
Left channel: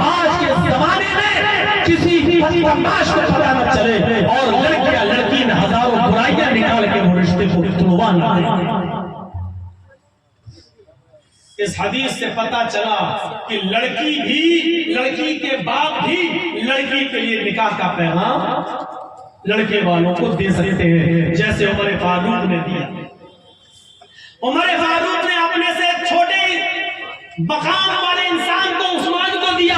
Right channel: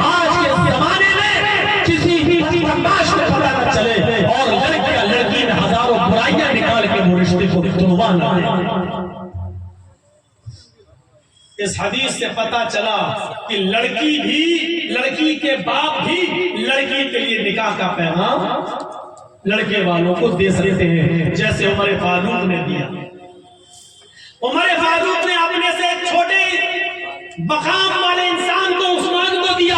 آج کے زمانے میں کسی بدمعاش کو پتہ نہ چلے اور لڑکے یا لڑکی میں ہزاروں برائیاں نکال کے وہ رشتے کو توڑوا نہ دیں۔ اس حدیث سے پتا چلا کہ لڑکی کے باپ بھی لڑکی کے لیے نکاح کا پیغام لڑکے والوں کو دے سکتے ہیں، جیسے عمر فاروق نے دیا۔ عمر فاروق نے اپنے سے چھوٹے مقام والے انسان کو عثمان کو دیا،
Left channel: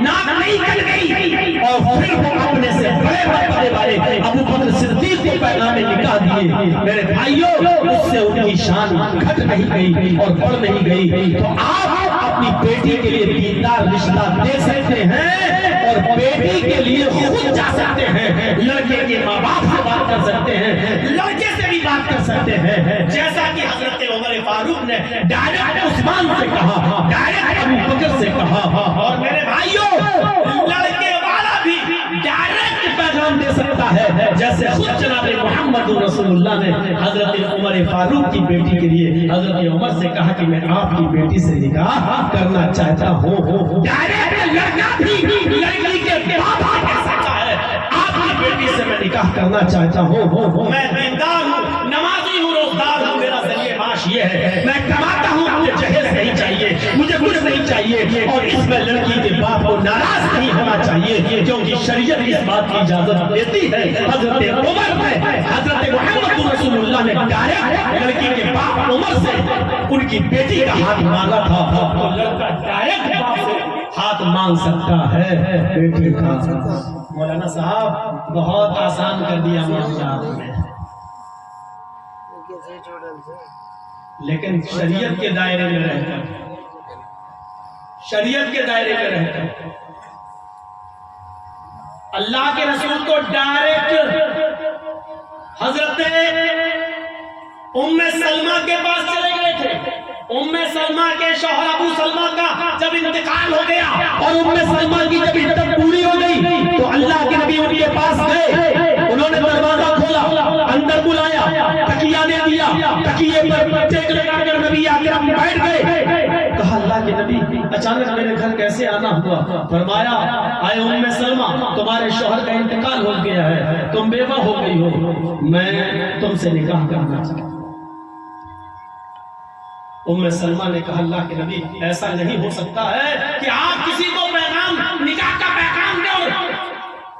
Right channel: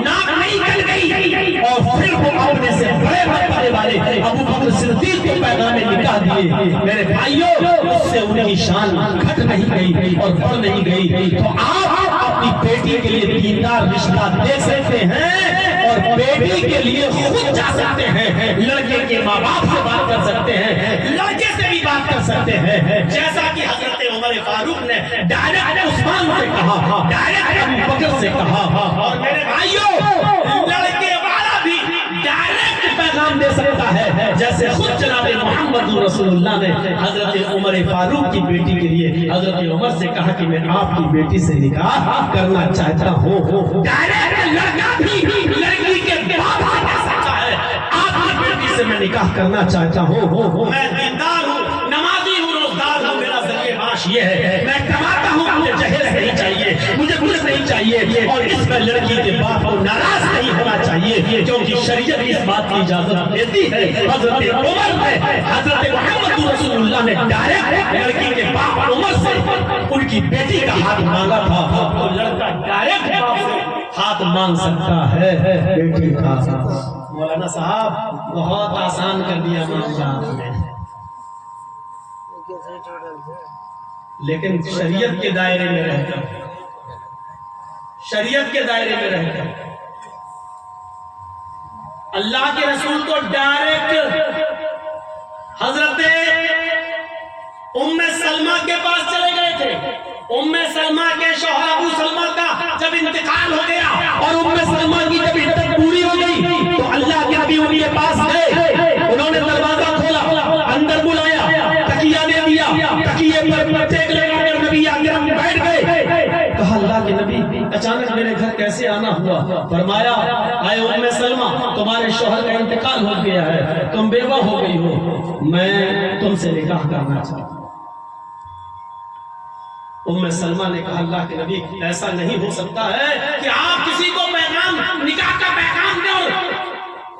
ناک نہیں کٹ گئی، اور پھر وہ اپنے سے بڑے مرتبے والے ابو بکر صدیق کو پیغام نکاح دیے۔ میرے بھائیوں اس سے ان کی شان گھٹ نہیں گئی اور بڑھ نہیں گئی۔ تو آپ اپنی بیٹی کے لیے دیندار رشتہ دے سکتے ہیں اور بیٹی کے لیے خود جا سکتے ہیں، لڑکے کے ماں باپ سے بات کر سکتے ہیں، لڑکے سے بھی بات کر سکتے ہیں، جیسا کہ حضرت عمر فاروق نے ڈائریکٹ عثمان سے کہا، ڈائریکٹ ابو بکر سے کہا۔ اور میرے بھائیوں لڑکے والا بھی ڈائریکٹ پیغام دے سکتا ہے، جیسے خود جناب محمد رسول اللہ نے حضرت عمر فاروق کی بیٹی کے لیے حضرت عمر سے کہا کہ میں آپ کی بیٹی سے نکاح کرنا چاہتا ہوں۔ ڈائریکٹ لڑکا بھی لڑکی کے باپ سے کہہ سکتا ہے آپ کی بیٹی سے میں نکاح کرنا چاہتا ہوں، میں دیندار ہوں، نمازی ہوں، روزدار ہوں، میرا ذریعہ معاش یہ ہے، میں کماتا ہوں، مجھے جہیز نہیں چاہیے، مجھے کچھ نہیں کرنی چاہیے اور اس میں لڑکی کے باپ کو ناراض نہیں ہونا چاہیے، کیونکہ شریعت اس بات کی اجازت دیتی ہے۔ حضرت عمر نے، حضرت محمد رسول اللہ نے ڈائریکٹ لڑکی کے باپ عمر سے ان کی بیٹی کا ہاتھ مانگا تھا، تو لڑکا ڈائریکٹ باپ سے ہاتھ مانگ سکتا ہے بیٹی کا۔ مولانا صاحب بہت آسان کر دیا معاملات میں، لیکن شریعت کے دائرے میں رہ کر، شریعت کے دائرے میں رہ کر اللہ کے رسول تو ڈائریکٹ حضرت ام سلمہ کے پاس چلے گئے تھے۔ ام سلمہ کے شوہر ابو سلمہ کا جب انتقال ہو گیا اور ام سلمہ کی جب عدت پوری ہو گئی تو اللہ کے نبی ان کے پاس گئے، انہوں نے دروازہ کھولا، اندر بلایا، تکیہ دے دیا، تکیے پر ٹیک لگا کر نبی اکرم بیٹھ گئے۔ کہا اللہ کے نبی اچانک میرے گھر کیسے آنا ہوا؟ فرمایا آئے ام سلمہ تمہارے شوہر کا انتقال ہو گیا ہے، تم بیوہ ہو گئی ہو، میں تم سے نکاح کرنا چاہتا ہوں۔ ام سلمہ نے کہا اللہ کے نبی ایسا نہیں ہو سکتا ہے کہ آپ کسی کو پیغام، نکاح کا پیغام دیں اور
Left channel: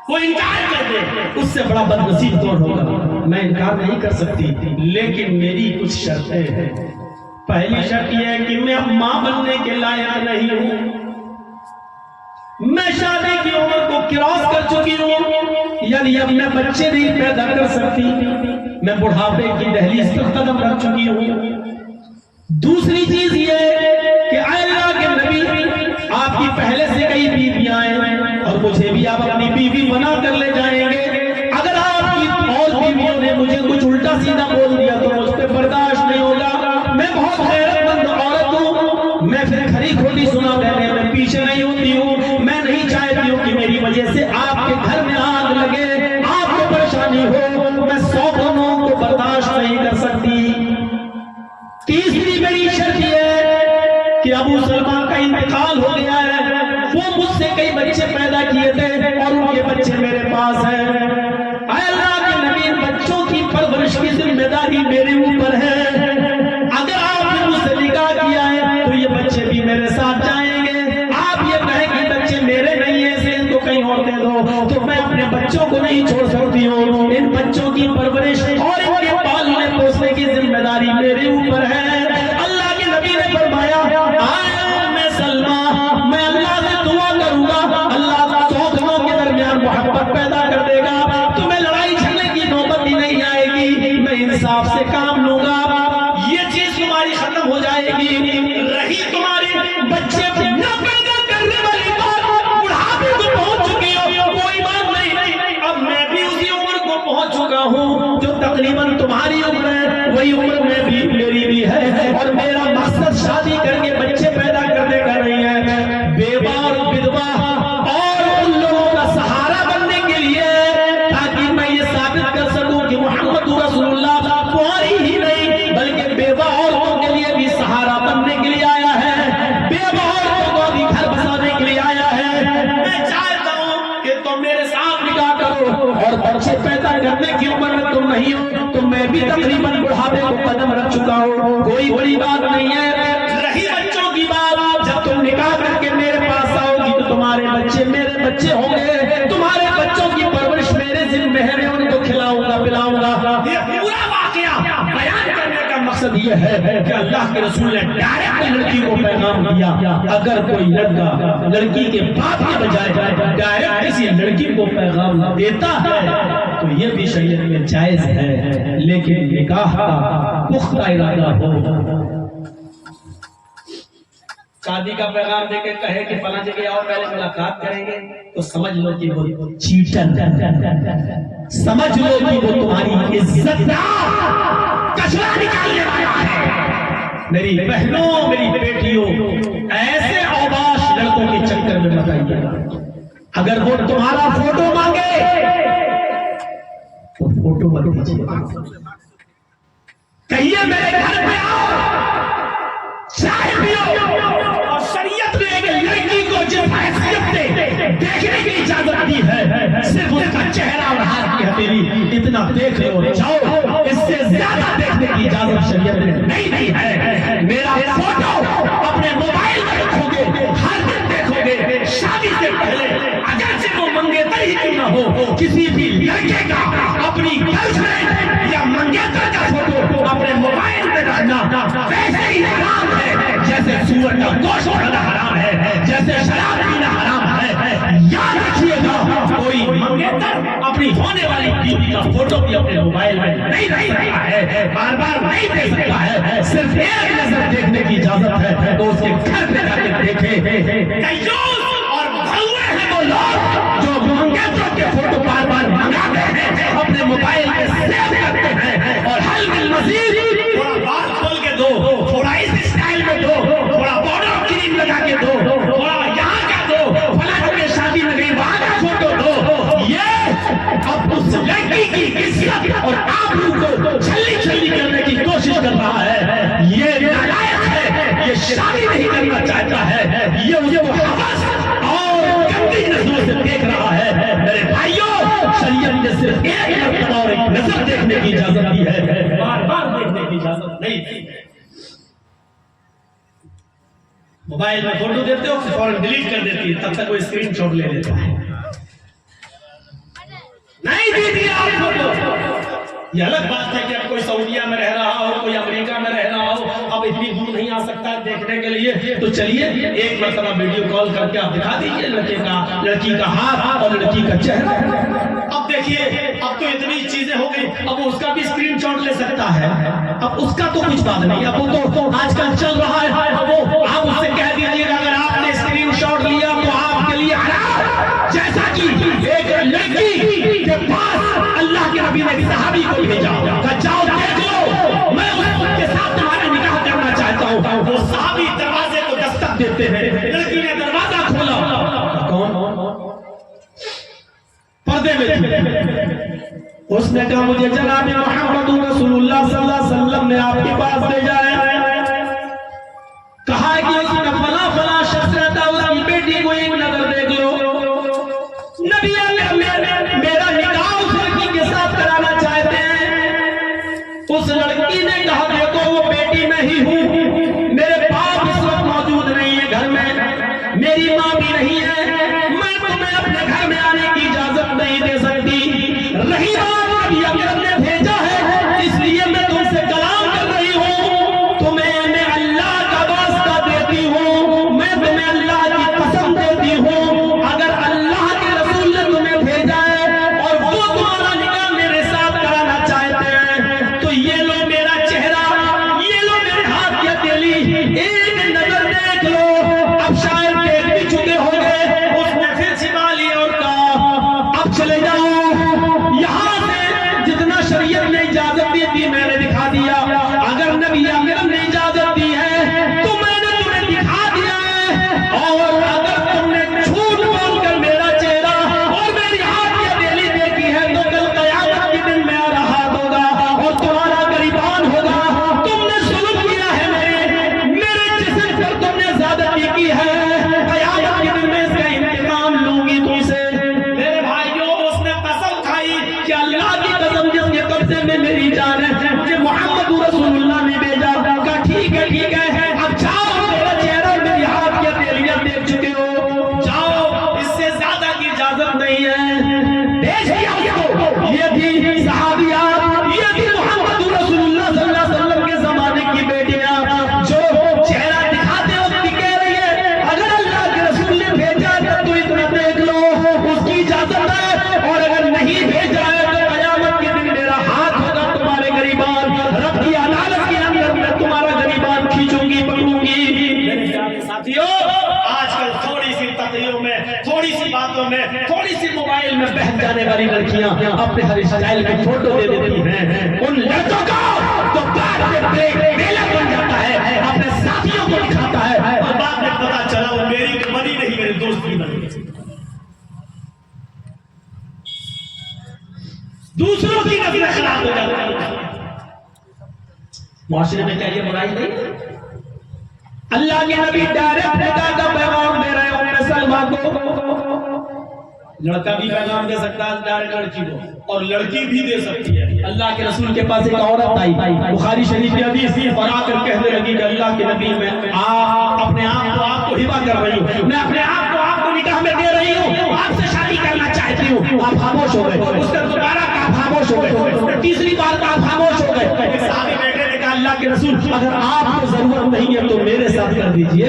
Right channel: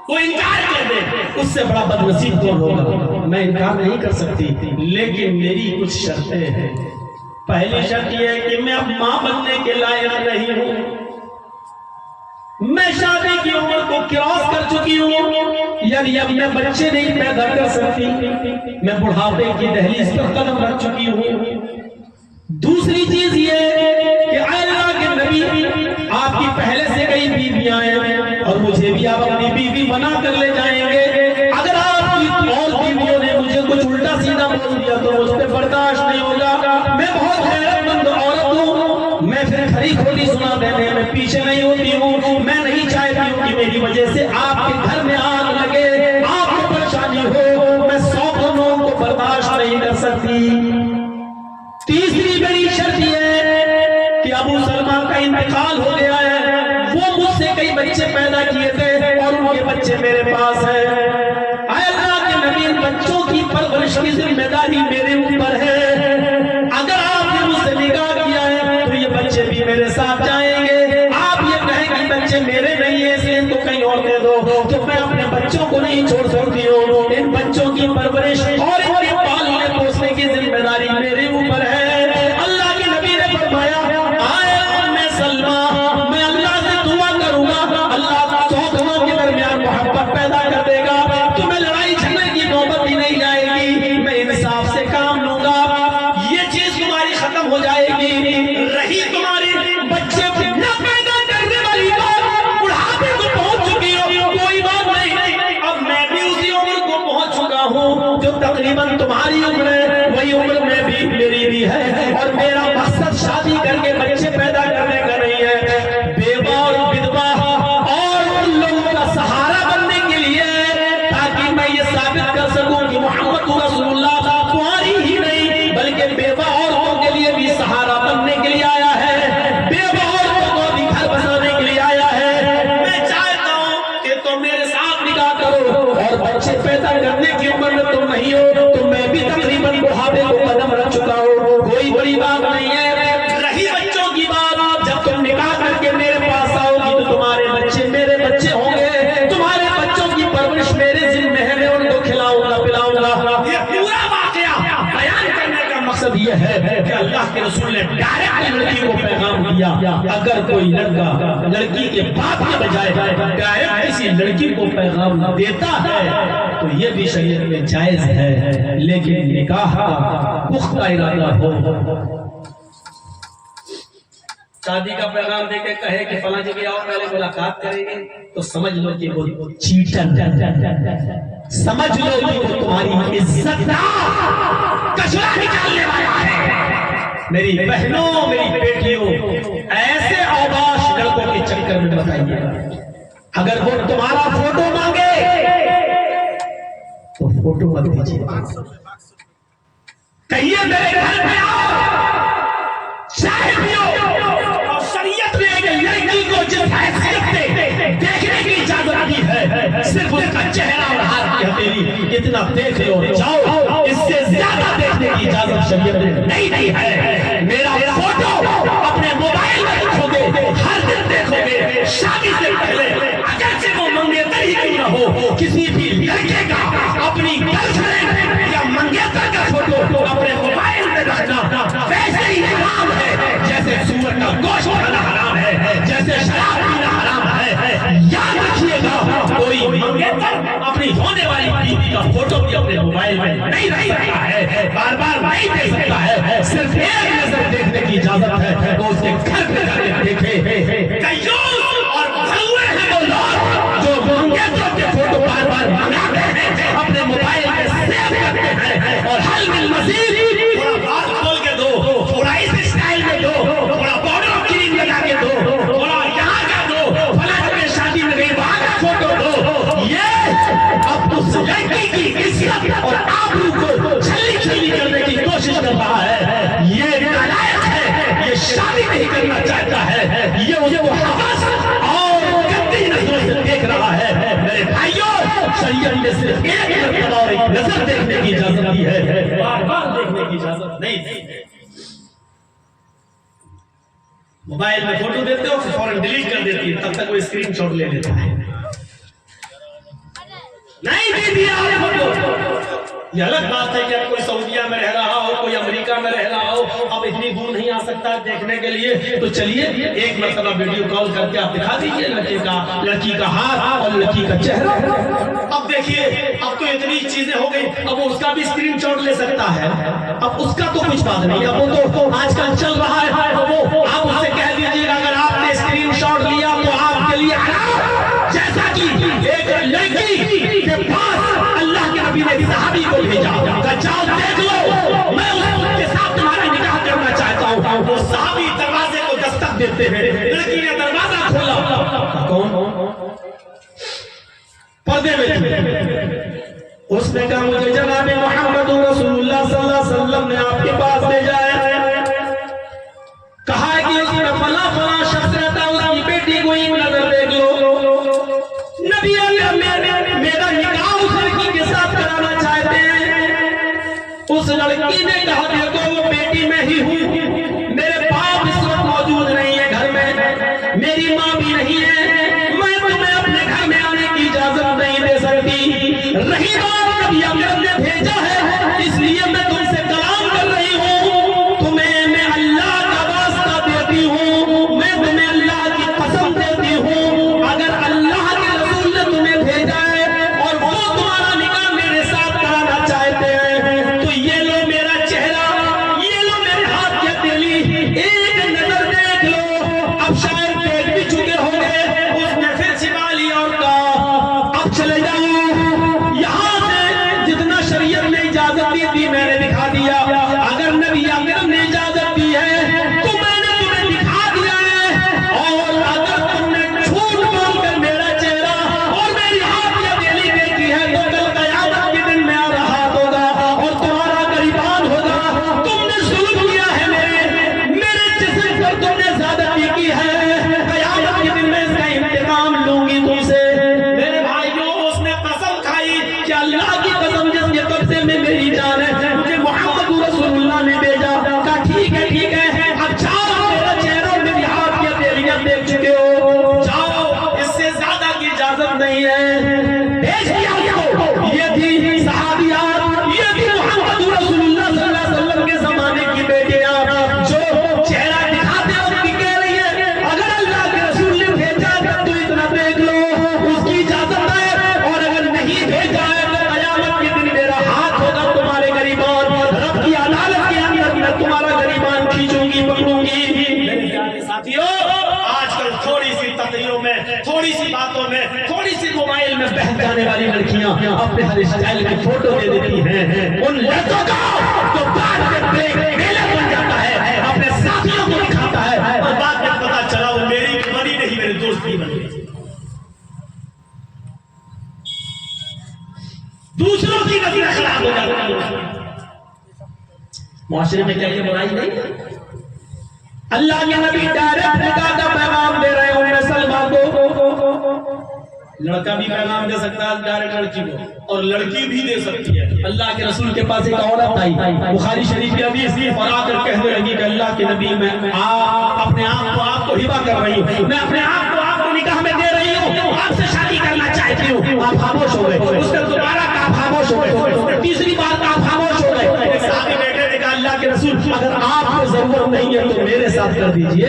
وہ انکار کر دے، اس سے بڑا بدنصیب کون ہوگا؟ میں انکار نہیں کر سکتی، لیکن میری کچھ شرطیں ہیں۔ پہلی شرط یہ ہے کہ میں اب ماں بننے کے لائق نہیں ہوں، میں شادی کی عمر کو کراس کر چکی ہوں، یعنی اب میں بچے نہیں پیدا کر سکتی، میں بڑھاپے کی دہلیز پر قدم رکھ چکی ہوں۔ دوسری چیز یہ کہ اے اللہ کے نبی آپ کی پہلے سے کئی بیویاں ہیں اور مجھے بھی آپ اپنی بیوی بنا کر لے جائیں گے، اگر آپ کی اور بیویوں نے مجھے کچھ الٹا سیدھا بول دیا تو مجھ پہ برداشت نہیں ہوگا، میں بہت غیرت مند عورت ہوں، میں پھر کھری کھوٹی سنا دینے میں پیچھے نہیں ہوتی ہوں، میں نہیں چاہتی ہوں کہ میری وجہ سے آپ کے گھر میں آگ لگے، آپ کو پریشانی ہو، میں 100 قوموں کو برداشت نہیں کر سکتی۔ تیسری میری شرط یہ ہے کہ ابو سلمہ کا انتقال ہو گیا ہے، وہ مجھ سے کئی بچے پیدا کیے تھے اور ان کے بچے میرے پاس ہیں، اے اللہ کے نبی بچوں کی پرورش کی ذمہ داری میرے اوپر ہے، اگر آپ نے مجھ سے نکاح کیا ہے تو یہ بچے بھی میرے ساتھ جائیں گے، آپ یہ کہیں کہ بچے میرے نہیں ہیں اس لیے ان کو کہیں اور دے دو، تو میں اپنے بچوں کو نہیں چھوڑ سکتی ہوں، ان بچوں کی پرورش اور ان کے پالنے پوسنے کی ذمہ داری میرے اوپر ہے۔ اللہ کے نبی نے فرمایا آئے ام سلمہ میں اللہ سے دعا کروں گا، اللہ 100 دنوں کے درمیان محبت پیدا کر دے گا، تمہیں لڑائی جھگڑے کی نوبت ہی نہیں آئے گی، میں انصاف سے کام لوں گا، یہ چیز تمہاری ختم ہو جائے گی۔ رہی تمہاری بچے نہ پیدا کرنے والی بات، بڑھاپے کو پہنچ چکی ہو، کوئی بات نہیں، اب میں بھی اسی عمر کو پہنچ چکا ہوں جو تقریباً تمہاری عمر ہے، وہی عمر میں بھی میری بھی ہے، اور میرا مقصد شادی کر کے بچے پیدا کرنے کا نہیں ہے، بیوہ اور بدوا اور ان لوگوں کا سہارا بننے کے لیے، تاکہ میں یہ ثابت کر سکوں کہ محمد رسول اللہ کنواری ہی نہیں بلکہ بیوہ عورتوں کے لیے بھی سہارا بننے کے لیے آیا ہے، بیوہ عورتوں کو بھی گھر بسانے کے لیے آیا ہے۔ میں چاہتا ہوں کہ تم میرے ساتھ نکاح کرو اور بچے پیدا کرنے کی عمر میں تم نہیں ہو تو میں بھی تقریباً بڑھاپے کو قدم رکھ چکا ہوں، کوئی بڑی بات نہیں ہے۔ رہی بچوں کی بات، جب تم نکاح کر کے میرے پاس آؤ گی تو تمہارے بچے میرے بچے ہوں گے، تمہارے بچوں کی پرورش میرے ذمہ ہے، میں ان کو کھلاؤں گا پلاؤں گا۔ یہ پورا واقعہ بیان کرنے کا مقصد یہ ہے کہ اللہ کے رسول نے ڈائریکٹ لڑکی کو پیغام دیا، اگر کوئی لڑکا لڑکی کے باپ کے بجائے ڈائریکٹ کسی لڑکی کو پیغام دیتا ہے تو یہ بھی شریعت میں جائز ہے، لیکن نکاح کا پختہ ارادہ ہو۔ شادی کا پیغام دے کے کہے کہ فلاں جگہ آؤ پہلے ملاقات کریں گے تو سمجھ لو کہ وہ چیٹر، سمجھ لو کہ وہ تمہاری عزت کچرا نکالنے والا ہے۔ میری بہنوں، میری بیٹیوں، ایسے اوباش لڑکوں کے چکر میں مت آئیے، اگر وہ تمہارا فوٹو مانگے تو فوٹو مت دیجیے، کہیے میرے گھر پہ آؤ چائے پیو، اور شریعت نے ایک لڑکی کو جس حیثیت سے دیکھنے کی اجازت دی ہے صرف اس کا چہرہ اور ہاتھ کی ہتھیلی اتنا دیکھ لو جاؤ، اس سے زیادہ دیکھنے کی اجازت شریعت نے نہیں دی ہے۔ میرا فوٹو اپنے موبائل میں رکھو گے اپنی ہونے والی بیوی کا فوٹو بھی اپنے موبائل میں نہیں رکھ سکتا ہے، بار بار نہیں دیکھ سکتا ہے، صرف ایک نظر دیکھنے کی اجازت ہے تو اس کے گھر پہ جا کے دیکھے۔ کنجوس اور بھولے ہیں وہ لوگ جو منگیتروں کے فوٹو بار بار منگاتے ہیں، اپنے موبائل میں سیو کرتے ہیں، اور حل من مزید تھوڑا بال کھول کے دو، تھوڑا اس اسٹائل میں دو، تھوڑا بارڈر کریم لگا کے دو، تھوڑا یہاں کا دو، فلاں جگہ شادی میں گئی وہاں کا فوٹو دو۔ یہ اب اس لڑکی کی عزت اور آبرو کو چھلی چھلی کرنے کی کوشش کر رہا ہے۔ یہ نالائق ہے، یہ شادی نہیں کرنا چاہتا ہے، یہ اسے وہ حوث اور گندی نظروں سے دیکھ رہا ہے۔ میرے بھائیوں، شریعت نے صرف ایک مرتبہ اور ایک نظر دیکھنے کی اجازت دی ہے، بار بار دیکھنے کی اجازت نہیں دی ہے۔ موبائل میں فوٹو دیتے ہو فوراً ڈیلیٹ کر دیتی ہے، تب تک وہ اسکرین شاٹ لے لیتا ہے۔ نہیں دی دیا آپ فوٹو، یہ الگ بات ہے کہ اب کوئی سعودیہ میں رہ رہا ہو، کوئی امریکہ میں رہ رہا ہو، اب اتنی دور نہیں آ سکتا ہے دیکھنے کے لیے، تو چلیے ایک مرتبہ ویڈیو کال کر کے آپ دکھا دیجیے لڑکی کا ہاتھ اور لڑکی کا چہرہ۔ اب دیکھیے، اب تو اتنی چیزیں ہو گئی، اب اس کا بھی اسکرین شاٹ لے سکتا ہے، اب اس کا تو کچھ بات نہیں، اب وہ تو آج کل چل رہا ہے، وہ آپ اس سے کہہ دیجیے گا اگر آپ نے اسکرین شاٹ لیا تو آپ کے لیے حرام، جیسا کہ ایک لڑکی کے پاس اللہ کے نبی نے صحابی کو بھیجا، جاؤ دیکھ لو، میں اس کے ساتھ تمہارا نکاح کرنا چاہتا ہوں۔ وہ صحابی دروازے کو دستک دیتے ہیں، لڑکی نے دروازہ کھولا، کون؟ پردے میں تھی، اس نے کہا مجھے جناب محمد رسول اللہ صلی اللہ علیہ وسلم نے آپ کے پاس بھیجا ہے، کہا ہے کہ اس میں فلاں فلاں شخص رہتا ہے، اس کی بیٹی کو ایک نظر دیکھ لو۔ نبی اکرم میرا نکاح اس لڑکی کے ساتھ کرانا چاہتے ہیں۔ اس لڑکی نے کہا دیکھو وہ بیٹی میں ہی ہوں، میرے باپ اس وقت موجود نہیں ہے گھر میں، میری ماں بھی نہیں ہے، میں تمہیں اپنے گھر میں آنے کی اجازت نہیں دے سکتی۔ رہی بات نبی اکرم نے بھیجا ہے اس لیے میں تم سے کلام کر رہی ہوں، تمہیں میں اللہ کا واسطہ دیتی ہوں، میں تمہیں اللہ کی قسم دیتی ہوں، اگر اللہ کے رسول نے تمہیں بھیجا ہے اور وہ تمہارا نکاح میرے ساتھ کرانا چاہتے ہیں تو یہ لو میرا چہرہ، یہ لو میرے ہاتھ کی ہتھیلی، ایک نظر دیکھ لو۔ اب شاید دیکھ بھی چکے ہوں گے، اس نے پھر چھپا لیا اور کہا اب چلے جاؤ یہاں سے، جتنا شریعت نے اجازت دی تھی میں نے دکھا دیا، اگر نبی اکرم نے اجازت دی ہے تو میں نے تمہیں دکھا دیا ہے، اور اگر تم نے جھوٹ بول کر میرا چہرہ اور میری ہاتھ کی ہتھیلی دیکھی ہے تو کل قیامت کے دن میرا ہاتھ ہوگا اور تمہارا گریبان ہوگا۔ تم نے ظلم کیا ہے میرے جسم پر، تم نے زیادتی کی ہے، قیامت کے دن میں اس کا انتقام لوں گی تم سے۔ میرے بھائیوں، اس نے قسم کھائی کہ اللہ کی قسم جس کے قبضے میں میری جان ہے، مجھے محمد رسول اللہ نے بھیجا، کہا ٹھیک ہے، اب جاؤ، میرا چہرہ اور میری ہاتھ کی ہتھیلیاں دیکھ چکے ہو، جاؤ، اس سے زیادہ کی اجازت نہیں ہے۔ بھیج دیا اس کو۔ یہ تھی صحابیات، یہ تھی محمد رسول اللہ صلی اللہ علیہ وسلم کے زمانے کی بیٹیاں جو چہرہ دکھاتے وقت بھی کہہ رہی ہے اگر اللہ کے رسول نے بھیجا تو اتنا دیکھ لو، اس کی اجازت ہے، اور اگر نہیں بھیجا ہے تو قیامت کے دن میرا ہاتھ ہوگا تمہارے گریبان، رب کی عدالت کے اندر میں تمہارا گریبان کھینچوں گی، پکڑوں گی۔ میرے پیارے ساتھیوں، آج کل تھوڑی سی تقریروں میں، تھوڑی سی باتوں میں، تھوڑی سی موبائل میں بہک جانے والی لڑکیاں اپنے ہر اسٹائل کی فوٹو دے دیتی ہیں، ان لڑکوں کو تو بعد میں بلیک بن جاتا ہے، اپنے ساتھیوں کو دکھاتا ہے، اور بعد میں پتا چلا وہ میری بنی نہیں، میرے دوست کی بنی، دوسروں کی نظریں خراب ہو جاتی ہیں۔ معاشرے میں کیا یہ برائی نہیں ہے؟ اللہ کے نبی ڈائریکٹ نکاح کا پیغام دے رہے ہیں سلمہ کو، لڑکا بھی پیغام دے سکتا ہے ڈائریکٹ لڑکی کو، اور لڑکی بھی دے سکتی ہے۔ اللہ کے رسول کے پاس ایک عورت آئی، بخاری شریف کی حدیث، اور آ کر کہنے لگی کہ اللہ کے نبی میں اپنے آپ کو ہبہ کر رہی ہوں، میں اپنے آپ کو نکاح میں دے رہی ہوں، آپ سے شادی کرنا چاہتی ہوں۔ آپ خاموش ہو گئے، اس نے دوبارہ کہا خاموش ہو گئے، اس نے تیسری بار کہا خاموش ہو گئے۔ صحابی بیٹے نے کہا اللہ کے رسول اگر آپ کو ضرورت نہیں ہے تو میرے ساتھ کر دیجئے،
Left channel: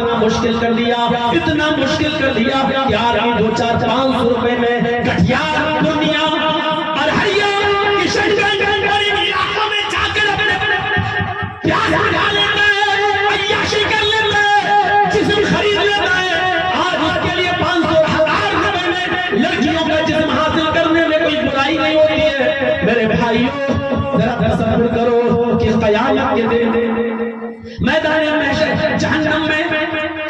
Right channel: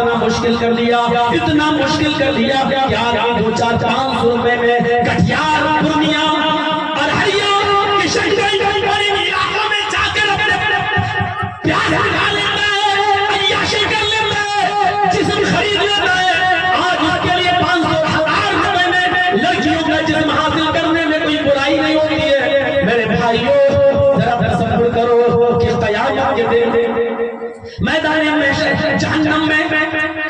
اتنا مشکل کر دیا، اتنا مشکل کر دیا کہ آدمی 200-400-500 روپے میں کٹیار، پورنیا اور ہریا کشن گنج اور ان علاقوں میں جا کر پیاز کھا لیتا ہے، عیاشی کر لیتا ہے، جسم خرید لیتا ہے۔ آج اس کے لیے 500,000 روپے میں لڑکیوں کا جسم حاصل کرنے میں کوئی برائی نہیں ہوتی ہے۔ میرے بھائیوں ذرا تصور کرو کہ قیامت کے دن میدان محشر جہنم میں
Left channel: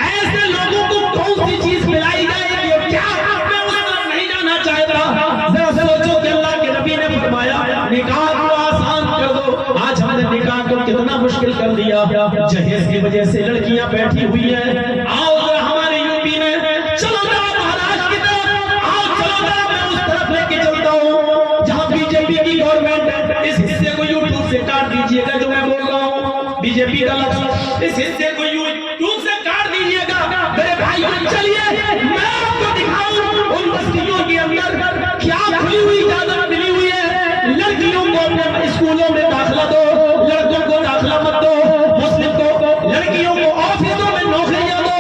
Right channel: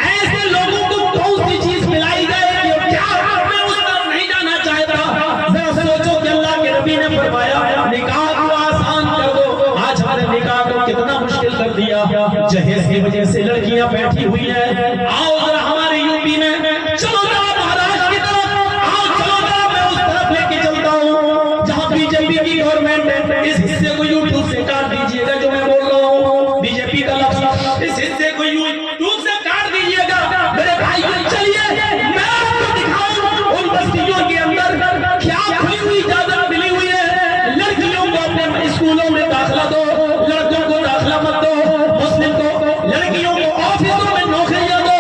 ایسے لوگوں کو کون سی چیز ملائی جائے گی، کیا میں اس طرف نہیں جانا چاہتا؟ ذرا سوچو کہ اللہ کے نبی نے فرمایا نکاح کو آسان کر دو، آج ہم نے نکاح کو کتنا مشکل کر دیا۔ جہیز کی وجہ سے لڑکیاں بیٹھی ہوئی ہیں، آؤ ذرا ہمارے یوپی میں، چلو ذرا مہاراشٹر کی طرف آؤ، چلو ذرا میں اس طرف لے کے چلتا ہوں جہاں بی جے پی کی گورنمنٹ ہے۔ اس حصے کو یوٹیوب سے کاٹ دیجئے گا جو میں بول رہا ہوں، بی جے پی کا لفظ، اس حصے کو یوٹیوب سے کاٹ دیجئے گا۔ میرے بھائیوں چلیے میں آپ کو دکھاؤں ان بستیوں کے اندر کیا کھلی ہوئی اجازت ملی ہوئی ہے۔ لڑکیوں کو اپنے اسکولوں میں داخلہ دو، لڑکوں کو داخلہ مت دو، مسلم کو لڑکیوں کو آفسوں میں نوکریاں دو،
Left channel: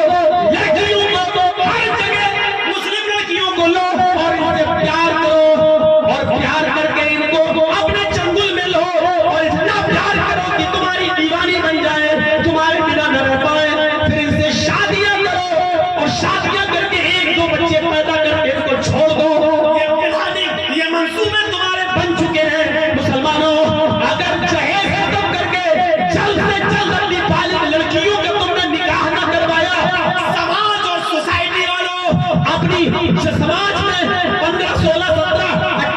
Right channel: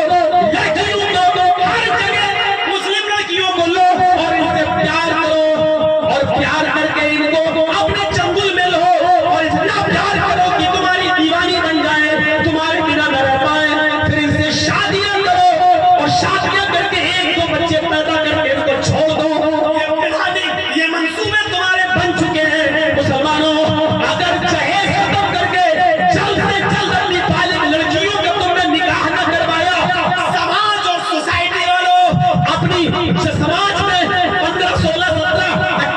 لڑکیوں کو ہر جگہ مسلم لڑکیوں کو لو اور ان سے پیار کرو، اور پیار کر کے ان کو اپنے چنگل میں لو اور اتنا پیار کرو کہ تمہاری دیوانی بن جائے، تمہارے بنا نہ رہ پائے، پھر ان سے شادیاں کرو اور شادیاں کر کے 1-2 بچے پیدا کر کے ان کو چھوڑ دو۔ یہ منصوبے تمہارے بن چکے ہیں۔ مسلمانوں اگر جہیز ختم کر کے جلد سے جلد اپنی بالغ لڑکیوں کا تم نے نکاح نہ کروایا، سماج اور سوسائٹی والوں اپنی سماج میں 15, 16, 17,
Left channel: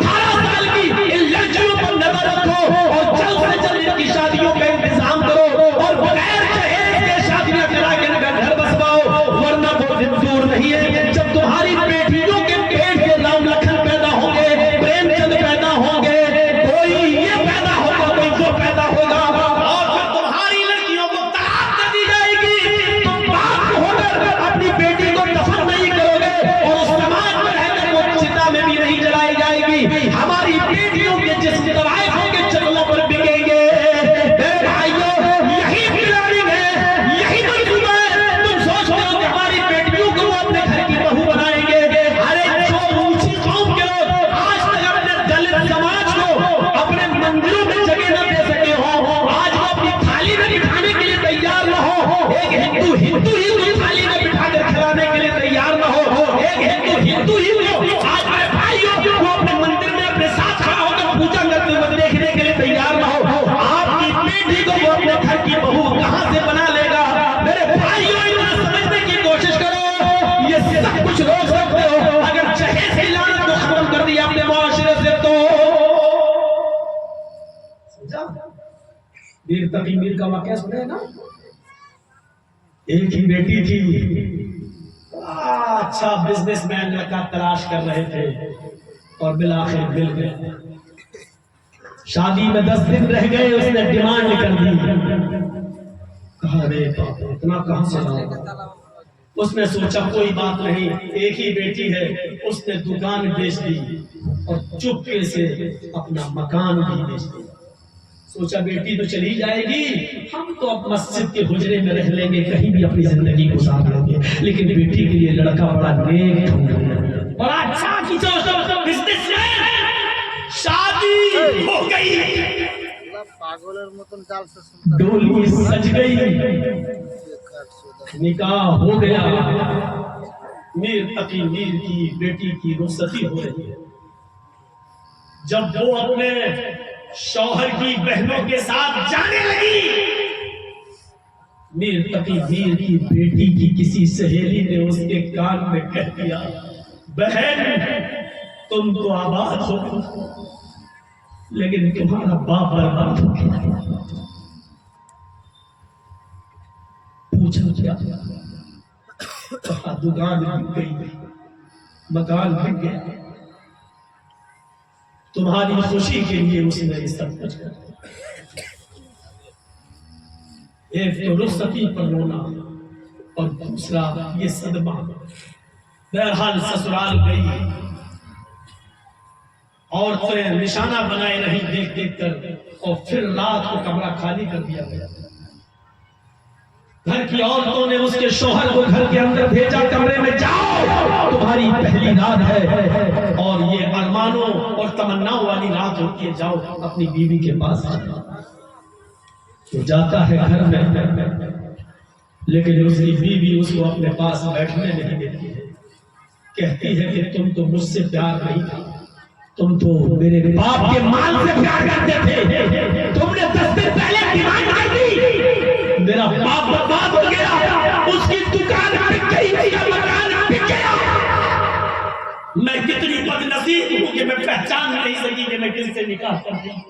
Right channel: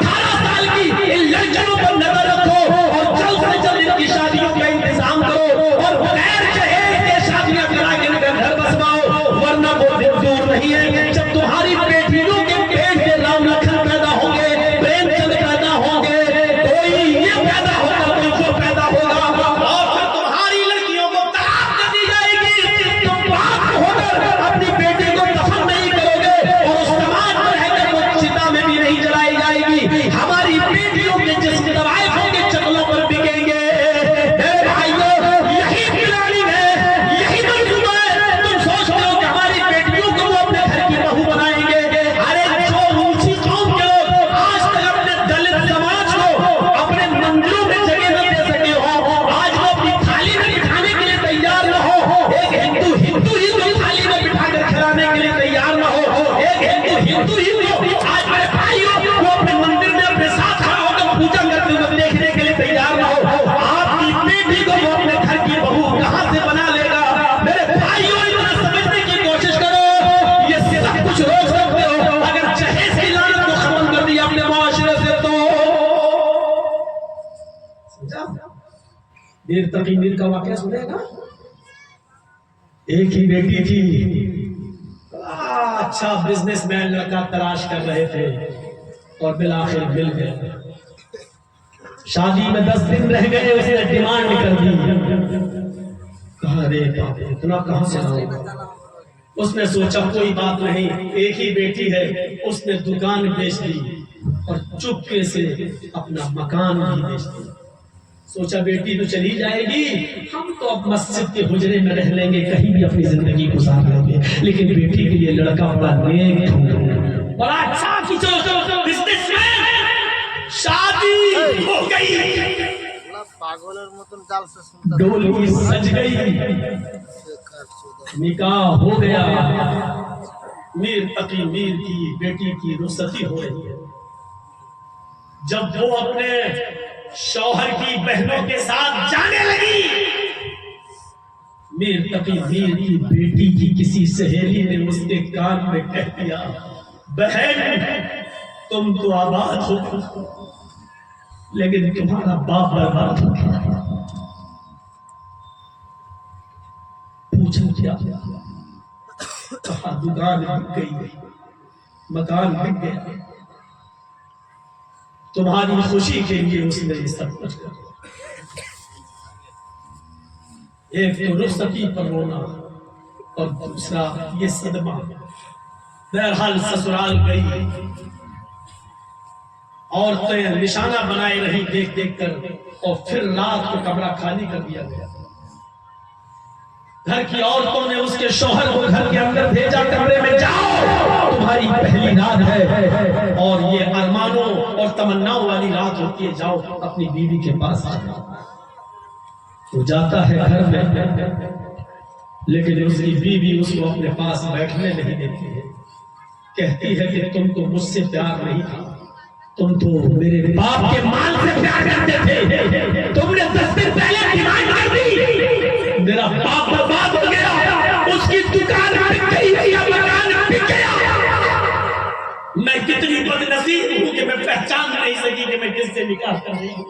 18 سال کی ان لڑکیوں پر نظر رکھو اور جلد سے جلد ان کی شادیوں کا انتظام کرو اور بغیر جہیز کے شادیاں کرا کے ان کا گھر بسواؤ، ورنہ وہ دن دور نہیں ہے جب تمہاری بیٹیوں کے پیٹ کے رام لکھن پیدا ہوں گے، پریم چند پیدا ہوں گے، کوئی یہ پیدا ہوگا، کوئی وہ پیدا ہوگا، اور پھر تمہاری لڑکیوں کو طلاق دے دی جائے گی۔ تم باپ ہو کر اپنی بیٹی کو دفن نہیں کرو گے اور اس سماج میں رہ کر وہ چتا میں بھی نہیں جلائی جائے گی۔ ہماری بیٹیوں کے جسم طوائفوں کے چکلوں پر بکیں گے۔ اے بھائیو یہی پلاننگ ہے، یہی منصوبہ ہے۔ تم سوچتے ہو کہ ہماری بیٹیوں کو وہ اپنے گھر کی بہو بنائیں گے؟ ارے جو اونچی قوم کے لوگ آج تک اپنے دلت سماج کو اپنے مندروں میں جگہ نہ دے سکے ہو، آج وہ اپنی تھالی میں بٹھانے کے لیے تیار نہ ہو، ایک ہندو ہی کو تھالی میں بٹھا کر کھلانے کے لیے تیار نہ ہو، ایک ہندو ہی کو آج میرے بھائیوں وہ اپنے مندر میں اپنے ساتھ کھڑا ہو کر پوجا کرتے ہوئے دیکھنے کے لیے تیار نہ ہو، آپ کی بیٹی کو وہ اپنے گھر کی بہو کہاں سے بنا لے گا؟ میرے بھائیوں اتنا سمجھنے کی کوشش کرو، یہ سب کچھ روک سکتے ہو اگر جہیز کی لعنت کو ختم کر دیا اپنے معاشرے سے تو۔ میر تقی میر کا واقعہ سنے گا، ایک ہی بیٹی تھی، اچھا بزنس مین لڑکا تلاش کر رہے تھے اور بالآخر مل گئے۔ شادی میں 10 دن رہ گئے، اس نے ڈیمانڈ کر دی، کہا رے باپ اتنا کہاں سے لاؤں؟ اس نے سوچا کوئی بات نہیں، ایک ہی بیٹی ہے، اس نے دکان بیچ دی اور چپکے سے اپنا مکان بھی بیچ دیا۔ سوچا بیٹی تو چلی جائے گی، ہم تو اب مسجد کے حجرے میں رہ لیں گے، کہیں بھی اپنی زندگی گزار لیں گے، لیکن بیٹی کے لیے لڑکا بڑا نیک ڈھونڈا، بڑا اچھا کی بزنس مین، شادی ہو گئی، পাগলের মতন জাল সে শুনতে ڈولی سج گئی، نکاح ہو گیا، میر تقی میر کی بیٹی کی رخصتی ہو رہی ہے۔ جب وہ اپنے شوہر کی بہنوں کے ساتھ جانے لگی، میر تقی میر کی بیٹی کی کسی سہیلی نے اس کے کان میں کہہ دیا، بہن تم تو آباد ہو لیکن تمہارا باپ برباد ہو گیا۔ پوچھا کیا؟ کہا دکان بک گئی، مکان بک گیا، تمہاری خوشی کے لیے اس نے یہ سب کچھ کر، ایک تو رخصتی پر رونا اور دوسرا یہ صدمہ۔ بہرحال سسرال گئی، عورتیں نشانہ بنائے رہی دیکھ دیکھ کر، اور پھر رات کو کمرہ خالی کر دیا گیا۔ گھر کی عورتوں نے اس کے شوہر کو گھر کے اندر بھیجا، کمرے میں جاؤ تمہاری پہلی رات ہے اور یہ ارمانوں اور تمناؤں والی رات ہوتی ہے، جاؤ اپنی بیوی کے پاس جاؤ۔ وہ جاتا ہے گھر میں، لیکن اس کی بیوی اس کو اپنے پاس بیٹھنے نہیں دیتی ہے، کہتی ہے کہ تم تو مجھ سے پیار نہیں تھا، تم تو میرے باپ کے مال سے پیار کرتے تھے، تم نے 10 دن پہلے ڈیمانڈ کر دی، میرا باپ برباد ہو گیا، اس کی دکان بک گئی، اس کا مکان بک گیا، میں کتنی بد نصیب ہوں کہ میں پہچان نہیں سکی کہ میں کس سے نکاح کر رہی ہوں۔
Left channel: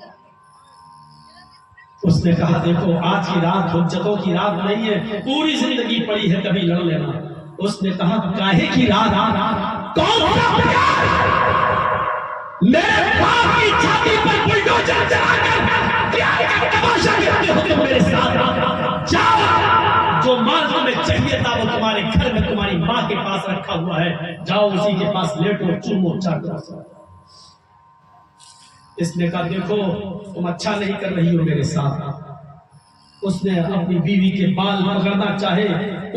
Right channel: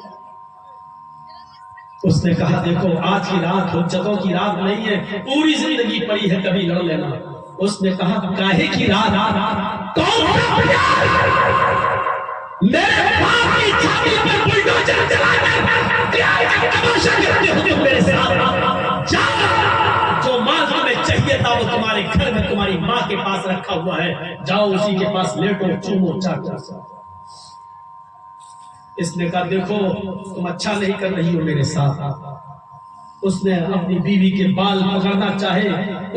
اس نے کہا دیکھو آج کی رات حجتوں کی رات نہیں ہے، پوری زندگی پڑی ہے، کبھی لڑ لینا۔ اس نے کہا کاہے کی رات، کون سا پیار، میرے باپ کی چھاتی پر بلڈوزر چلا کر پیار کا تماشا کرتے ہو تم میرے ساتھ، جاؤ جو مال تمہیں چاہیے تھا وہ تمہارے گھر میں تمہاری ماں کے پاس رکھا ہوا ہے، جاؤ اسی کے پاس لیٹو چومو چاٹو۔ اس نے کہا دیکھو تم اچھا نہیں کر رہی ہو میرے ساتھ۔ اس نے اپنی بیوی کے بال پکڑنا چاہے،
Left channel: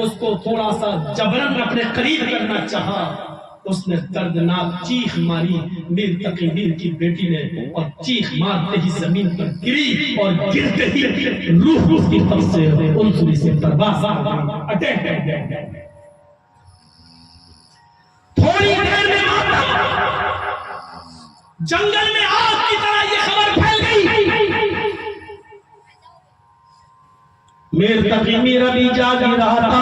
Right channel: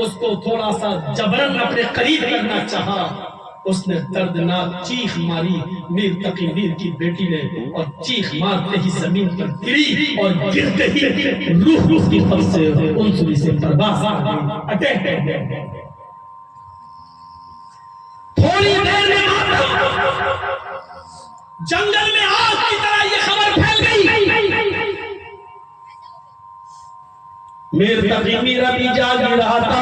اس کو تھوڑا سا جبرن اپنے قریب کرنا چاہا، اس نے دردناک چیخ ماری، میر تقی میر کی بیٹی نے، اور چیخ مارتے ہی زمین پر گری اور گرتے ہی روح اس کی قبض سے انسلی سے پرواز ہو گئی، اٹیک کر گیا۔ تھوڑی دیر میں جنگل میں آگ کی طرح یہ خبر پھیل گئی، میر تقی میر ابھی جاگ رہا تھا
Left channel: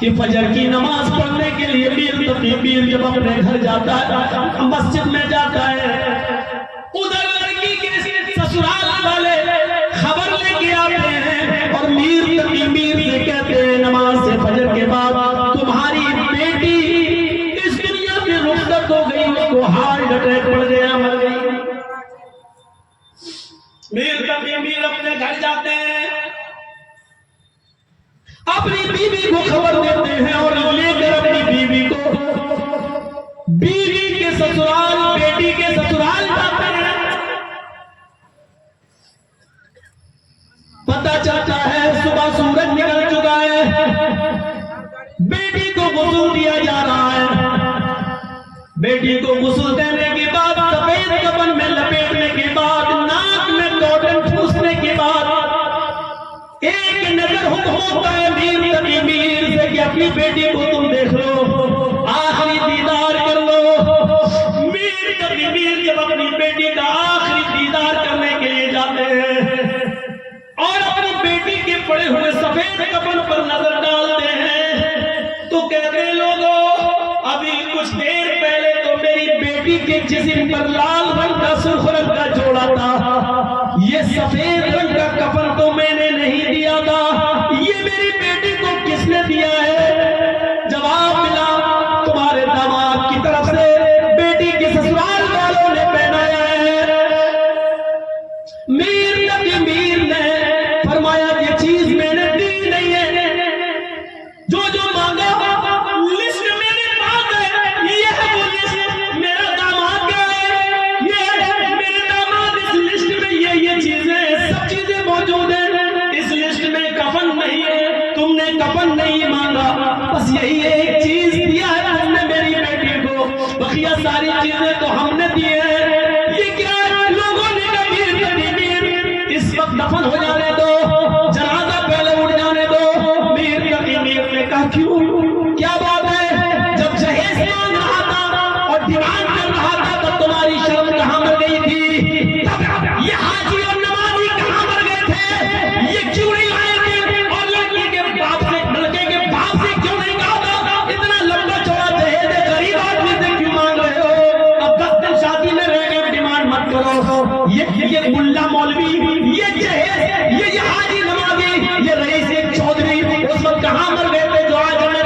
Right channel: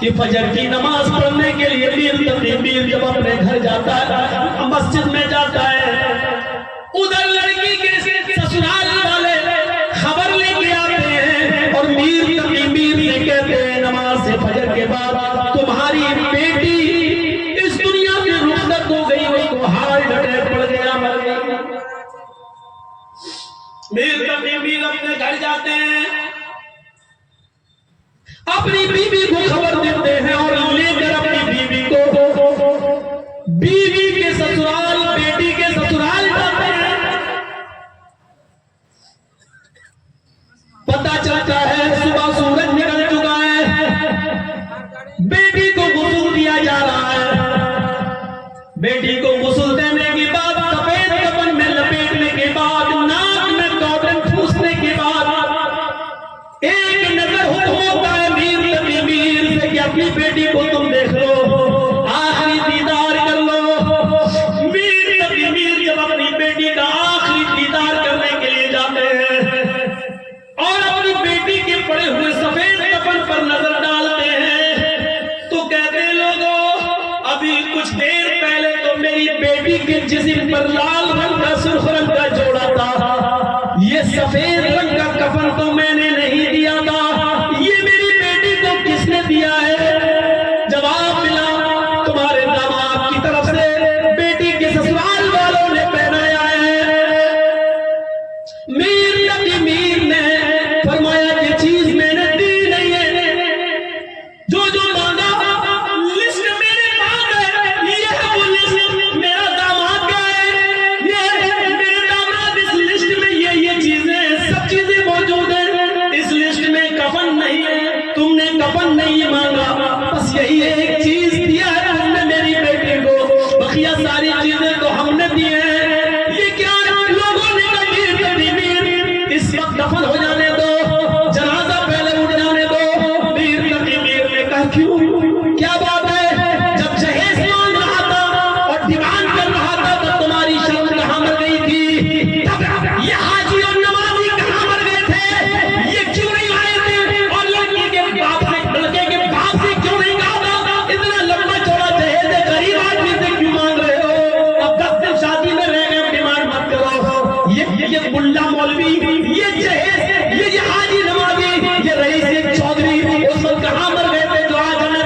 کہ فجر کی نماز پڑھنے کے لیے میر تقی میر جب اپنے گھر جاتا ہے، مسجد میں جاتا ہے، ادھر لڑکی کے سسرال والے خبر لے کے آتے ہیں اور میر تقی میر سے کہتے ہیں نماز سے فجر کے بعد تمہاری بیٹی اس دنیا سے رخصت ہو گئی، اس کو ہارٹ اٹیک پڑ گیا، مر گئی۔ میر تقی میر اپنے گھر جاتے ہیں، اپنی بیوی کو خبر دیتے ہیں اور لے کر اپنی بیوی کو بیوی کے سسرال، بیٹی کے سسرال جاتے ہیں۔ پتہ چلتا ہے صبح سورج نکل چکا ہے، بیٹی کو غسل دیا جا رہا ہے، بیٹی کو غسل دینے کے بعد سفید کفن میں لپیٹنے کے بعد ناک میں کاٹن ٹھوسنے کے بعد ایک نظر ہوتا ہے میر تقی میر سے کہ اپنی بیٹی کو تم دیکھ لو، آخری دیدار کر لو۔ میر تقی میر جب اپنی بیٹی کا آخری دیدار کرنے کے لیے جاتے ہیں اور اپنی بیٹی کے پڑے ہوئے سفید کفن پر نظر ڈالتے ہیں تو کہتے ہیں لوگوں ابھی کچھ دیر پہلے تو میری بیٹی کے جسم پر لال رنگ کا سرخ رنگ کا جوڑا تھا، یہ سفید رنگ کا کفن تو میں نے نہیں دیا تھا، یہ میری بیٹی کو کس نے دیا ہے؟ جواب ملا تمہارے داماد کی طرف سے بیٹی کے سسرال والوں نے پہنایا ہے۔ میر تقی میر نے فرمایا یہ چیز میں نے دی نہیں ہے، جو مانگا لسٹ میرے پاس ہے، یہ ہے وہ لسٹ، میرا داماد کیا ہے، یہ میرے داماد اس لسٹ میں یہ چیزیں سب چیزیں موجود ہیں، اس لسٹ میں کفن نہیں ہے، تم نے کفن نہیں مانگا، بس یہی ایک چیز دیا ہے تم نے میری بیٹی کو، بقیہ ساری چیزیں تو ہم نے دی ہیں۔ یہ کیا لوگوں نے کہا میر تقی میر اس وقت دفن ہو جانے دو، جنازہ پہلے اٹھ جانے دو۔ میر تقی میر نے کہا کیوں، کیا بات ہے، جب جہیز مانگ رہا تھا اور ڈیمانڈ کر رہا تھا تو تمہاری شرم کہاں مر گئی تھی، یہ حاجی اور نمازی کہاں مر گئے تھے، یہ کیوں نہیں آئے تھے، اور لڑکی کے باپ سے کیوں نہیں کہا تھا اتنا لمبا چوڑا جہیز غریب آدمی سے کیوں مانگ رہے ہو، اب 10 دن شادی میں رہ گئے ڈیمانڈ مت کرو۔ یہ ملا مولوی، یہ جہیز، یہ حاجی نمازی، یہ رئیس چودھری اس وقت کہاں مر گئے تھے جو آج ہمیں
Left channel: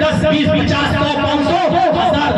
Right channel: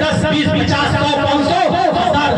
10, 20, 50, 100, 500, 1000